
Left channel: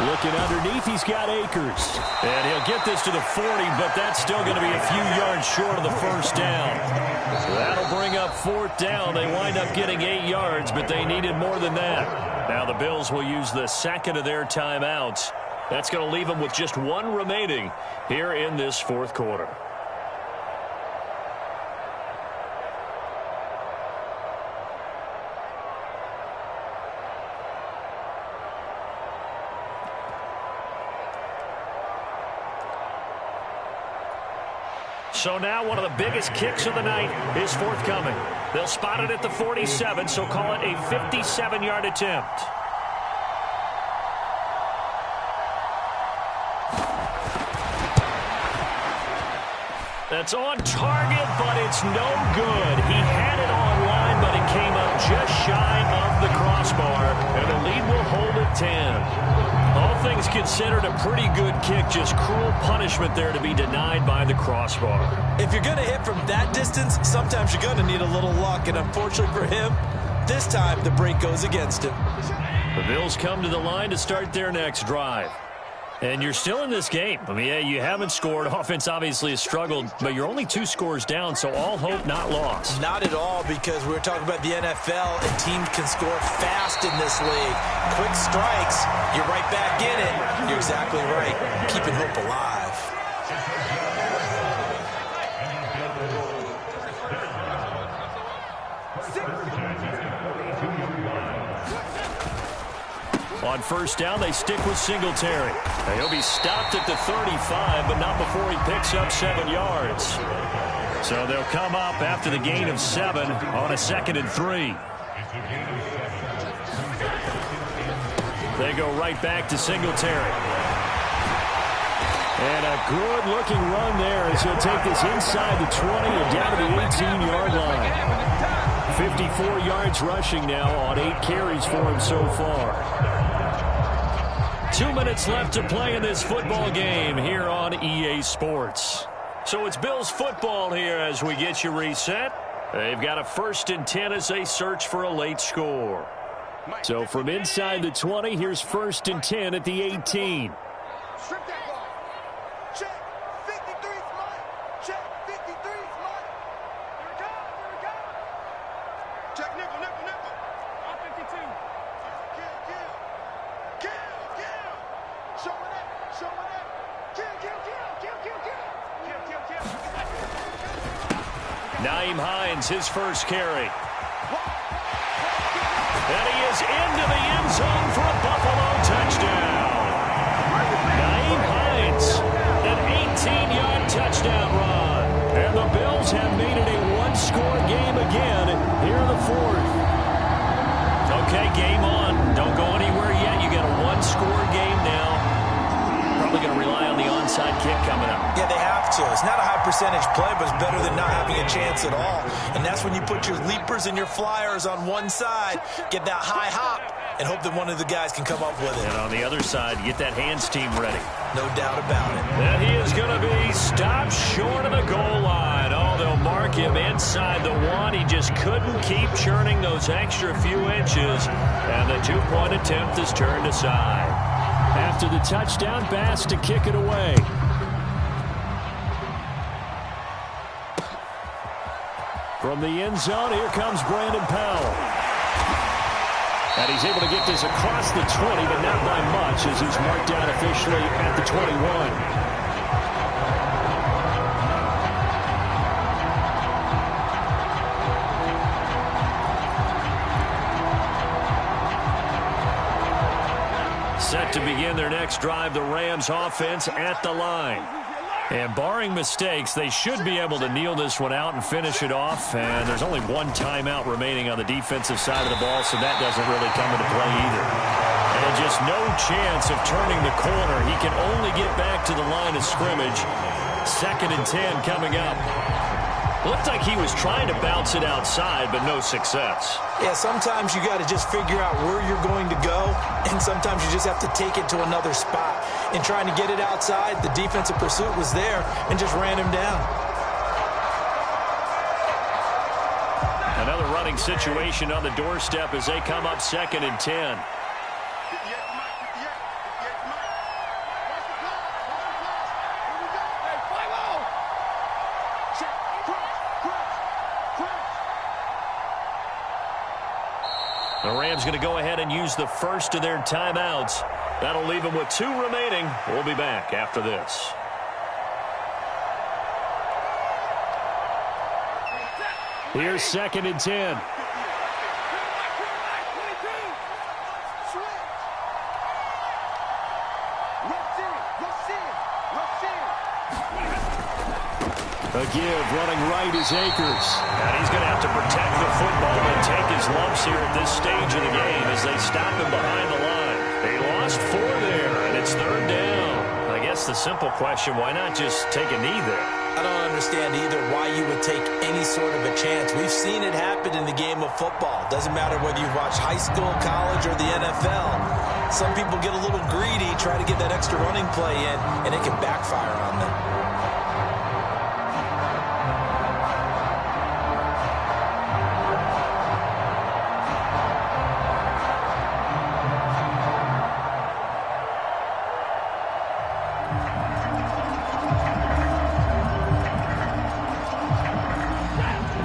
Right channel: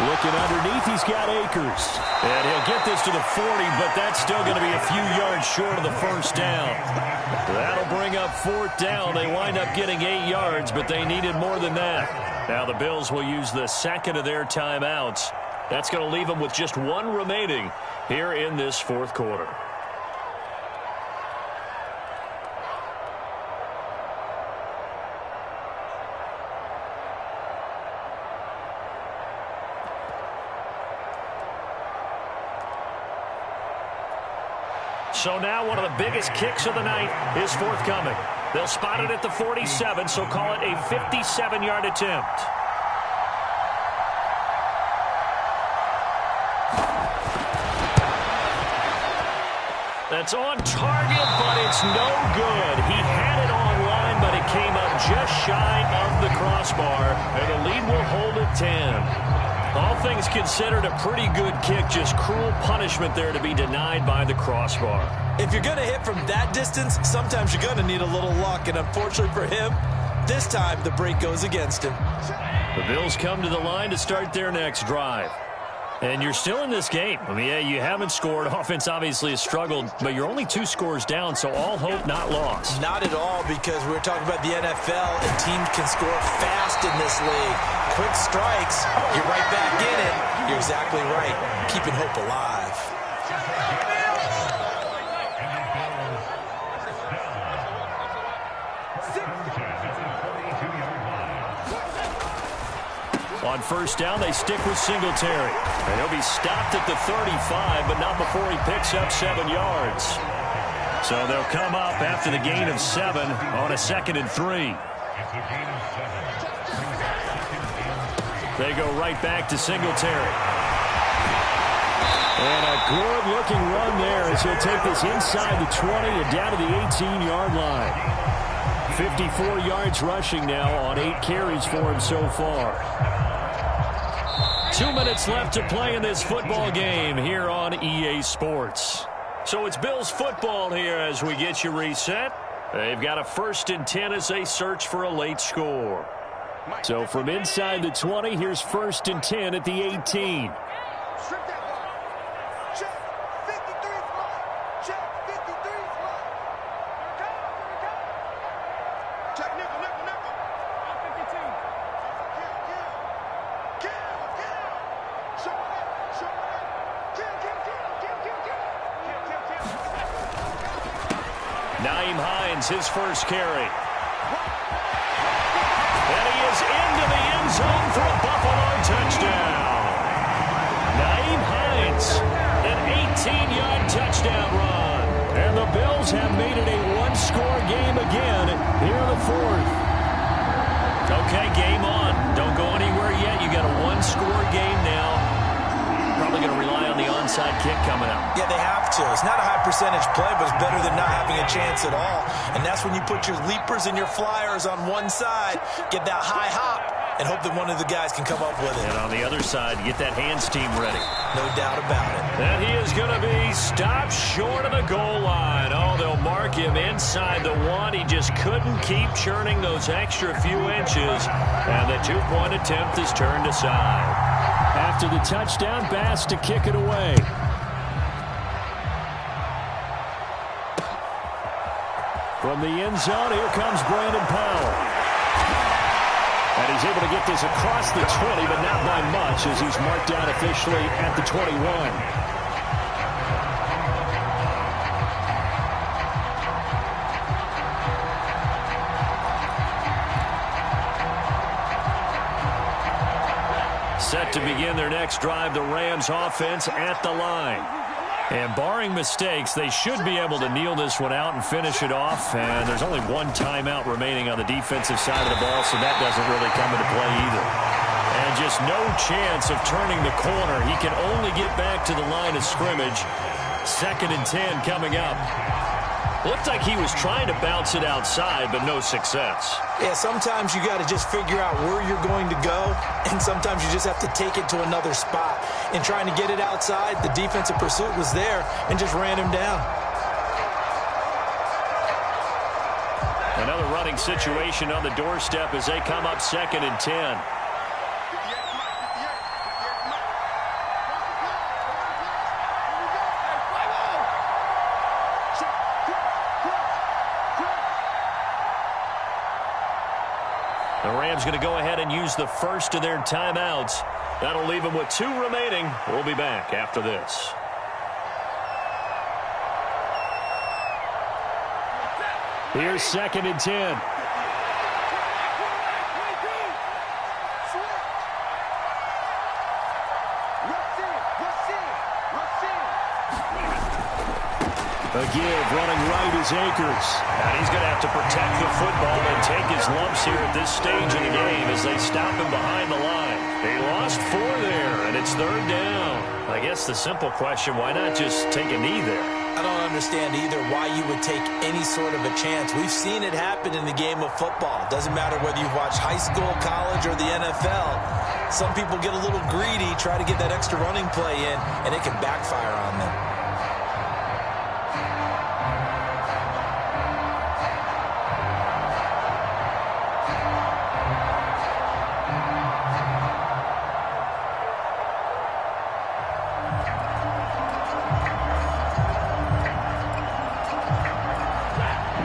Looking underneath, he's got Akers. And he'll get this to the 40, but that's still going to be a few yards short of the first down. That'll bring up 4th down. They wind up getting 8 yards, but they needed more than that. Now the Bills will use the second of their timeouts. That's going to leave them with just 1 remaining here in this 4th quarter. So now one of the biggest kicks of the night is forthcoming. They'll spot it at the 47, so call it a 57-yard attempt. That's on target, but it's no good. He had it on line, but it came up just shy of the crossbar, and the lead will hold at 10. All things considered, a pretty good kick, just cruel punishment there to be denied by the crossbar. If you're going to hit from that distance, sometimes you're going to need a little luck, and unfortunately for him, this time the break goes against him. The Bills come to the line to start their next drive. And you're still in this game. I mean, yeah, you haven't scored. Offense obviously has struggled, but you're only 2 scores down, so all hope not lost. Not at all, because we're talking about the NFL, and teams can score fast in this league. Quick strikes, you're right back in it. You're exactly right. Keeping hope alive. On first down, they stick with Singletary. And he'll be stopped at the 35, but not before he picks up 7 yards. So they'll come up after the gain of 7 on a 2nd and 3. They go right back to Singletary. And a good-looking run there as he'll take this inside the 20 and down to the 18-yard line. 54 yards rushing now on 8 carries for him so far. 2 minutes left to play in this football game here on EA Sports. So it's Bills football here as we get you reset. They've got a 1st and 10 as they search for a late score. So from inside the 20, here's 1st and 10 at the 18. Strip that ball. Check. 53's mine. Check. 53's mine. Here it comes. Here it comes. Check nickel, nickel, nickel. On 52. Kill. Showing it. Kill. Nyheim Hines, his first carry. And he is into the end zone for a Buffalo touchdown. Nyheim Hines, an 18-yard touchdown run. And the Bills have made it a one-score game again here in the 4th. Okay, game on. Don't go anywhere yet. You got a one-score game now. Probably going to rely on the onside kick coming up. Yeah, they have to. It's not a high percentage play, but it's better than not having a chance at all. And that's when you put your leapers and your flyers on one side, get that high hop, and hope that one of the guys can come up with it. And on the other side, get that hands team ready. No doubt about it. And he is going to be stopped short of the goal line. Oh, they'll mark him inside the 1. He just couldn't keep churning those extra few inches. And the 2-point attempt is turned aside. After the touchdown, Bass to kick it away. From the end zone, here comes Brandon Powell. And he's able to get this across the 20, but not by much as he's marked down officially at the 21. Set to begin their next drive, the Rams offense at the line. And barring mistakes, they should be able to kneel this one out and finish it off. And there's only one timeout remaining on the defensive side of the ball, so that doesn't really come into play either. And just no chance of turning the corner. He can only get back to the line of scrimmage. 2nd and 10 coming up. Looked like he was trying to bounce it outside, but no success. Yeah, sometimes you got to just figure out where you're going to go, and sometimes you just have to take it to another spot. In trying to get it outside, the defensive pursuit was there and just ran him down. Another running situation on the doorstep as they come up 2nd and 10. The Rams going to go ahead and use the first of their timeouts. That'll leave them with 2 remaining. We'll be back after this. Here's 2nd and 10. A give, running right is Akers. And he's going to have to protect the football and take his lumps here at this stage of the game as they stop him behind the line. They lost 4 there, and it's 3rd down. I guess the simple question, why not just take a knee there? I don't understand either why you would take any sort of a chance. We've seen it happen in the game of football. Doesn't matter whether you've watched high school, college, or the NFL. Some people get a little greedy, try to get that extra running play in, and it can backfire on them.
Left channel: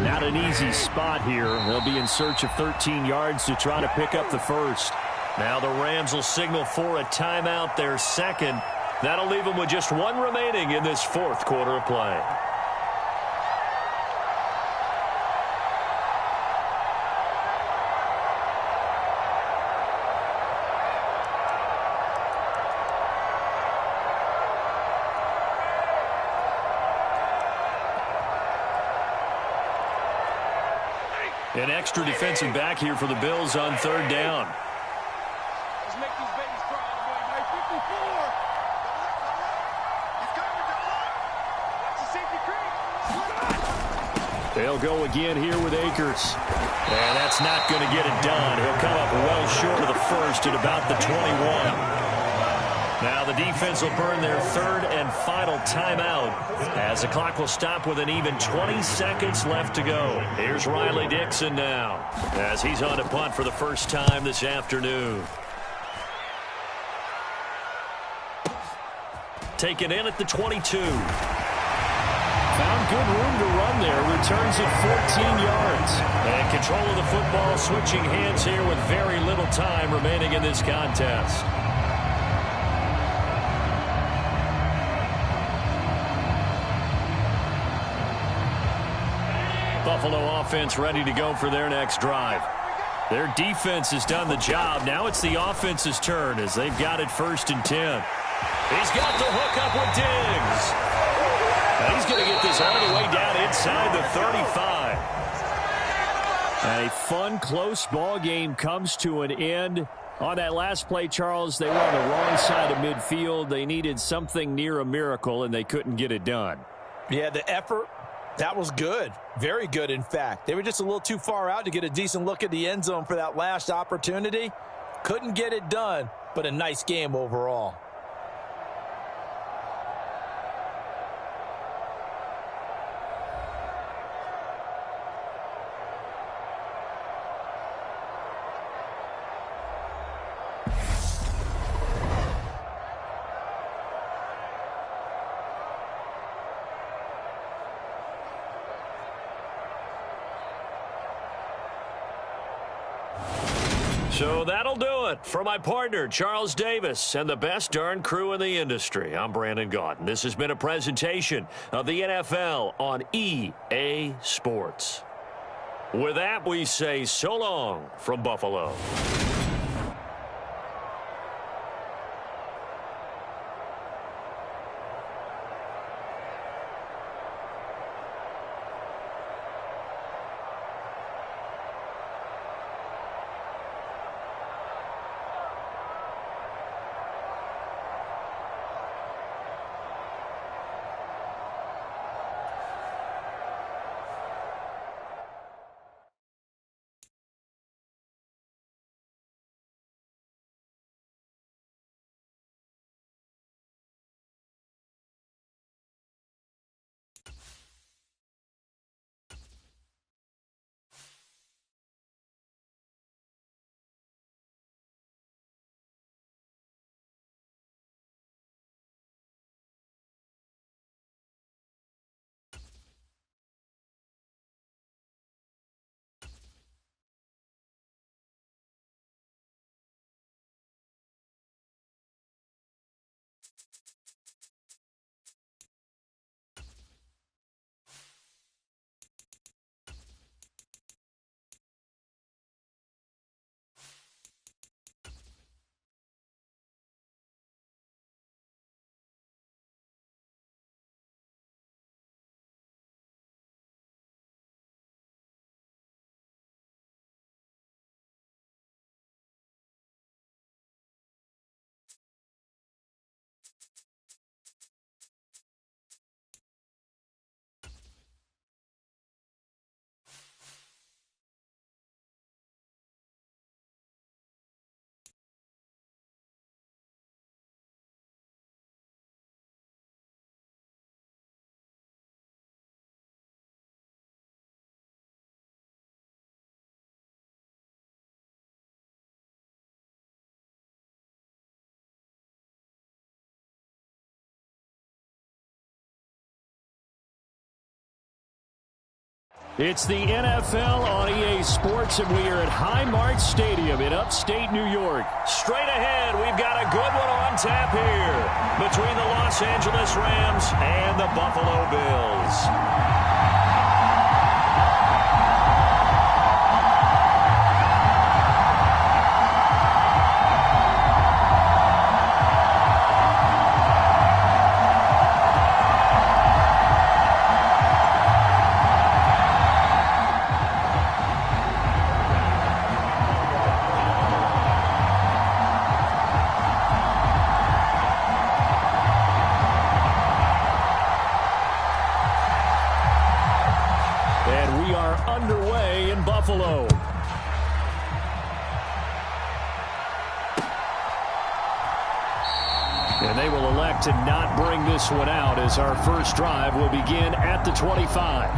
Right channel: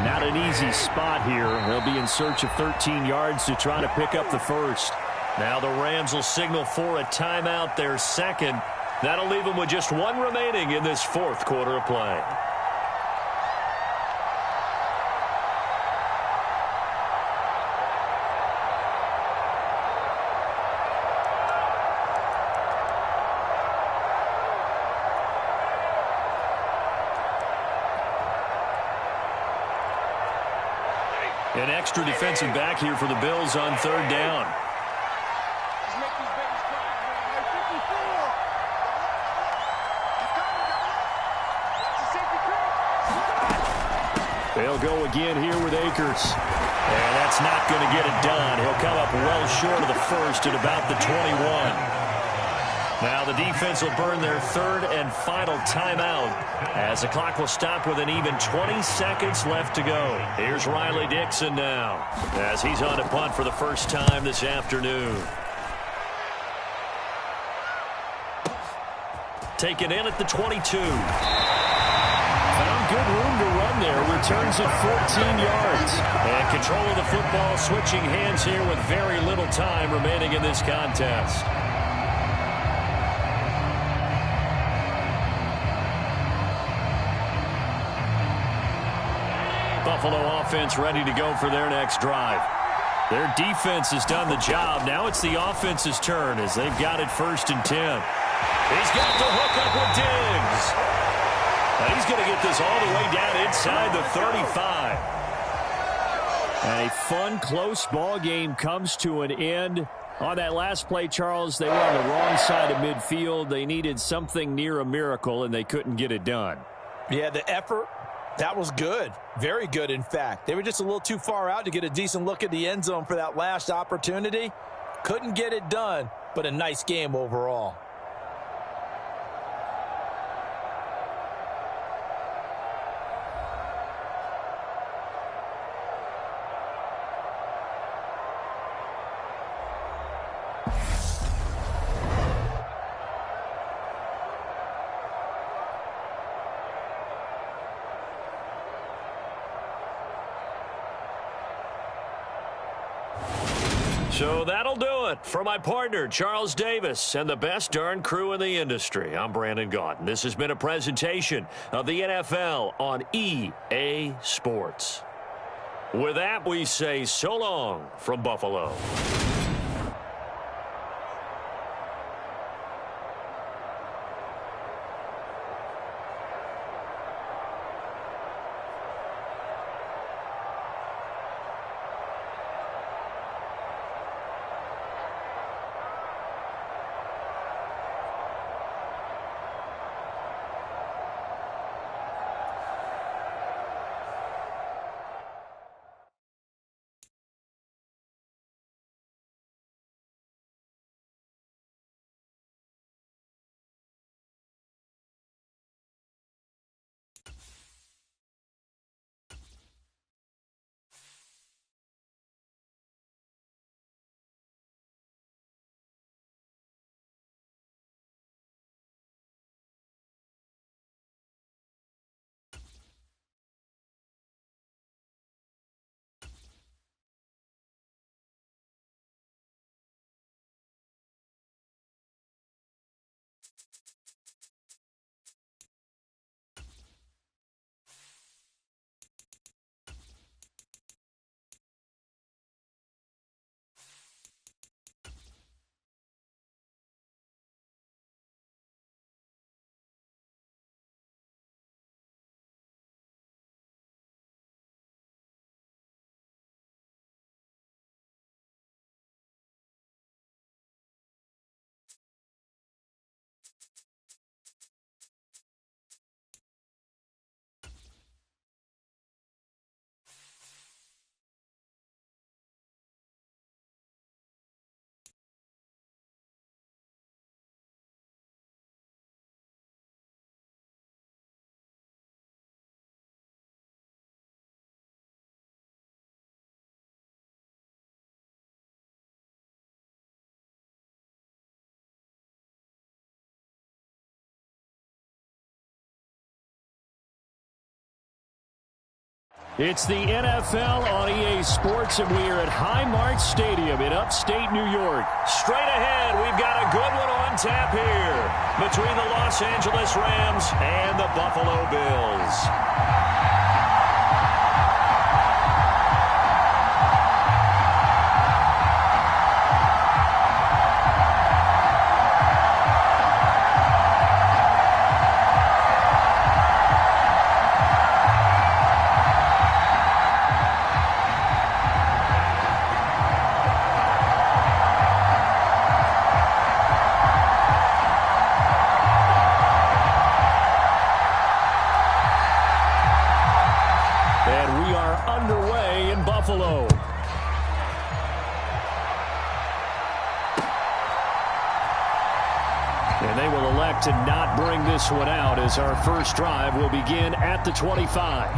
Not an easy spot here. They'll be in search of 13 yards to try to pick up the first. Now the Rams will signal for a timeout, their 2nd. That'll leave them with just 1 remaining in this 4th quarter of play. An extra defensive back here for the Bills on 3rd down. Let's make these babies cry, boy. 54. They'll go again here with Akers. And that's not going to get it done. He'll come up well short of the first at about the 21. Now the defense will burn their third and final timeout as the clock will stop with an even 20 seconds left to go. Here's Riley Dixon now as he's on to punt for the first time this afternoon. Taken in at the 22. Found good room to run there. Returns it 14 yards. And control of the football switching hands here with very little time remaining in this contest. Buffalo offense ready to go for their next drive. Their defense has done the job. Now it's the offense's turn as they've got it 1st and 10. He's got the hook up with Diggs. And he's going to get this all the way down inside the 35. And a fun, close ball game comes to an end. On that last play, Charles, they were on the wrong side of midfield. They needed something near a miracle, and they couldn't get it done. Yeah, the effort, that was good. Very good, in fact. They were just a little too far out to get a decent look at the end zone for that last opportunity. Couldn't get it done, but a nice game overall. So that'll do it for my partner, Charles Davis, and the best darn crew in the industry. I'm Brandon Gaudin. This has been a presentation of the NFL on EA Sports. With that, we say so long from Buffalo. It's the NFL on EA Sports, and we are at Highmark Stadium in upstate New York. Straight ahead, we've got a good one on tap here between the Los Angeles Rams and the Buffalo Bills. And we are underway in Buffalo. And they will elect to not bring this one out as our first drive will begin at the 25.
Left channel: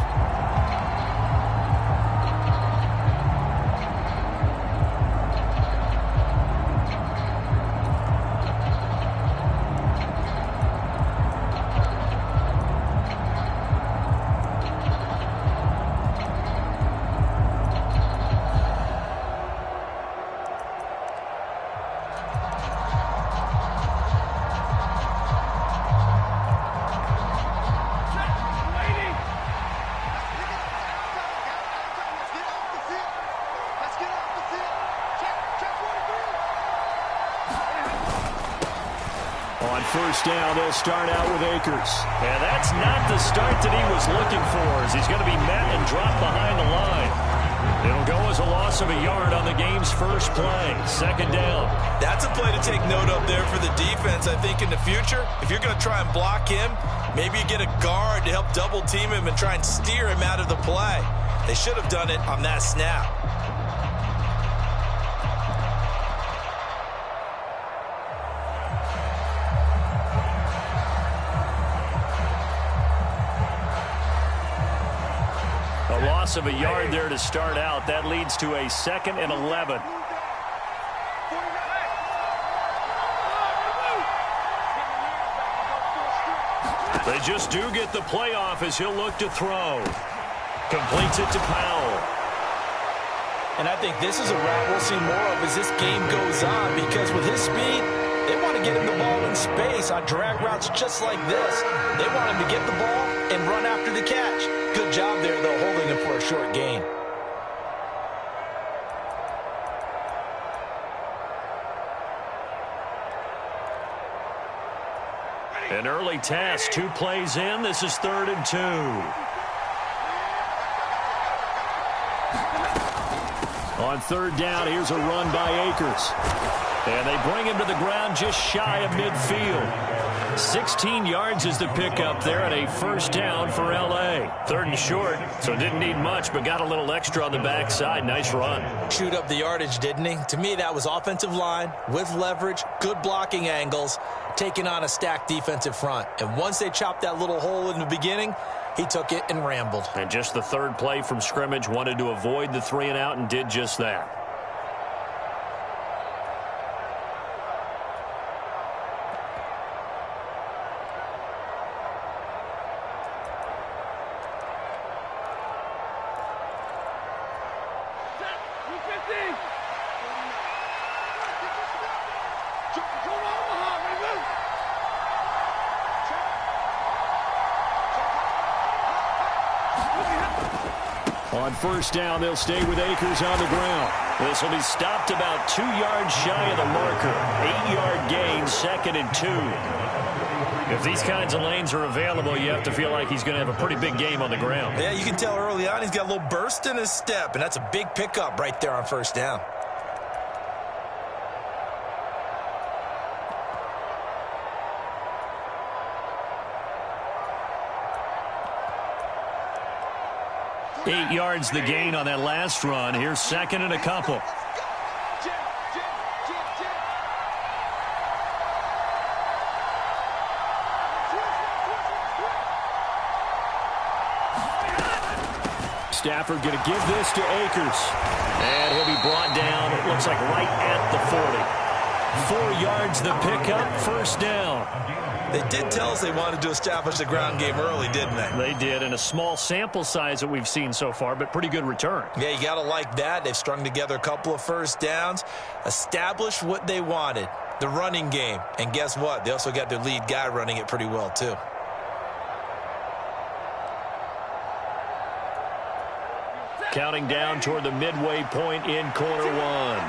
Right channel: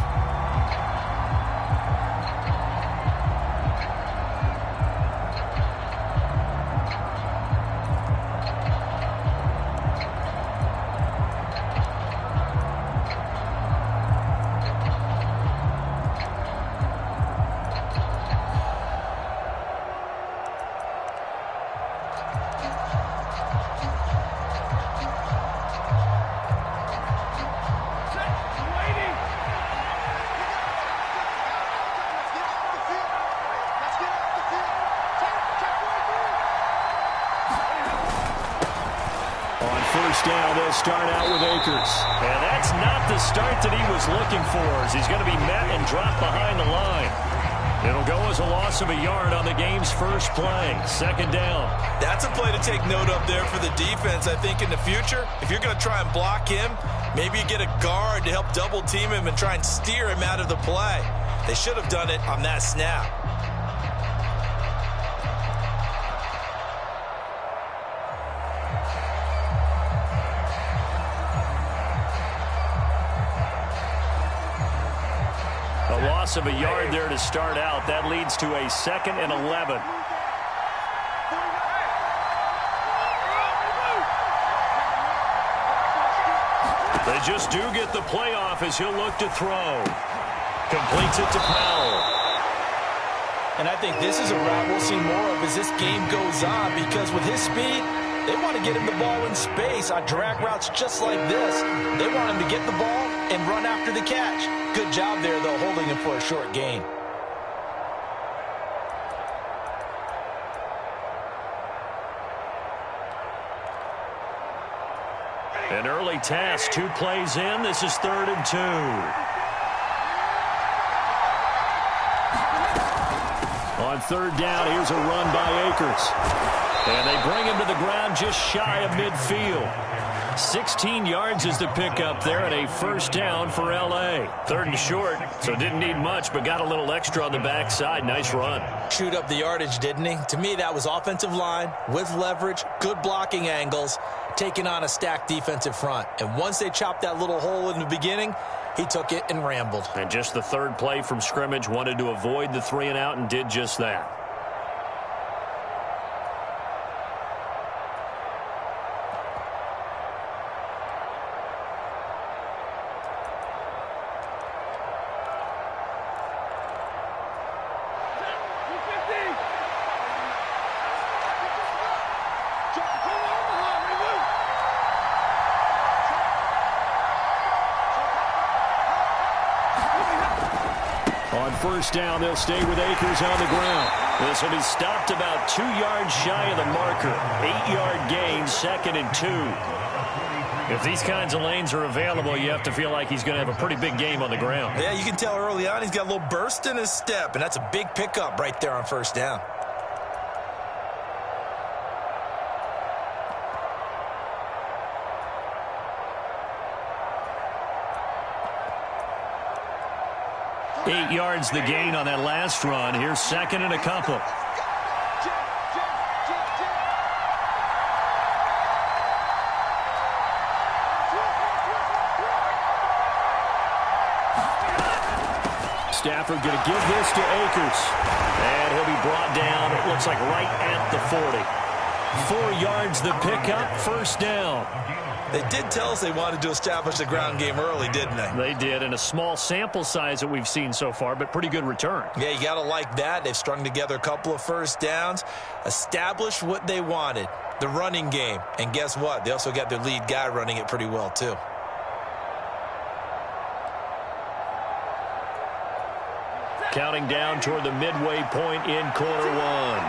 On first down, they'll start out with Akers. And that's not the start that he was looking for, as he's going to be met and dropped behind the line. It'll go as a loss of a yard on the game's first play. Second down. That's a play to take note of there for the defense. I think in the future, if you're going to try and block him, maybe you get a guard to help double team him and try and steer him out of the play. They should have done it on that snap. A loss of a yard there to start out. That leads to a 2nd and 11. They just do get the playoff as he'll look to throw. Completes it to Powell. And I think this is a route we'll see more of as this game goes on, because with his speed, they want to get him the ball in space on drag routes just like this. They want him to get the ball and run after the catch. Good job there, though, holding him for a short gain. An early task, 2 plays in. This is 3rd and 2. On third down, here's a run by Akers. And they bring him to the ground just shy of midfield. 16 yards is the pickup there, and a first down for L.A. 3rd and short, so didn't need much, but got a little extra on the backside. Nice run. Chewed up the yardage, didn't he? To me, that was offensive line with leverage, good blocking angles, taking on a stacked defensive front. And once they chopped that little hole in the beginning, he took it and rambled. And just the 3rd play from scrimmage, wanted to avoid the 3 and out and did just that. On first down, they'll stay with Akers on the ground. This will be stopped about 2 yards shy of the marker. 8-yard gain, 2nd and 2. If these kinds of lanes are available, you have to feel like he's going to have a pretty big game on the ground. Yeah, you can tell early on he's got a little burst in his step, and that's a big pickup right there on first down. Eight yards the gain on that last run. Here's 2nd and a couple. Stafford going to give this to Akers. And he'll be brought down, it looks like right at the 40. 4 yards the pickup, first down. They did tell us they wanted to establish the ground game early, didn't they? They did, in a small sample size that we've seen so far, but pretty good return. Yeah, you got to like that. They've strung together a couple of first downs, established what they wanted, the running game. And guess what? They also got their lead guy running it pretty well, too. Counting down toward the midway point in quarter one.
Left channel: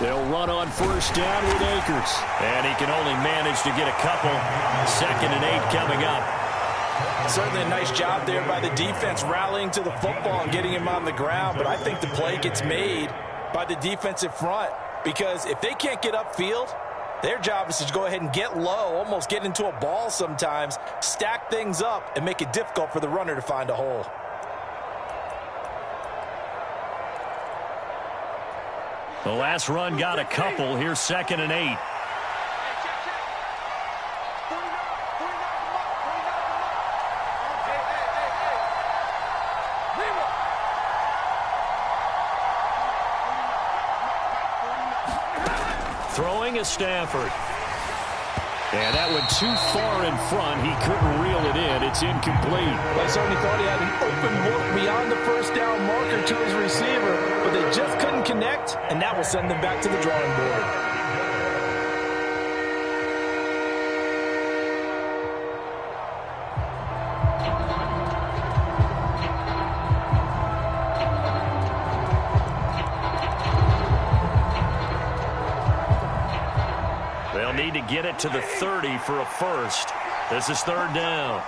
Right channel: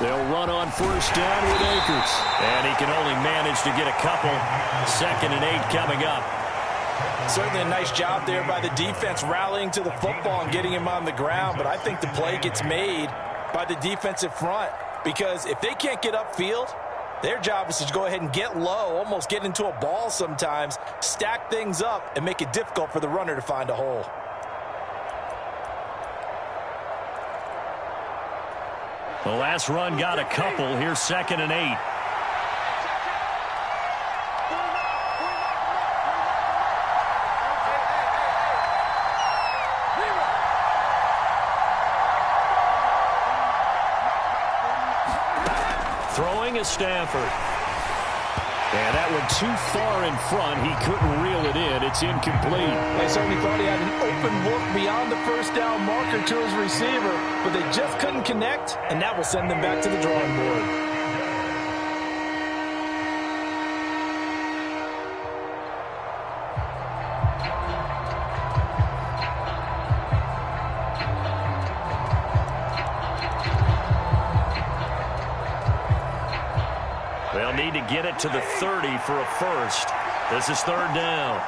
They'll run on first down with Akers. And he can only manage to get a couple. 2nd and 8 coming up. Certainly a nice job there by the defense rallying to the football and getting him on the ground, but I think the play gets made by the defensive front, because if they can't get upfield, their job is to go ahead and get low, almost get into a ball sometimes, stack things up, and make it difficult for the runner to find a hole. The last run got a couple. Here's 2nd and 8. Throwing is Stafford. And that went too far in front. He couldn't reel it in. It's incomplete. They certainly thought he had an open look beyond the first down marker to his receiver, but they just couldn't connect, and that will send them back to the drawing board. They'll need to get it to the 30 for a first. This is 3rd down.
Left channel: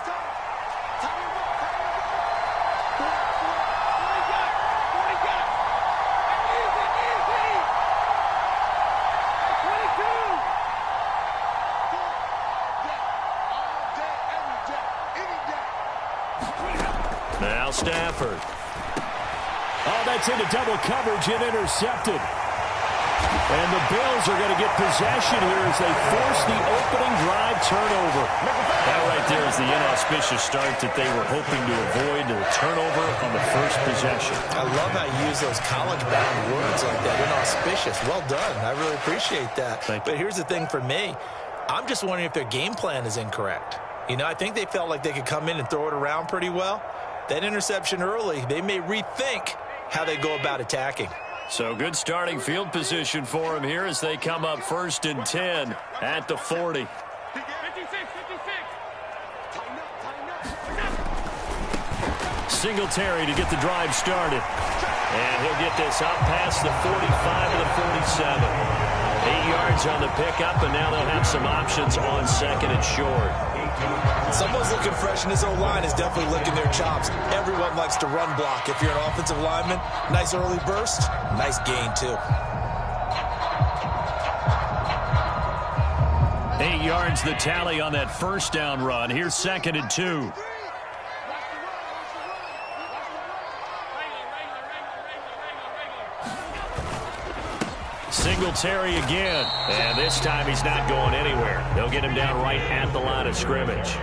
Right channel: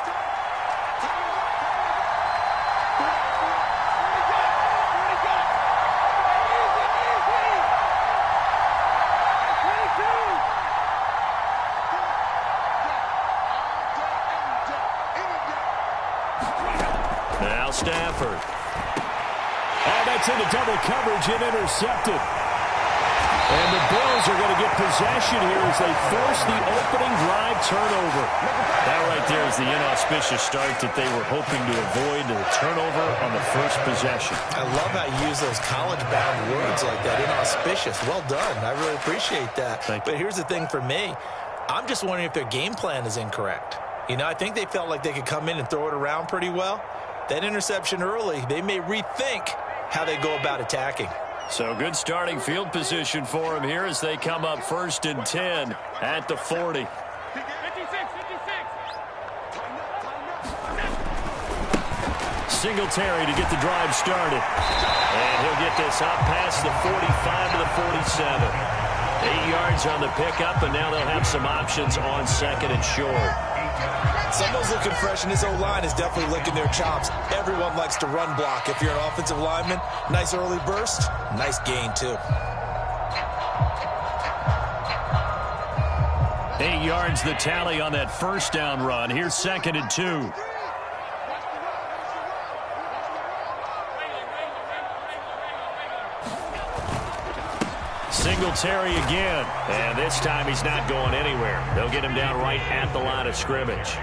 Now Stafford. Oh, that's into double coverage and intercepted. And the Bills are going to get possession here as they force the opening drive turnover. That right there is the inauspicious start that they were hoping to avoid, the turnover on the first possession. I love how you use those college-bound words like that, inauspicious. Well done. I really appreciate that. But here's the thing for me. I'm just wondering if their game plan is incorrect. You know, I think they felt like they could come in and throw it around pretty well. That interception early, they may rethink how they go about attacking. So good starting field position for them here as they come up 1st and 10 at the 40. 56. Singletary to get the drive started. And he'll get this up past the 45 to the 47. 8 yards on the pickup, and now they'll have some options on 2nd and short. Someone's looking fresh, and this O-line is definitely licking their chops. Everyone likes to run block. If you're an offensive lineman, nice early burst, nice gain, too. 8 yards the tally on that first down run. Here's 2nd and 2. Singletary again. And this time he's not going anywhere. They'll get him down right at the line of scrimmage.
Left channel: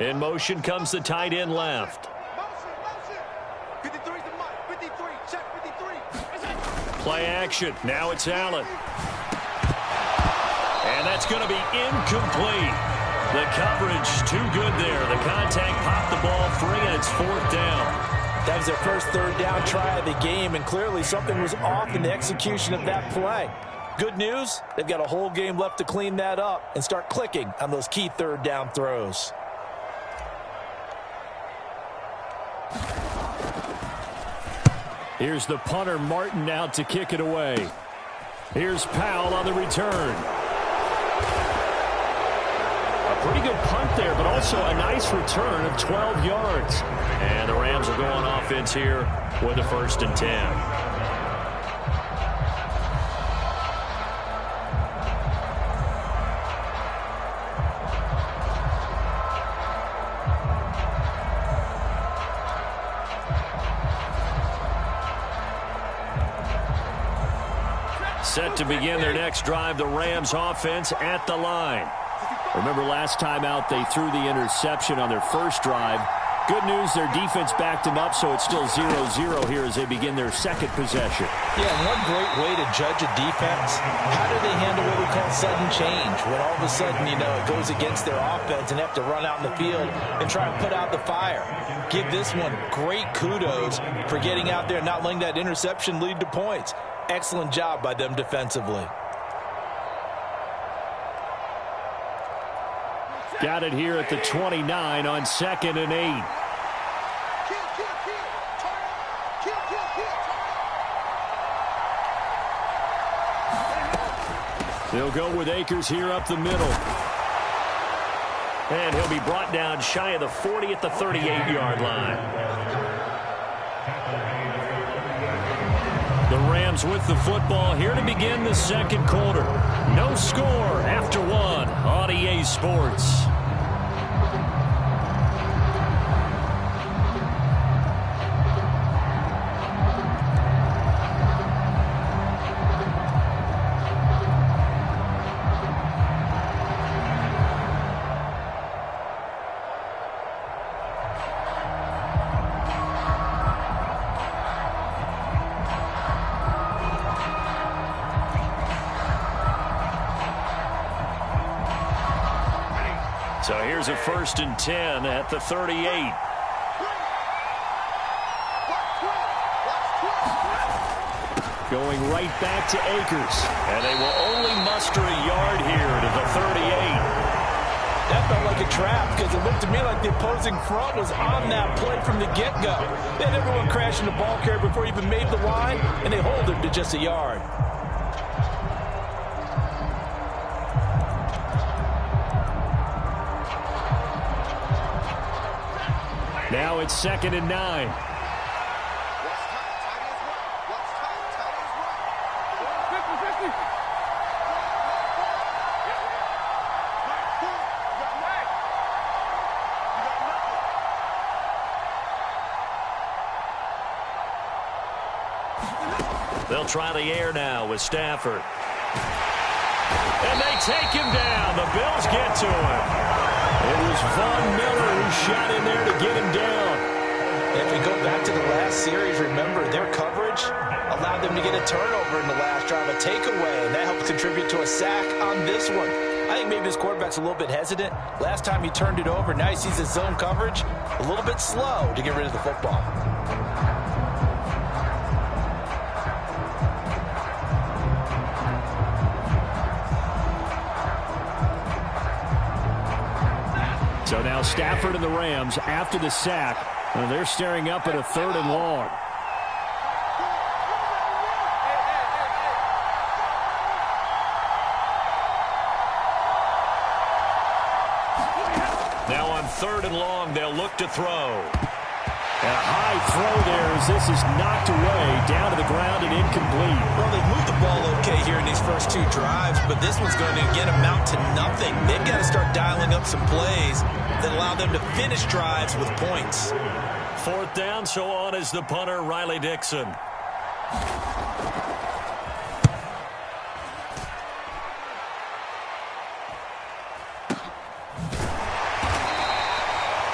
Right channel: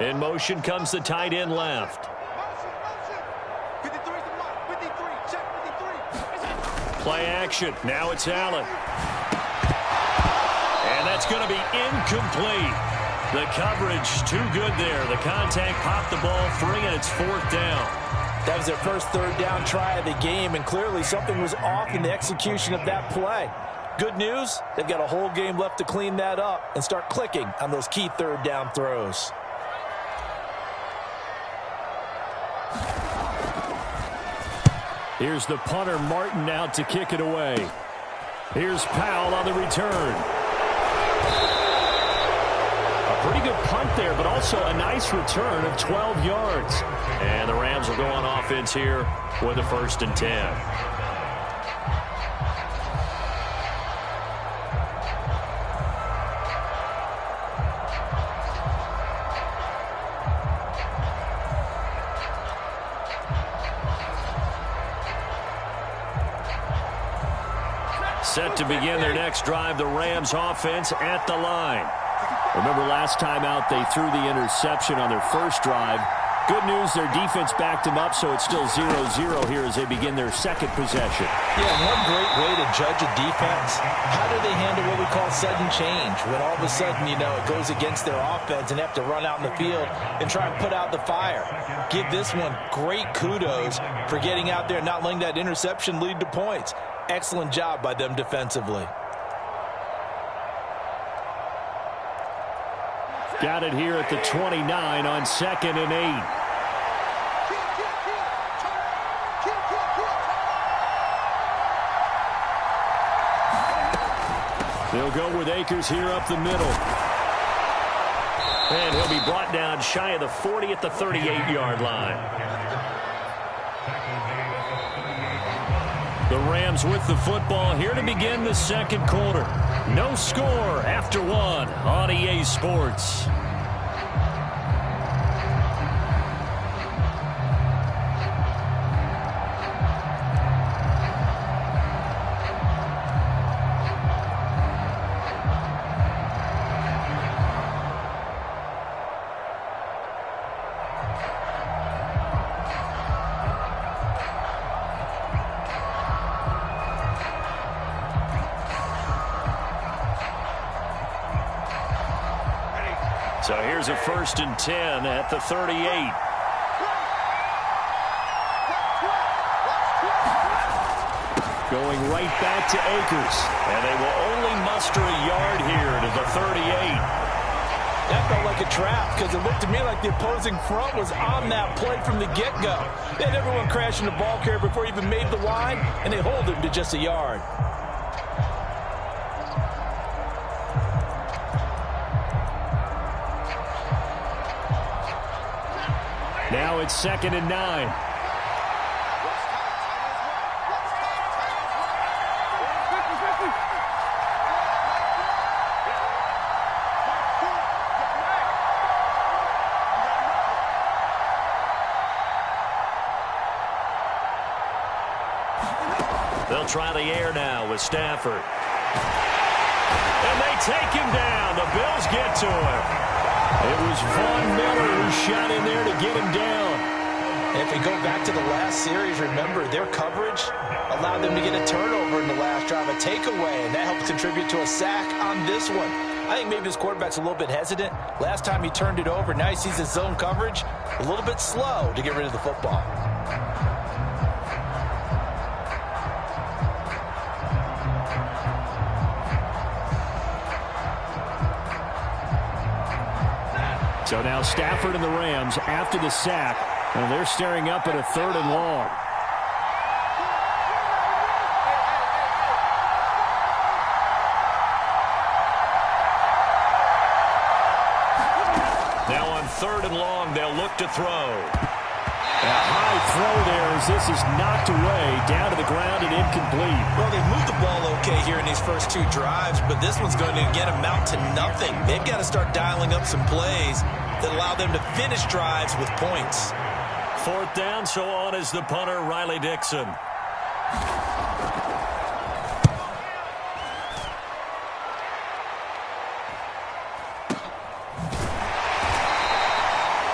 In motion comes the tight end left. Motion. 53's the mark. 53. Check 53. Play action. Now it's Allen. And that's going to be incomplete. The coverage too good there. The contact popped the ball free, and it's 4th down. That was their first 3rd down try of the game, and clearly something was off in the execution of that play. Good news, they've got a whole game left to clean that up and start clicking on those key 3rd down throws. Here's the punter, Martin, out to kick it away. Here's Powell on the return. A pretty good punt there, but also a nice return of 12 yards. And the Rams will go on offense here with a 1st and 10. Set to begin their next drive, the Rams offense at the line. Remember last time out they threw the interception on their first drive. Good news, their defense backed them up, so it's still 0-0 here as they begin their 2nd possession. Yeah, and one great way to judge a defense, how do they handle what we call sudden change? When all of a sudden, you know, it goes against their offense and they have to run out in the field and try and put out the fire. Give this one great kudos for getting out there and not letting that interception lead to points. Excellent job by them defensively. Got it here at the 29 on 2nd and 8. They'll go with Akers here up the middle. And he'll be brought down shy of the 40 at the 38-yard line. The Rams with the football here to begin the second quarter. No score after one on EA Sports. So here's a 1st and 10 at the 38. Going right back to Akers. And they will only muster a yard here to the 38. That felt like a trap because it looked to me like the opposing front was on that play from the get-go. They had everyone crashing the ball carrier before he even made the line, and they hold him to just a yard. Now it's 2nd and 9. They'll try the air now with Stafford. And they take him down. The Bills get to him. It was Von Miller who shot in there to get him down. If we go back to the last series, remember, their coverage allowed them to get a turnover in the last drive, a takeaway, and that helped contribute to a sack on this one. I think maybe his quarterback's a little bit hesitant. Last time he turned it over, now he sees his zone coverage a little bit slow to get rid of the football. So now Stafford and the Rams after the sack. And they're staring up at a 3rd and long. Now on 3rd and long, they'll look to throw. And a high throw there as this is knocked away, down to the ground and incomplete. Well, they've moved the ball okay here in these first two drives, but this one's going to, again, amount to nothing. They've got to start dialing up some plays that allow them to finish drives with points. 4th down, so on is the punter, Riley Dixon.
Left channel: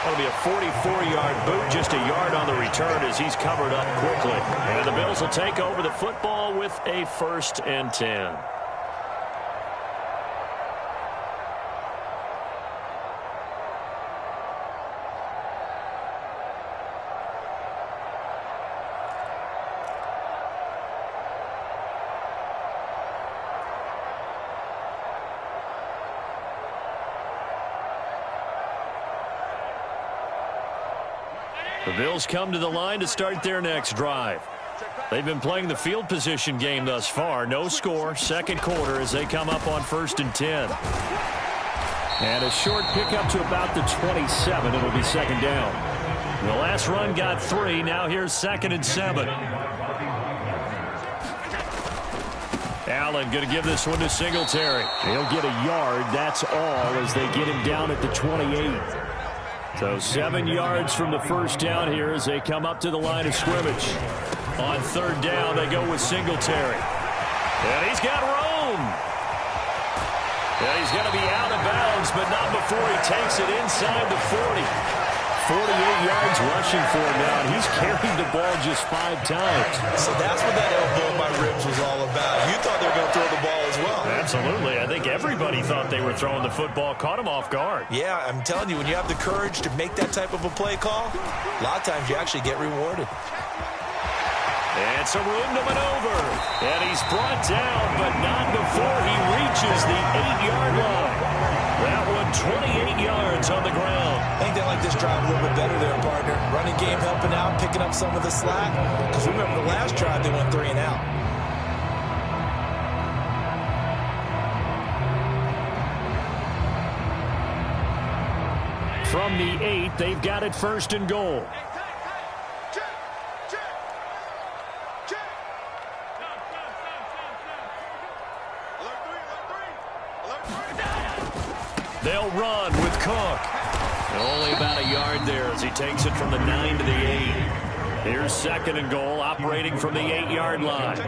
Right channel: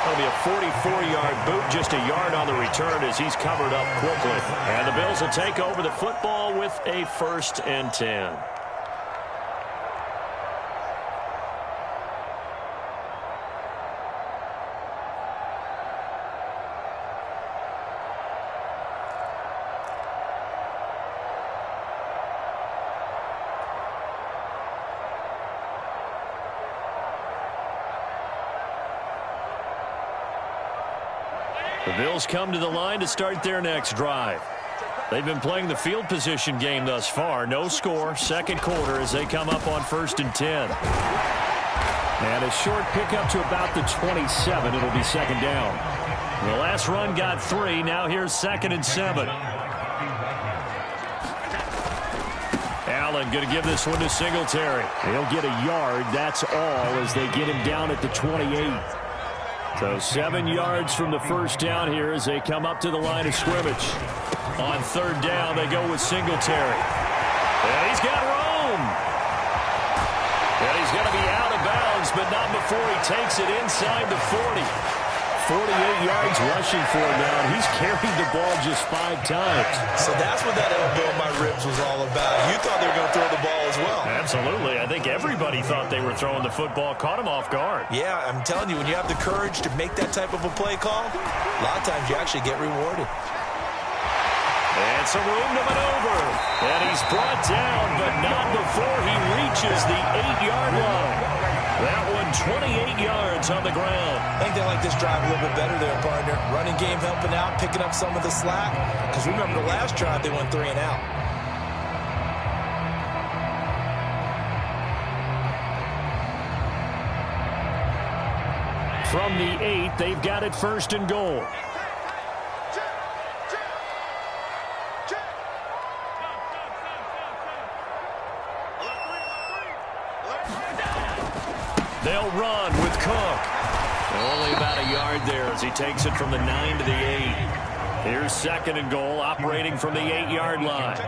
That'll be a 44-yard boot, just a yard on the return as he's covered up quickly. And the Bills will take over the football with a 1st and 10. The Bills come to the line to start their next drive. They've been playing the field position game thus far. No score, 2nd quarter as they come up on 1st and 10. And a short pickup to about the 27. It'll be 2nd down. The last run got 3. Now here's 2nd and 7. Allen going to give this one to Singletary. He'll get a yard. That's all as they get him down at the 28. So 7 yards from the first down here as they come up to the line of scrimmage. On 3rd down, they go with Singletary. And he's got room. And he's going to be out of bounds, but not before he takes it inside the 40. 48 yards rushing for him now, and he's carried the ball just 5 times. So that's what that elbow in my ribs was all about. You thought they were going to throw the ball as well. Absolutely. I think everybody thought they were throwing the football, caught him off guard. Yeah, I'm telling you, when you have the courage to make that type of a play call, a lot of times you actually get rewarded. And some room to maneuver. And he's brought down, but not before he reaches the 8-yard line. That one 28 yards on the ground. I think they like this drive a little bit better there, partner. Running game helping out, picking up some of the slack. Because remember the last drive, they went 3 and out. From the 8, they've got it 1st and goal. They'll run with Cook. And only about a yard there as he takes it from the 9 to the 8. Here's 2nd and goal, operating from the 8-yard line.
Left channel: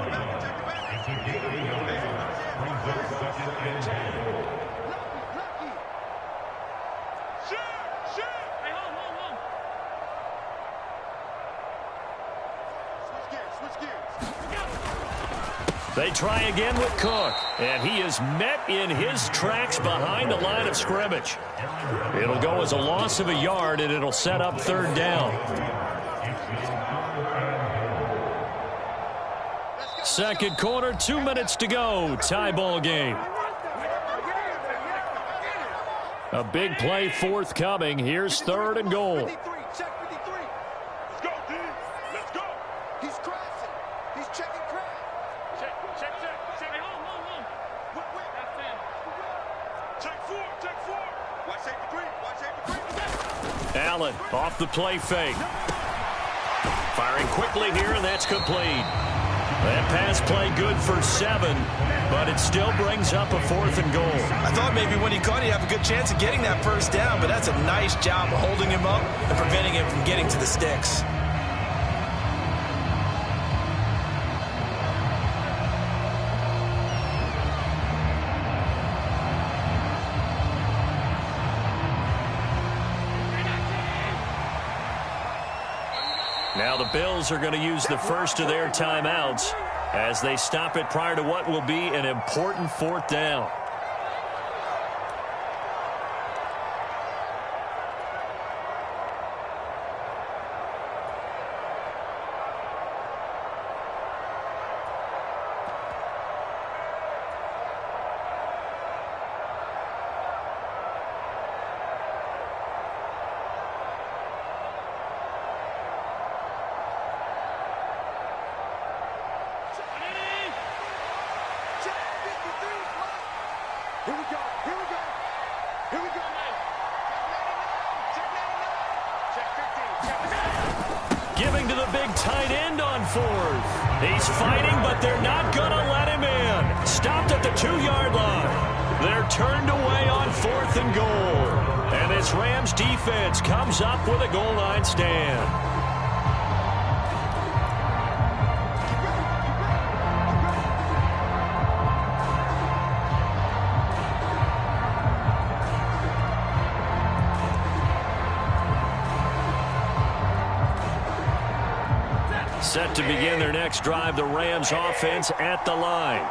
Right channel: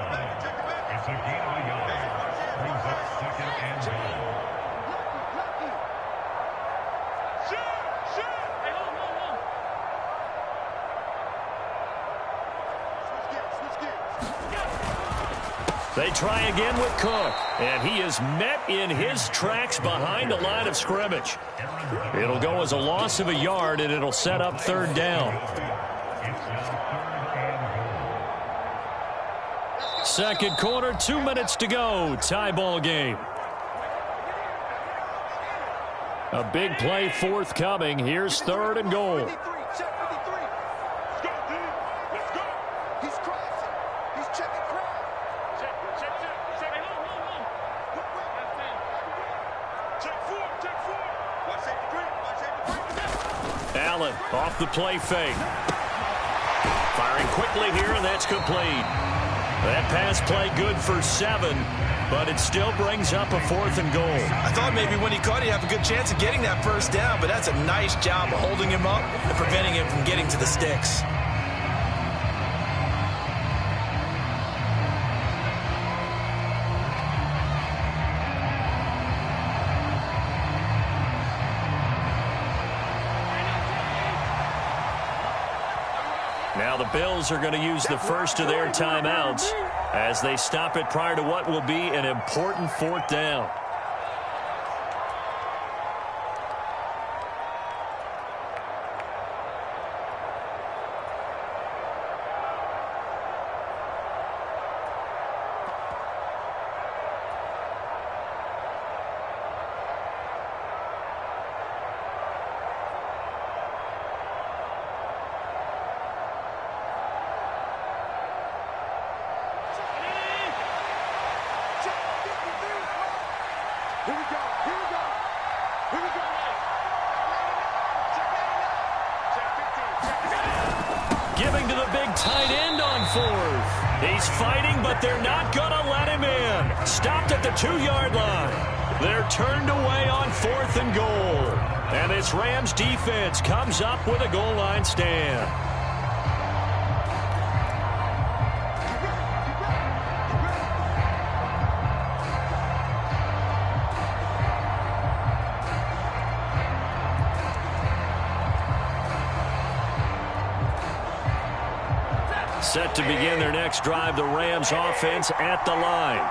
They try again with Cook, and he is met in his tracks behind the line of scrimmage. It'll go as a loss of a yard, and it'll set up 3rd down. 2nd quarter, 2 minutes to go. Tie ball game. A big play forthcoming. Here's 3rd and goal. Allen off the play fake. Firing quickly here, and that's complete. That pass play good for 7, but it still brings up a 4th and goal. I thought maybe when he caught it, he'd have a good chance of getting that 1st down, but that's a nice job of holding him up and preventing him from getting to the sticks. Now the Bills are going to use the first of their timeouts as they stop it prior to what will be an important 4th down. Giving to the big tight end on 4th. He's fighting, but they're not going to let him in. Stopped at the 2-yard line. They're turned away on 4th and goal. And this Rams defense comes up with a goal line stand. Set to begin their next drive, the Rams offense at the line.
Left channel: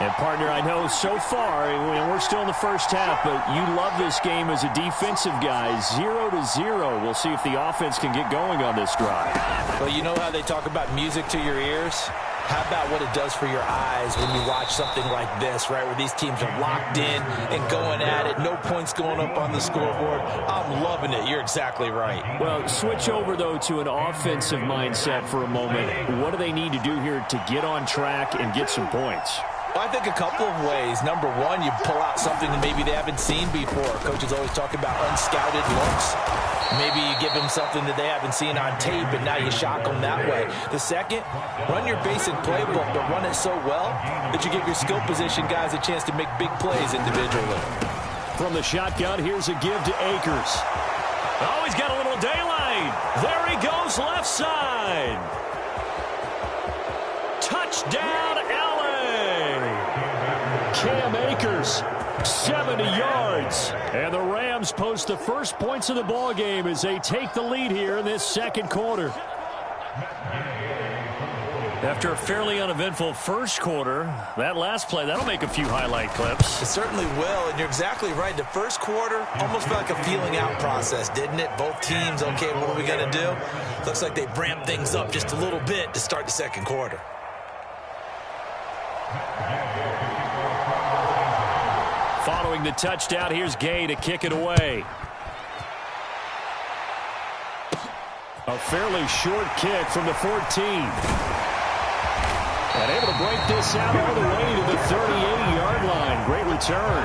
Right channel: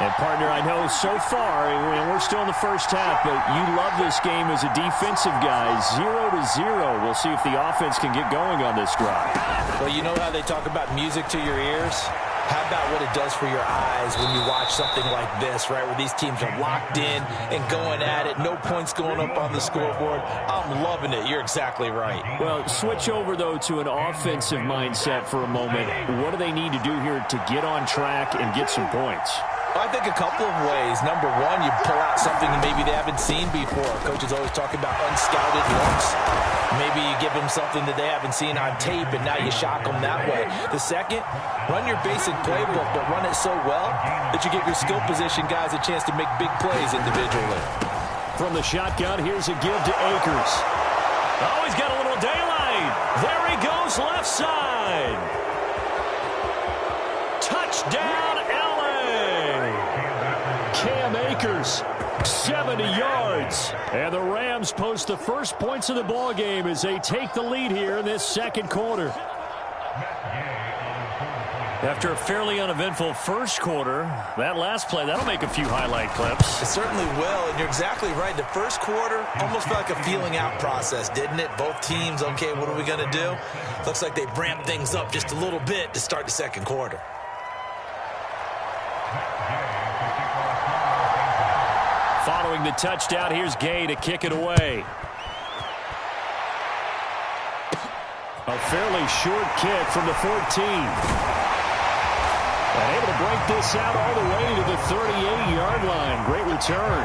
And, partner, I know so far, we're still in the first half, but you love this game as a defensive guy. 0-0. We'll see if the offense can get going on this drive. Well, you know how they talk about music to your ears? How about what it does for your eyes when you watch something like this, right, where these teams are locked in and going at it, no points going up on the scoreboard? I'm loving it. You're exactly right. Well, switch over, though, to an offensive mindset for a moment. What do they need to do here to get on track and get some points? I think a couple of ways. Number one, you pull out something that maybe they haven't seen before. Coaches always talk about unscouted looks. Maybe you give them something that they haven't seen on tape, and now you shock them that way. The second, run your basic playbook, but run it so well that you give your skill position guys a chance to make big plays individually. From the shotgun, here's a give to Akers. Oh, he's got a little daylight. There he goes, left side. Touchdown, L.A. Cam Akers, 70 yards. And the Rams post the first points of the ball game as they take the lead here in this second quarter. After a fairly uneventful first quarter, that last play, that'll make a few highlight clips. It certainly will, and you're exactly right. The first quarter almost felt like a feeling out process, didn't it? Both teams, okay, what are we going to do? Looks like they ramped things up just a little bit to start the second quarter. Following the touchdown, here's Gay to kick it away. A fairly short kick from the 14. And able to break this out all the way to the 38-yard line. Great return.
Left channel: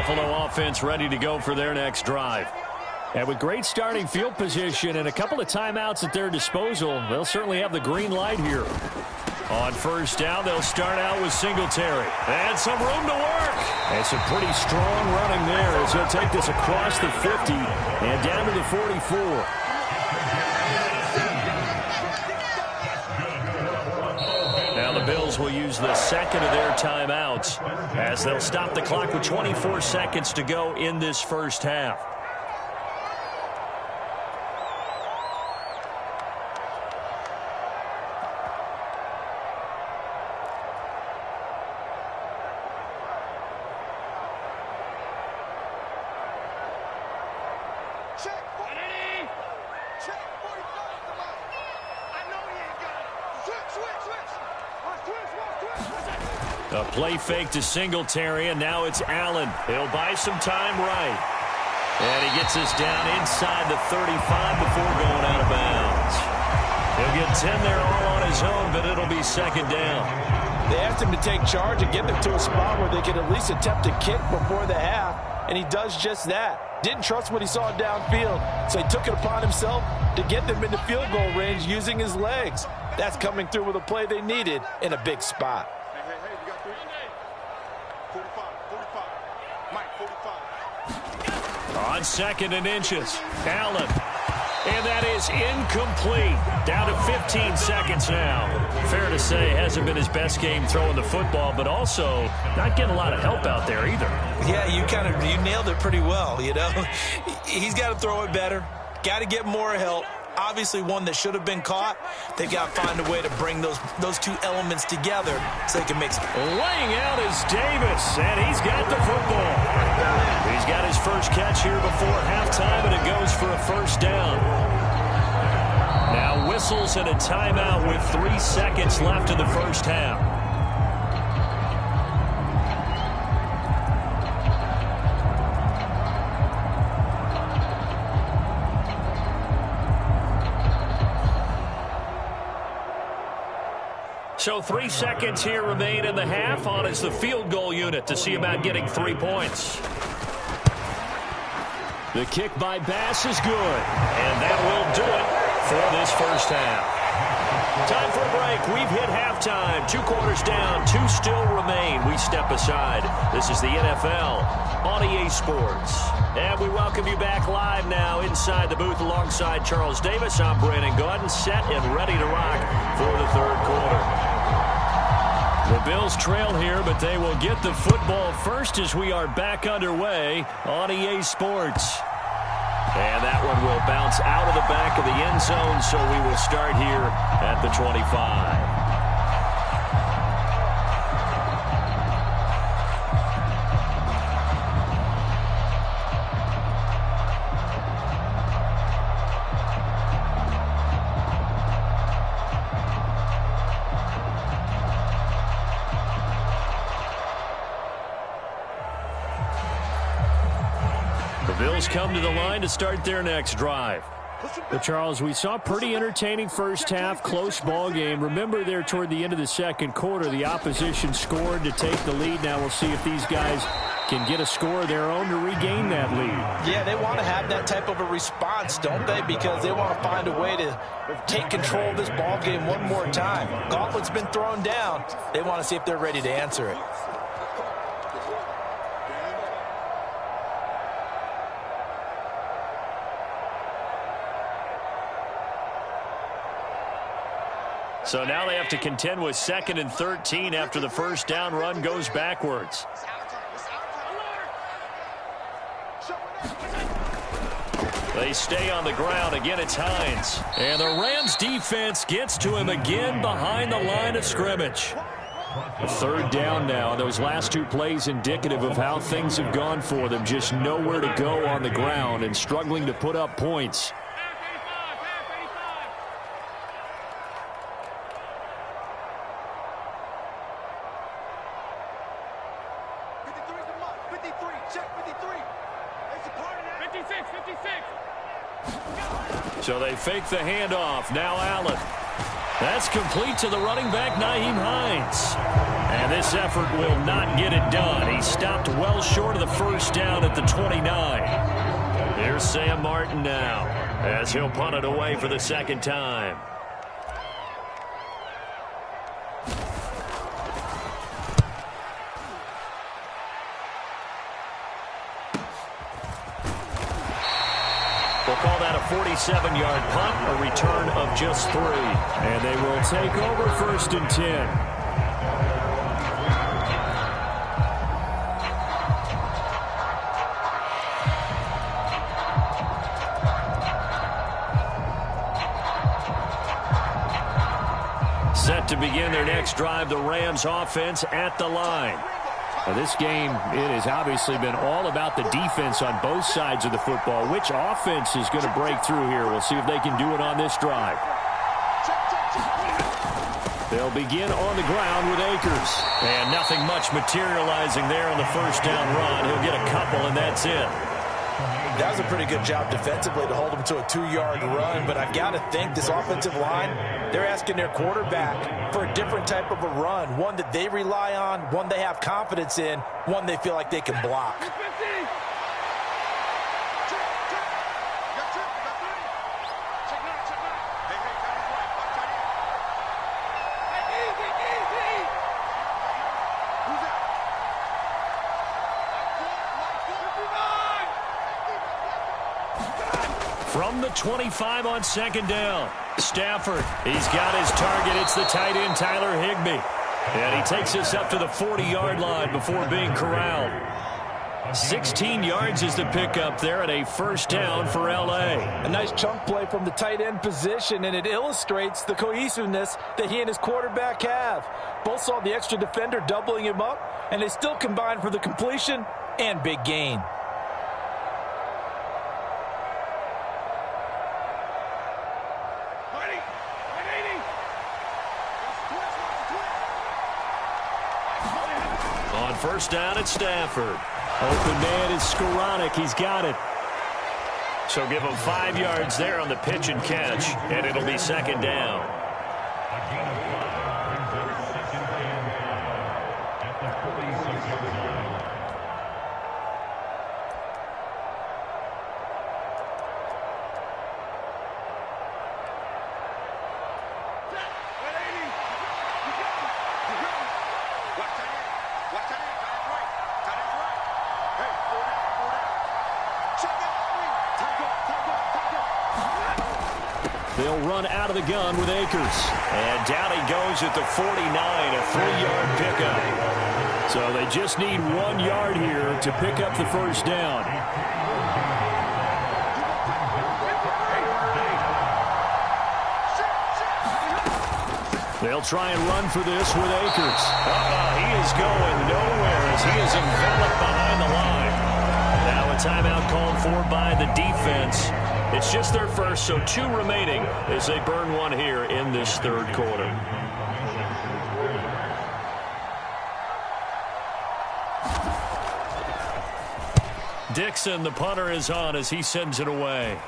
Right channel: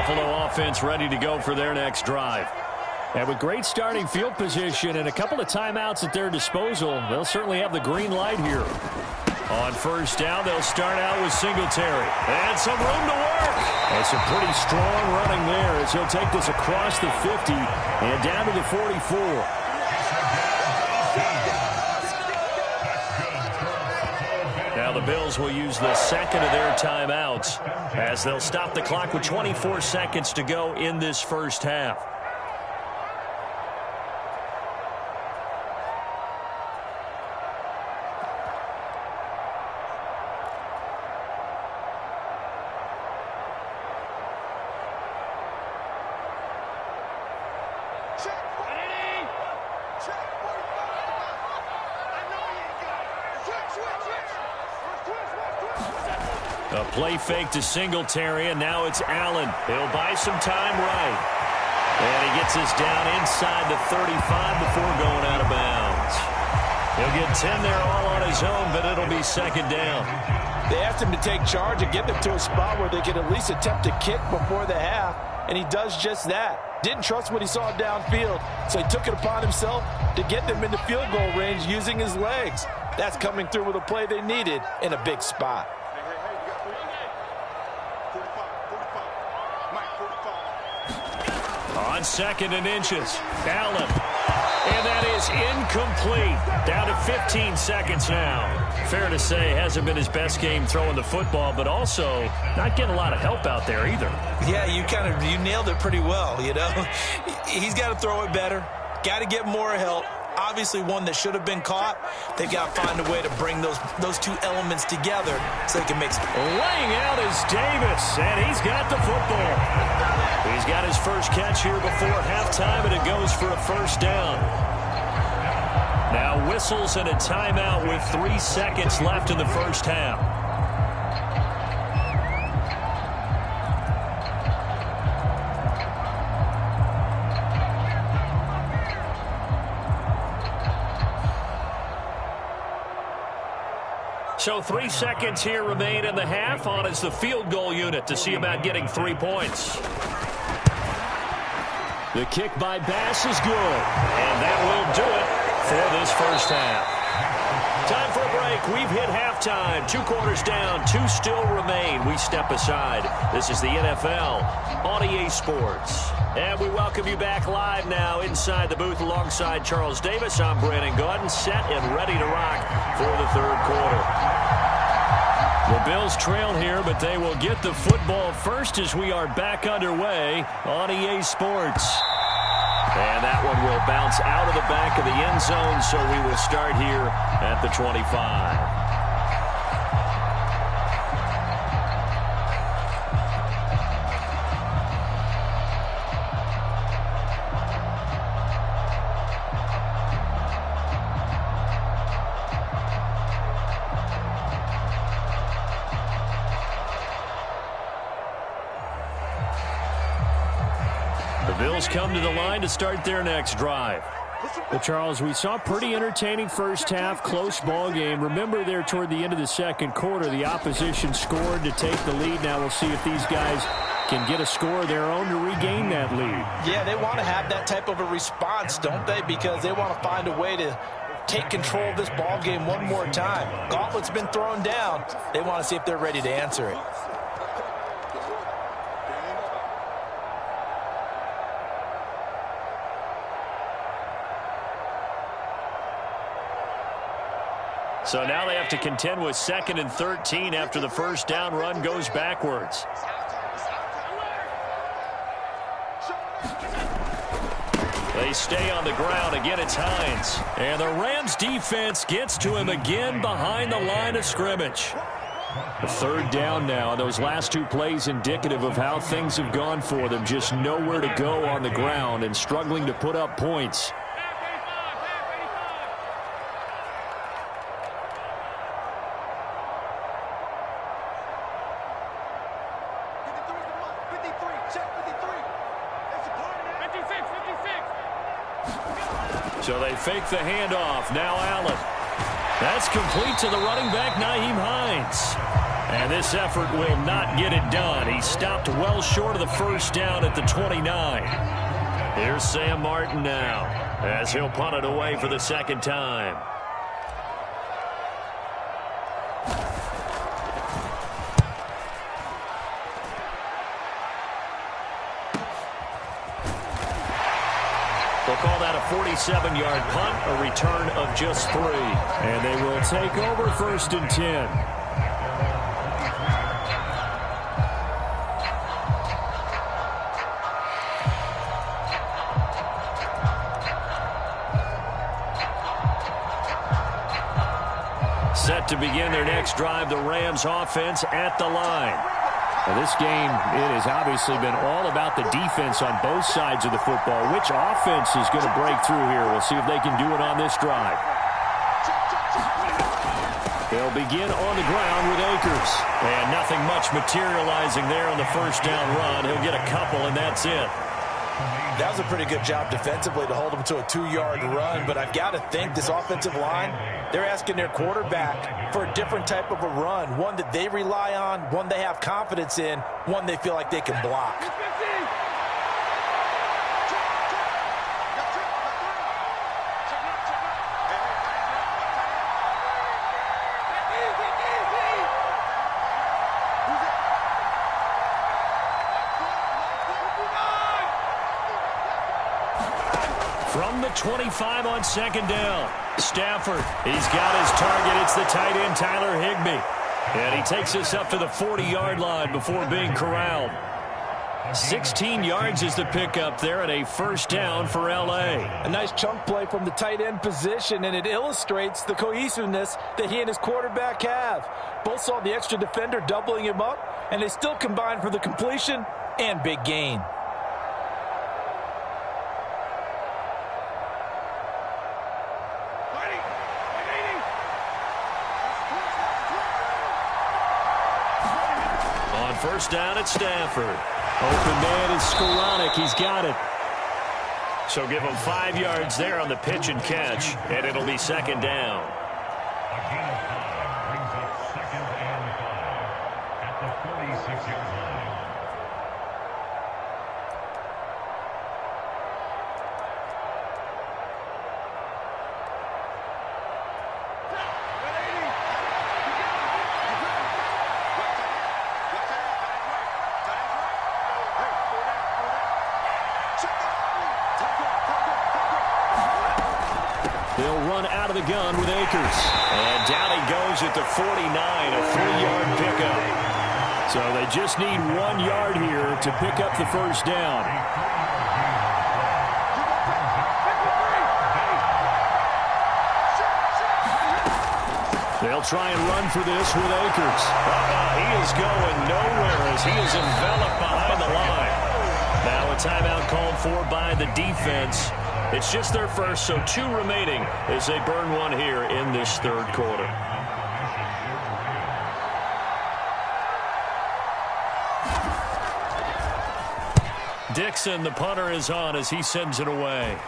Buffalo offense ready to go for their next drive. And with great starting field position and a couple of timeouts at their disposal, they'll certainly have the green light here. On first down, they'll start out with Singletary. And some room to work. And some pretty strong running there as he'll take this across the 50 and down to the 44. Now the Bills will use the second of their timeouts as they'll stop the clock with 24 seconds to go in this first half. A play fake to Singletary, and now it's Allen. He'll buy some time right. And he gets us down inside the 35 before going out of bounds. He'll get 10 there all on his own, but it'll be second down. They asked him to take charge and get them to a spot where they could at least attempt a kick before the half, and he does just that. Didn't trust what he saw downfield, so he took it upon himself to get them into field goal range using his legs. That's coming through with a play they needed in a big spot. Hey, you got 3. 45. Mike, 45. On second and inches, Allen. And that is incomplete. Down to 15 seconds now. Fair to say, hasn't been his best game throwing the football, but also not getting a lot of help out there either. Yeah, you nailed it pretty well, you know. He's got to throw it better. Got to get more help. Obviously one that should have been caught. They've got to find a way to bring those two elements together so they can make some. Laying out is Davis, and he's got the football. He's got his first catch here before halftime, and it goes for a first down. Now whistles and a timeout with 3 seconds left in the first half. So 3 seconds here remain in the half. On is the field goal unit to see about getting 3 points. The kick by Bass is good. And that will do it for this first half. Time for a break. We've hit halftime. 2 quarters down. 2 still remain. We step aside. This is the NFL on EA Sports. And we welcome you back live now inside the booth alongside Charles Davis. I'm Brandon Gaudin, set and ready to rock for the third quarter. The Bills trail here, but they will get the football first as we are back underway on EA Sports. And that one will bounce out of the back of the end zone, so we will start here at the 25. The Bills come to the line to start their next drive. Well, Charles, we saw a pretty entertaining first half, close ball game. Remember there toward the end of the second quarter, the opposition scored to take the lead. Now we'll see if these guys can get a score of their own to regain that lead. Yeah, they want to have that type of a response, don't they? Because they want to find a way to take control of this ball game one more time. Gauntlet's been thrown down. They want to see if they're ready to answer it. So now they have to contend with 2nd and 13 after the first down run goes backwards. They stay on the ground. Again, it's Hines. And the Rams defense gets to him again behind the line of scrimmage. A third down now. Those last 2 plays indicative of how things have gone for them. Just nowhere to go on the ground and struggling to put up points. So they fake the handoff. Now Allen. That's complete to the running back, Nyheim Hines. And this effort will not get it done. He stopped well short of the first down at the 29. Here's Sam Martin now as he'll punt it away for the second time. We'll call that a 47-yard punt, a return of just 3. And they will take over 1st and 10. Set to begin their next drive, the Rams offense at the line. Now this game, it has obviously been all about the defense on both sides of the football. Which offense is going to break through here? We'll see if they can do it on this drive. They'll begin on the ground with Akers. And nothing much materializing there on the first down run. He'll get a couple, and that's it. That was a pretty good job defensively to hold him to a 2-yard run, but I've got to think this offensive line, they're asking their quarterback for a different type of a run, one that they rely on, one they have confidence in, one they feel like they can block. From the 25 on second down, Stafford, he's got his target. It's the tight end, Tyler Higbee. And he takes us up to the 40-yard line before being corralled. 16 yards is the pickup there and a first down for L.A. A nice chunk play from the tight end position, and it illustrates the cohesiveness that he and his quarterback have. Both saw the extra defender doubling him up, and they still combined for the completion and big gain. On first down at Stafford. Open man is Skoranek. He's got it. So give him 5 yards there on the pitch and catch, and it'll be second down. A gain of 5 brings up 2nd and 5 at the 46-yard line. They'll run out of the gun with Akers. And down he goes at the 49, a 3-yard pickup. So they just need 1 yard here to pick up the first down. They'll try and run for this with Akers. He is going nowhere as he is enveloped behind the line. Now a timeout called for by the defense. It's just their first, so 2 remaining as they burn one here in this third quarter. Dixon, the punter, is on as he sends it away.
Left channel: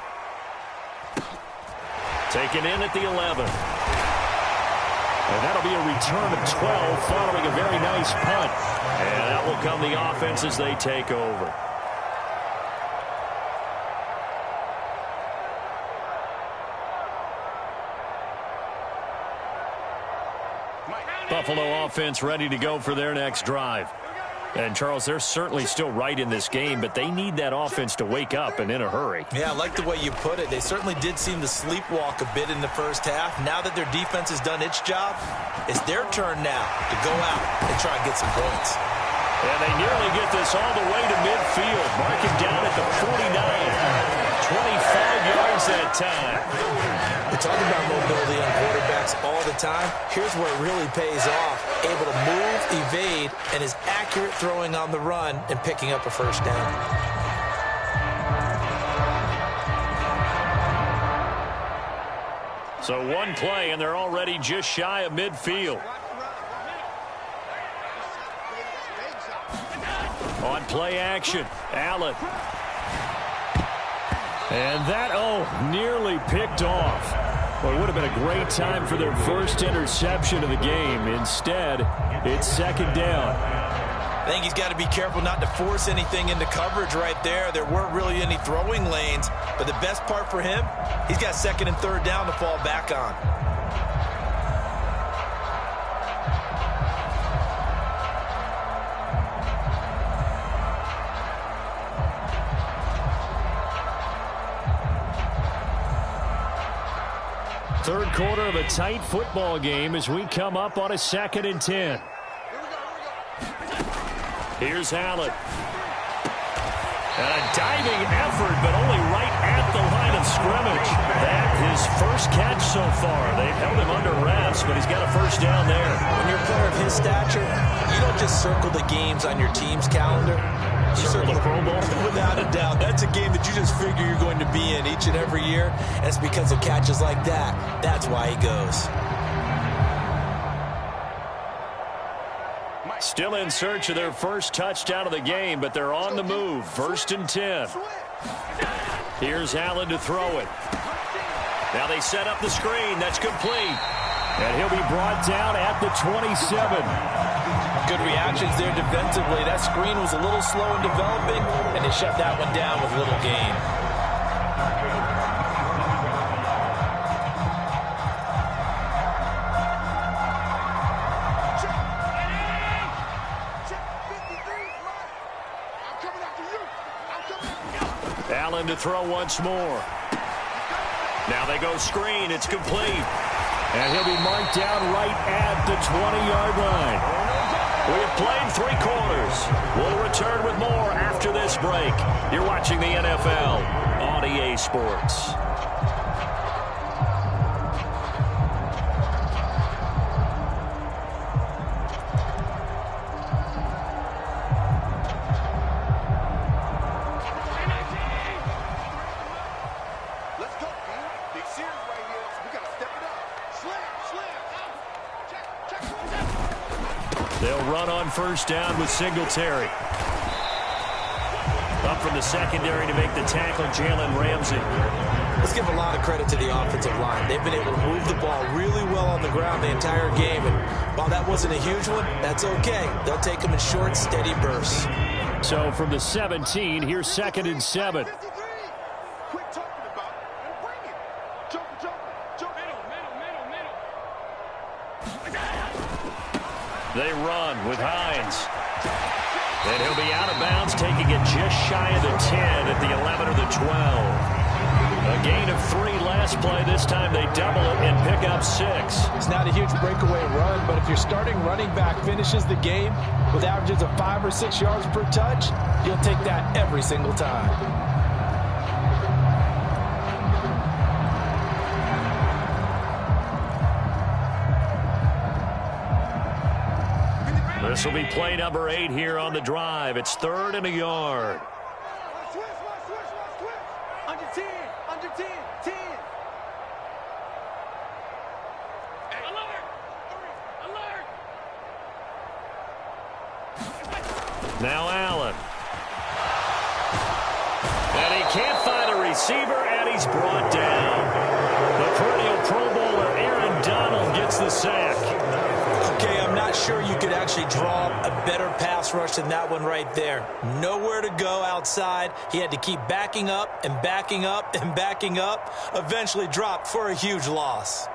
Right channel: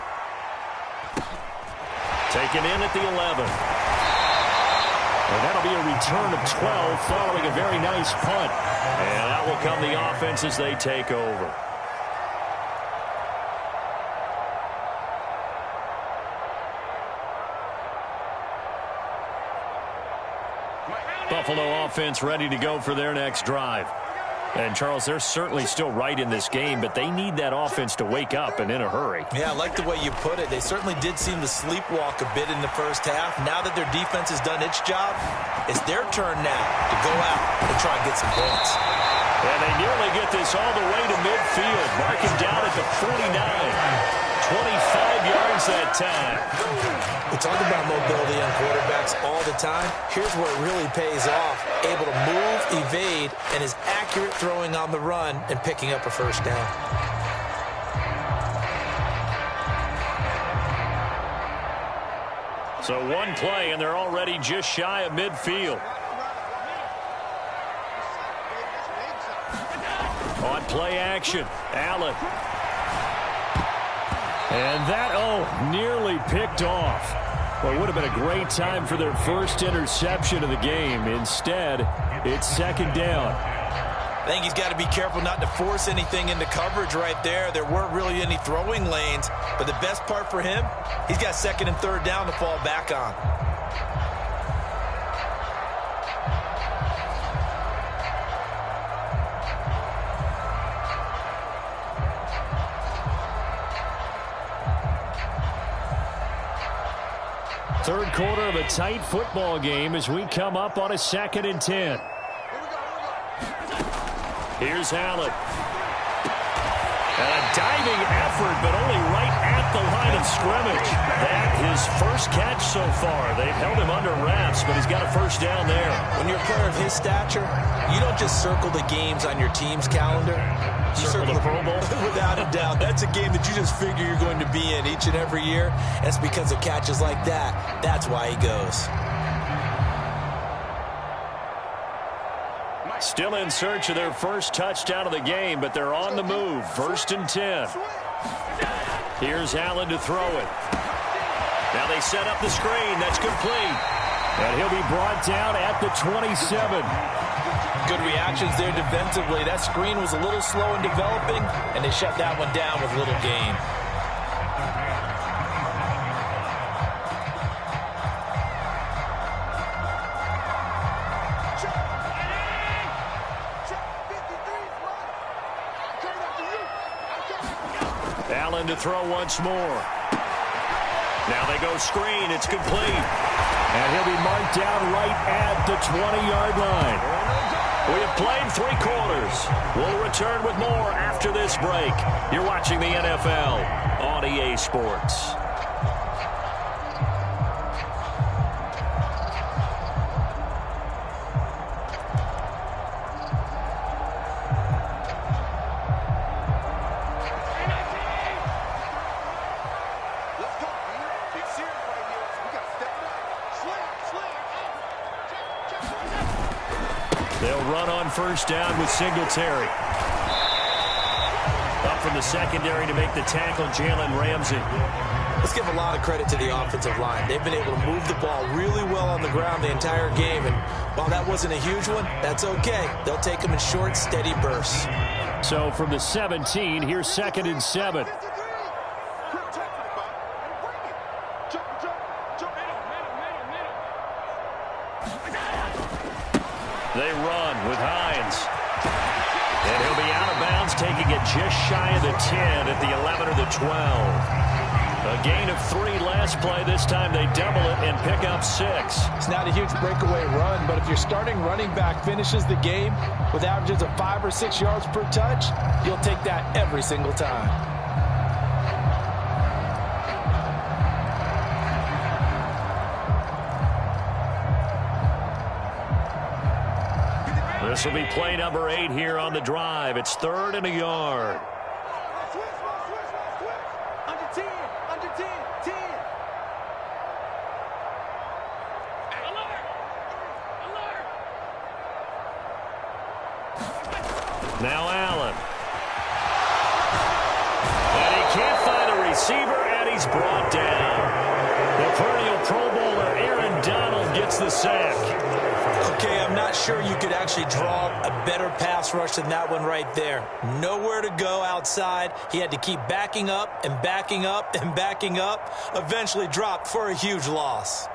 Taken in at the 11. And that'll be a return of 12 following a very nice punt. And out will come the offense as they take over. Buffalo offense ready to go for their next drive. And, Charles, they're certainly still right in this game, but they need that offense to wake up and in a hurry. Yeah, I like the way you put it. They certainly did seem to sleepwalk a bit in the first half. Now that their defense has done its job, it's their turn now to go out and try and get some points. And they nearly get this all the way to midfield. Mark him down at the 49. 25 yards that time. We talk about mobility on quarterbacks all the time. Here's where it really pays off. Able to move, evade, and is accurate throwing on the run and picking up a first down. So 1 play, and they're already just shy of midfield. On play action, Allen. And that, nearly picked off. Well, it would have been a great time for their first interception of the game. Instead, it's second down. I think he's got to be careful not to force anything into coverage right there. There weren't really any throwing lanes, but the best part for him, he's got second and third down to fall back on. Third quarter of a tight football game as we come up on a 2nd and 10. Here's Allen. And a diving effort, but only right at the line of scrimmage. That his first catch so far. They've held him under wraps, but he's got a first down there. When you're a player of his stature, you don't just circle the games on your team's calendar. You circle the Pro Bowl. Without a doubt. That's a game that you just figure you're going to be in each and every year. And it's because of catches like that. That's why he goes. Still in search of their first touchdown of the game, but they're on the move. 1st and 10. Here's Allen to throw it. Now they set up the screen. That's complete. And he'll be brought down at the 27. Good reactions there defensively. That screen was a little slow in developing, and they shut that one down with little gain. Allen to throw once more. Now they go screen. It's complete. And he'll be marked down right at the 20-yard line. We have played 3 quarters. We'll return with more after this break. You're watching the NFL on EA Sports. They'll run on first down with Singletary. Up from the secondary to make the tackle, Jalen Ramsey. Let's give a lot of credit to the offensive line. They've been able to move the ball really well on the ground the entire game. And while that wasn't a huge one, that's okay. They'll take them in short, steady bursts. So from the 17, here's 2nd and 7. They run with Hines. And he'll be out of bounds, taking it just shy of the 10 at the 11 or the 12. A gain of 3 last play. This time they double it and pick up 6. It's not a huge breakaway run, but if your starting running back finishes the game with averages of 5 or 6 yards per touch, you'll take that every single time. This will be play number 8 here on the drive. It's 3rd and a yard. Switch. Under 10. Under 10. 10. Alert. Now Allen. And he can't find a receiver, and he's brought down. The perennial Pro Bowler Aaron Donald gets the sack. Okay, I'm not sure you could actually draw a better pass rush than that one right there. Nowhere to go outside. He had to keep backing up and backing up and backing up. Eventually dropped for a huge loss.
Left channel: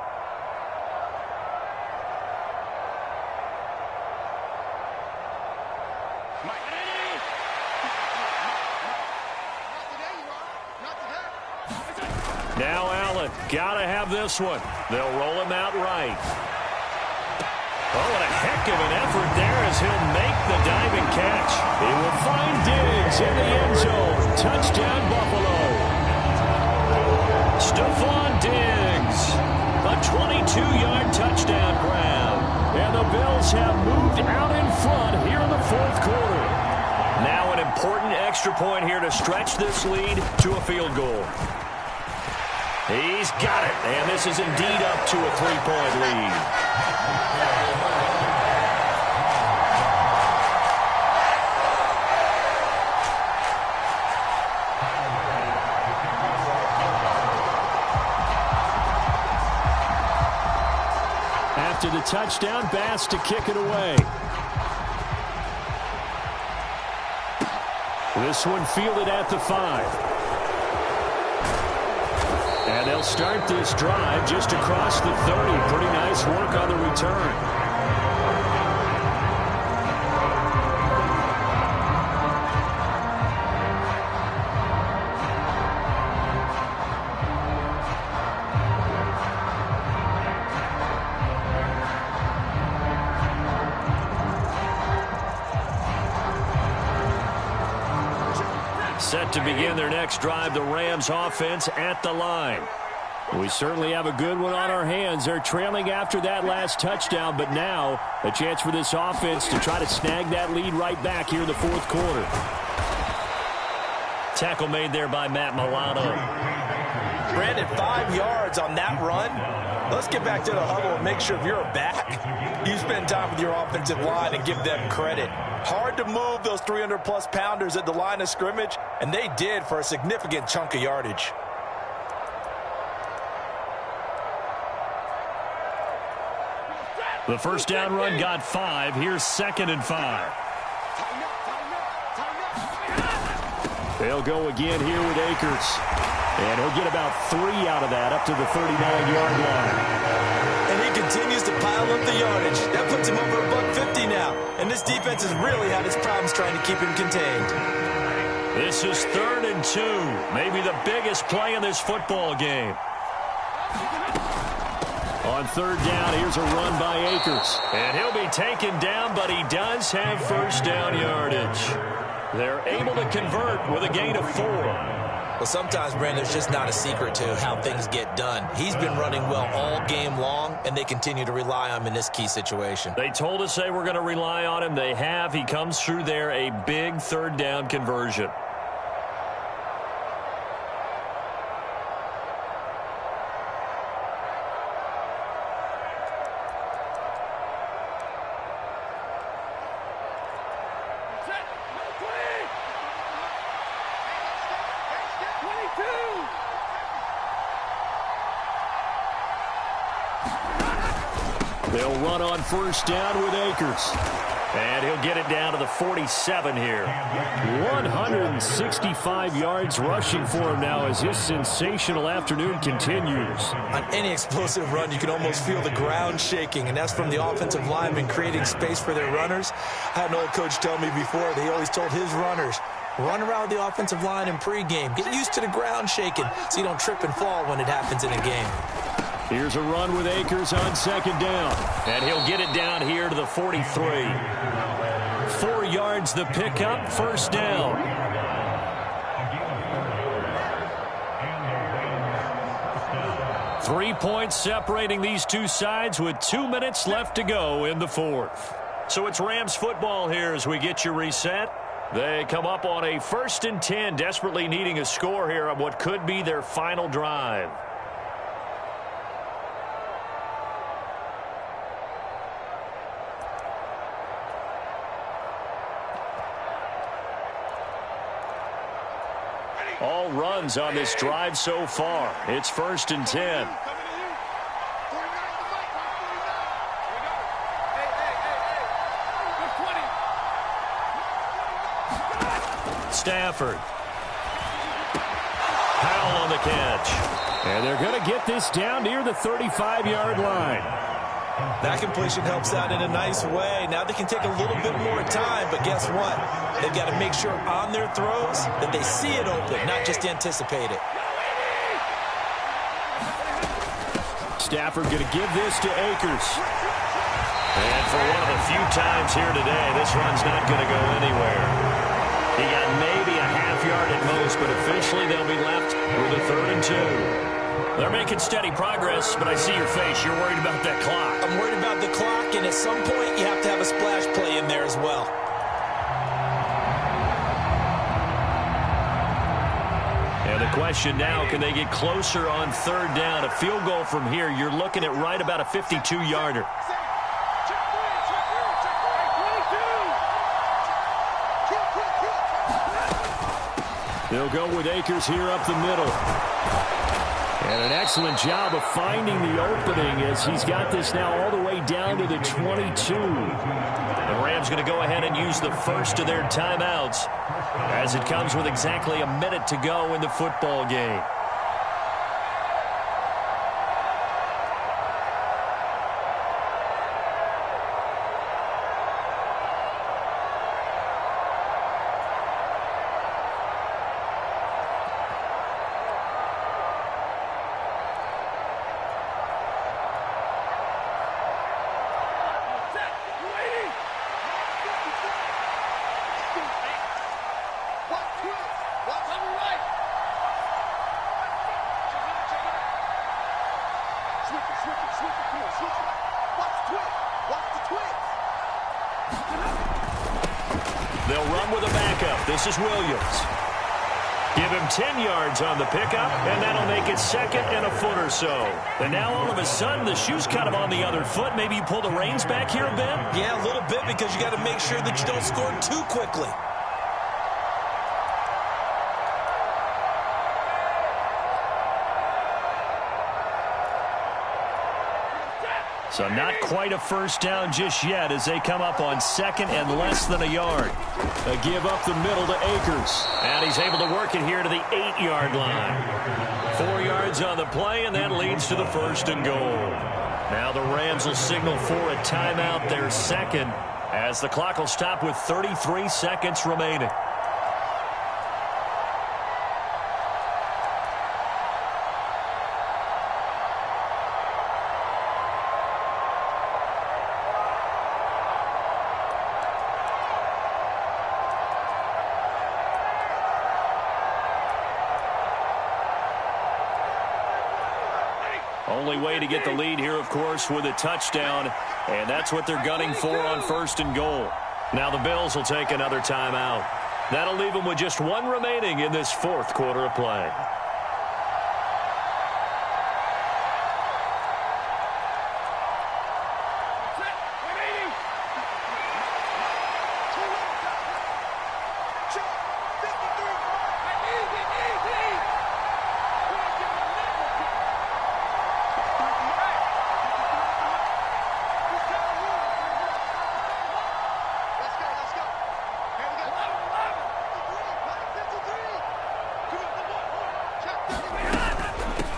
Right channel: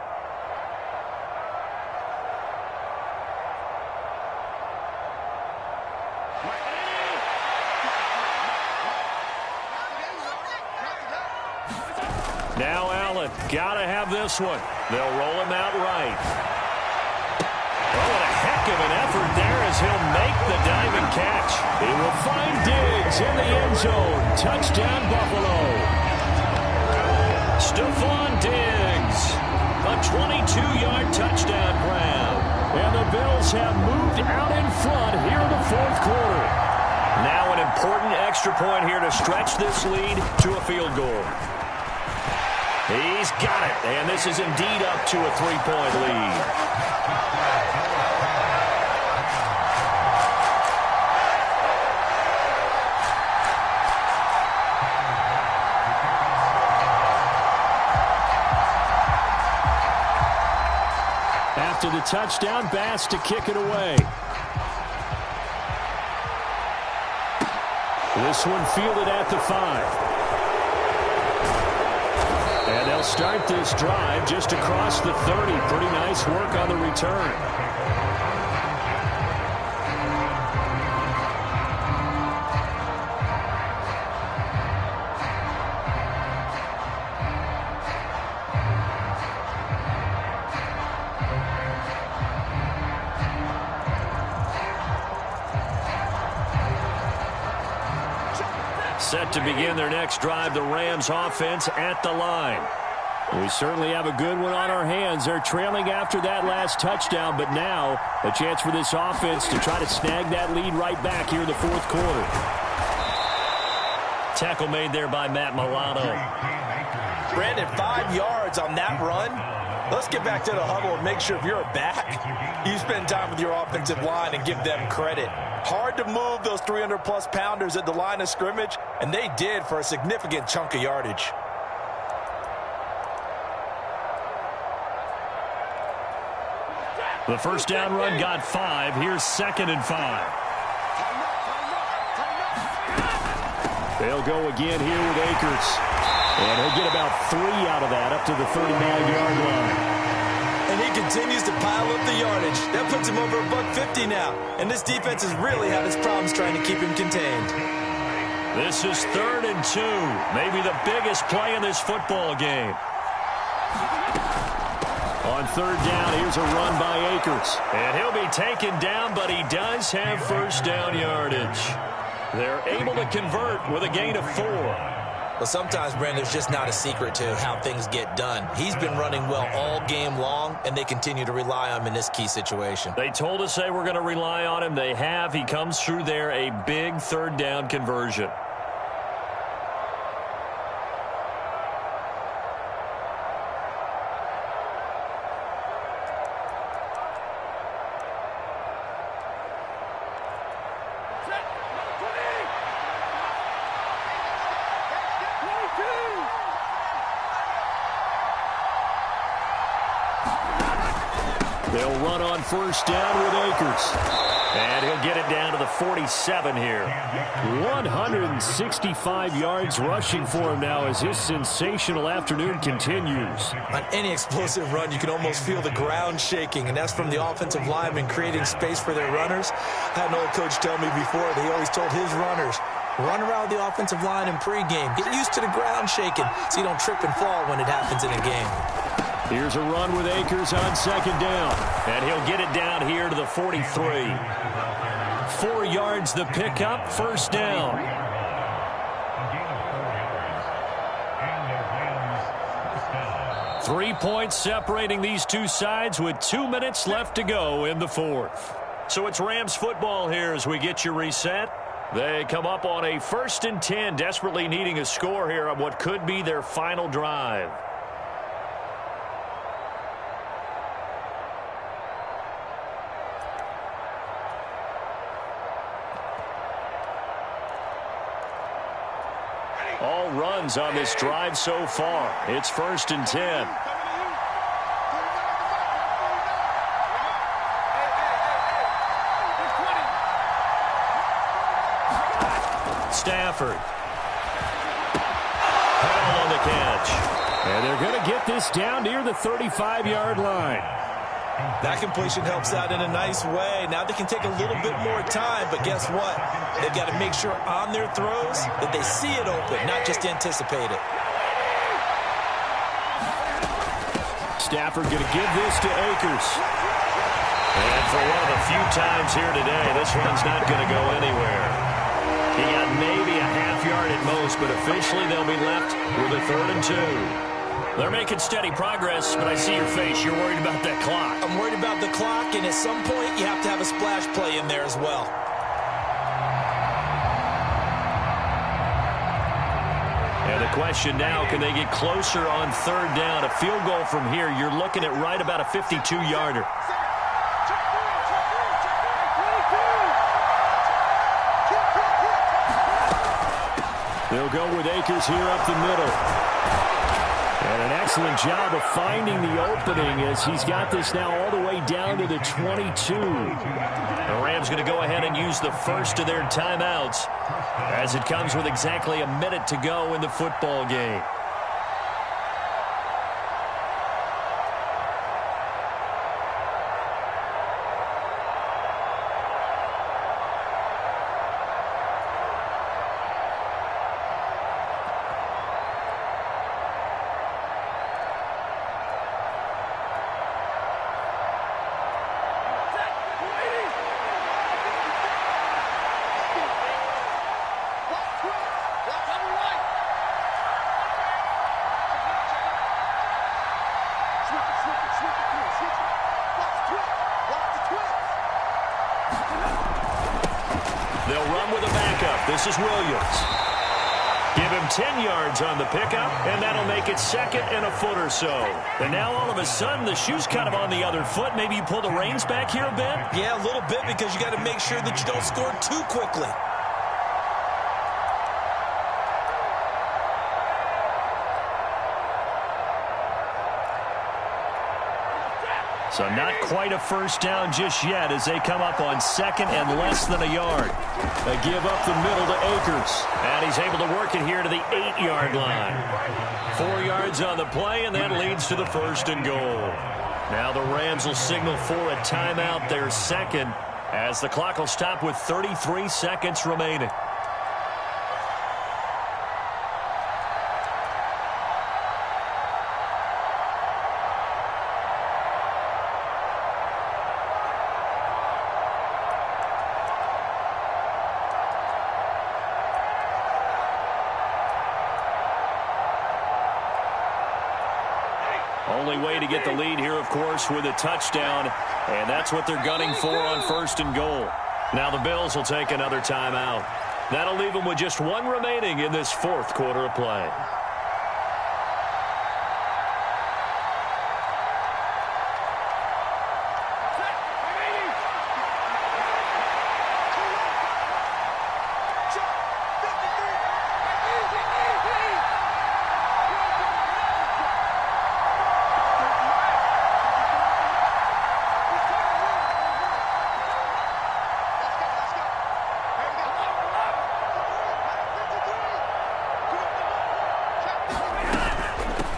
Now Allen, gotta have this one. They'll roll him out right. Oh, what a heck of an effort there as he'll make the diving catch. He will find Diggs in the end zone. Touchdown, Buffalo. Stephon Diggs, a 22-yard touchdown grab. And the Bills have moved out in front here in the 4th quarter. Now an important extra point here to stretch this lead to a field goal. He's got it, and this is indeed up to a 3-point lead. After the touchdown, Bass to kick it away. This one fielded at the 5. And they'll start this drive just across the 30. Pretty nice work on the return. Set to begin their next drive, the Rams offense at the line. We certainly have a good one on our hands. They're trailing after that last touchdown, but now a chance for this offense to try to snag that lead right back here in the fourth quarter. Tackle made there by Matt Milano. Brandon, 5 yards on that run. Let's get back to the huddle and make sure if you're a back, you spend time with your offensive line and give them credit. Hard to move those 300-plus pounders at the line of scrimmage, and they did for a significant chunk of yardage. The first down run got 5. Here's 2nd and 5. They'll go again here with Akers. And he'll get about 3 out of that up to the 39-yard line. And he continues to pile up the yardage. That puts him over $150 now. And this defense has really had its problems trying to keep him contained. This is 3rd and 2. Maybe the biggest play in this football game. On 3rd down, here's a run by Akers. And he'll be taken down, but he does have first down yardage. They're able to convert with a gain of 4. Well, sometimes, Brandon, there's just not a secret to how things get done. He's been running well all game long, and they continue to rely on him in this key situation. They told us they were going to rely on him. They have. He comes through there, a big 3rd down conversion. They'll run on first down with Akers. And he'll get it down to the 47 here. 165 yards rushing for him now as his sensational afternoon continues. On any explosive run, you can almost feel the ground shaking, and that's from the offensive linemen creating space for their runners. I had an old coach tell me before, they always told his runners, run around the offensive line in pregame. Get used to the ground shaking so you don't trip and fall when it happens in a game. Here's a run with Akers on 2nd down. And he'll get it down here to the 43. 4 yards the pickup, first down. A gain of 4 yards. And the Rams first down. 3 points separating these two sides with 2 minutes left to go in the fourth. So it's Rams football here as we get you reset. They come up on a 1st and 10, desperately needing a score here on what could be their final drive. All runs on this drive so far. It's 1st and 10. Stafford. Powell on the catch. And they're going to get this down near the 35-yard line. That completion helps out in a nice way. Now they can take a little bit more time, but guess what? They've got to make sure on their throws that they see it open, not just anticipate it. Stafford going to give this to Akers. And for one of the few times here today, this run's not going to go anywhere. He got maybe a half yard at most, but officially they'll be left with a 3rd and 2. They're making steady progress, but I see your face. You're worried about that clock. I'm worried about the clock, and at some point you have to have a splash play in there as well. And the question now, can they get closer on 3rd down? A field goal from here, you're looking at right about a 52-yarder. They'll go with Akers here up the middle. And an excellent job of finding the opening as he's got this now all the way down to the 22. The Rams going to go ahead and use the first of their timeouts as it comes with exactly a minute to go in the football game. They'll run with a backup. This is Williams. Give him 10 yards on the pickup, and that'll make it second and a foot or so. And now all of a sudden, the shoe's kind of on the other foot. Maybe you pull the reins back here a bit? Yeah, a little bit, because you got to make sure that you don't score too quickly. So not quite a first down just yet as they come up on second and less than a yard. They give up the middle to Akers. And he's able to work it here to the 8-yard line. 4 yards on the play, and that leads to the first and goal. Now the Rams will signal for a timeout, their second, as the clock will stop with 33 seconds remaining. Only way to get the lead here, of course, with a touchdown, and that's what they're gunning for on first and goal. Now the Bills will take another timeout. That'll leave them with just one remaining in this fourth quarter of play.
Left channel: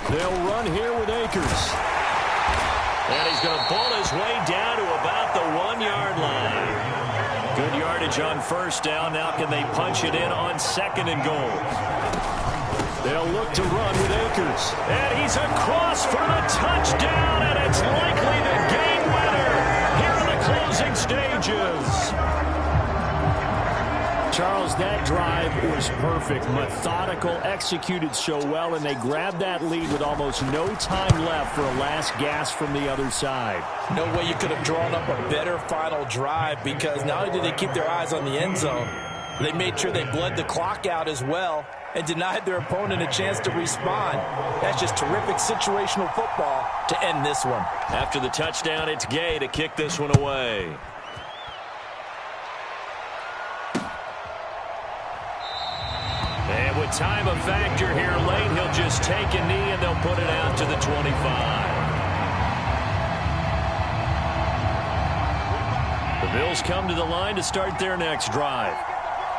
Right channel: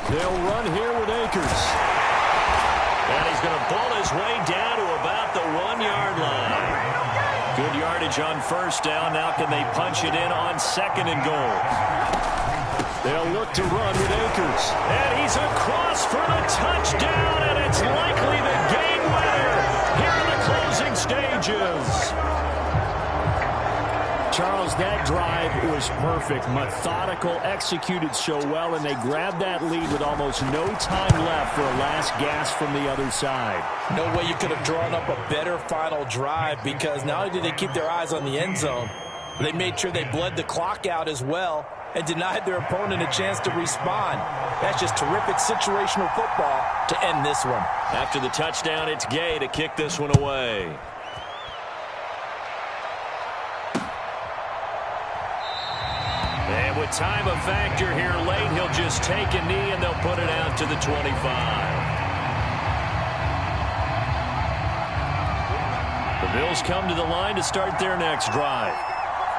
They'll run here with Akers. And he's going to pull his way down to about the 1-yard line. Good yardage on first down. Now can they punch it in on second and goal? They'll look to run with Akers. And he's across for the touchdown, and it's likely the game winner here in the closing stages. Charles, that drive was perfect, methodical, executed so well, and they grabbed that lead with almost no time left for a last gasp from the other side. No way you could have drawn up a better final drive, because not only did they keep their eyes on the end zone, they made sure they bled the clock out as well and denied their opponent a chance to respond. That's just terrific situational football to end this one. After the touchdown, it's Gay to kick this one away. And with time a factor here late, he'll just take a knee and they'll put it out to the 25. The Bills come to the line to start their next drive.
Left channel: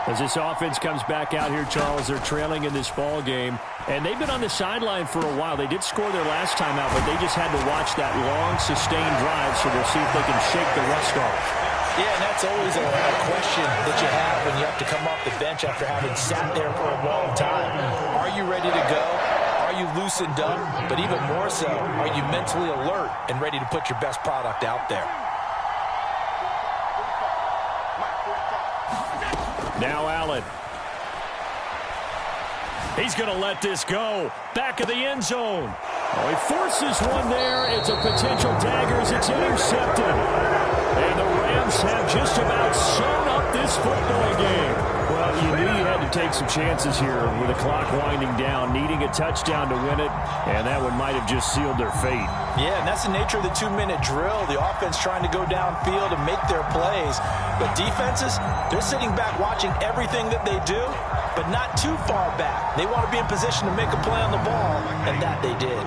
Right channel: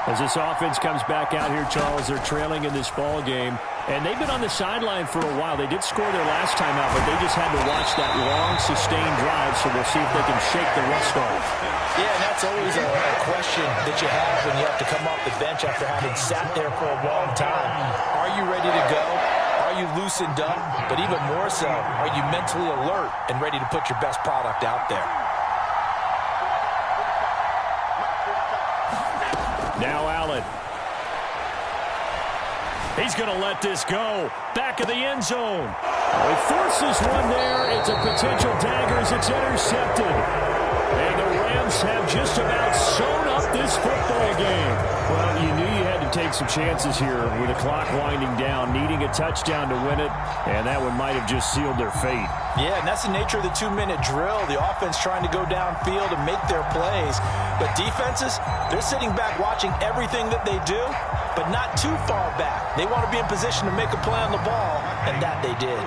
As this offense comes back out here, Charles, they're trailing in this ball game. And they've been on the sideline for a while. They did score their last time out, but they just had to watch that long, sustained drive, so we'll see if they can shake the rust off. Yeah, and that's always a question that you have when you have to come off the bench after having sat there for a long time. Are you ready to go? Are you loosened up? But even more so, are you mentally alert and ready to put your best product out there? Now Allen. He's going to let this go. Back of the end zone. Oh, he forces one there. It's a potential dagger as it's intercepted. And the Rams have just about sewn up about this football game? Well, you knew you had to take some chances here with the clock winding down, needing a touchdown to win it, and that one might have just sealed their fate. Yeah, and that's the nature of the 2-minute drill. The offense trying to go downfield and make their plays. But defenses, they're sitting back watching everything that they do, but not too far back. They want to be in position to make a play on the ball, and that they did.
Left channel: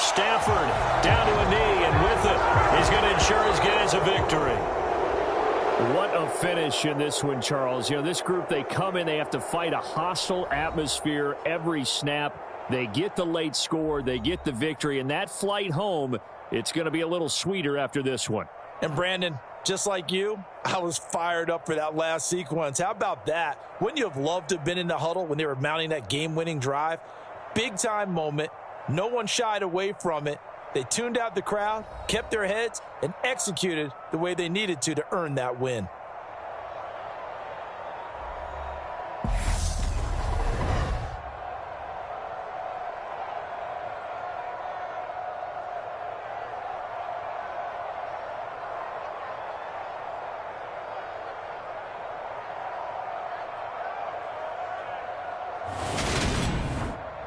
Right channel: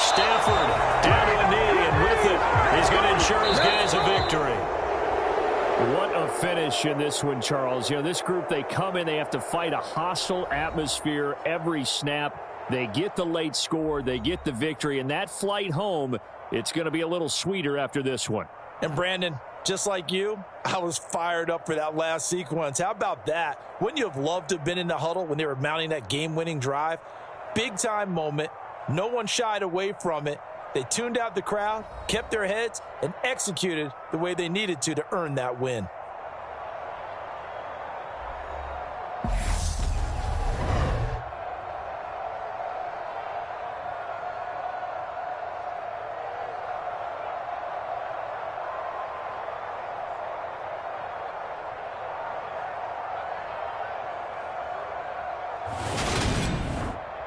Stafford down to a knee, and with it, he's going to ensure his guys a victory. What a finish in this one, Charles. You know, this group, they come in, they have to fight a hostile atmosphere every snap. They get the late score, they get the victory, and that flight home, it's going to be a little sweeter after this one. And Brandon, just like you, I was fired up for that last sequence. How about that? Wouldn't you have loved to have been in the huddle when they were mounting that game-winning drive? Big-time moment. No one shied away from it. They tuned out the crowd, kept their heads, and executed the way they needed to earn that win.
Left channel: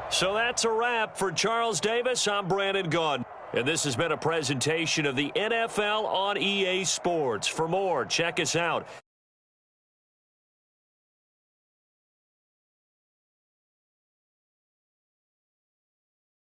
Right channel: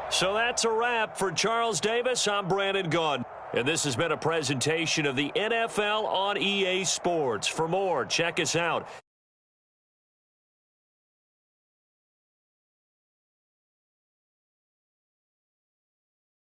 So that's a wrap for Charles Davis. I'm Brandon Gunn. And this has been a presentation of the NFL on EA Sports. For more, check us out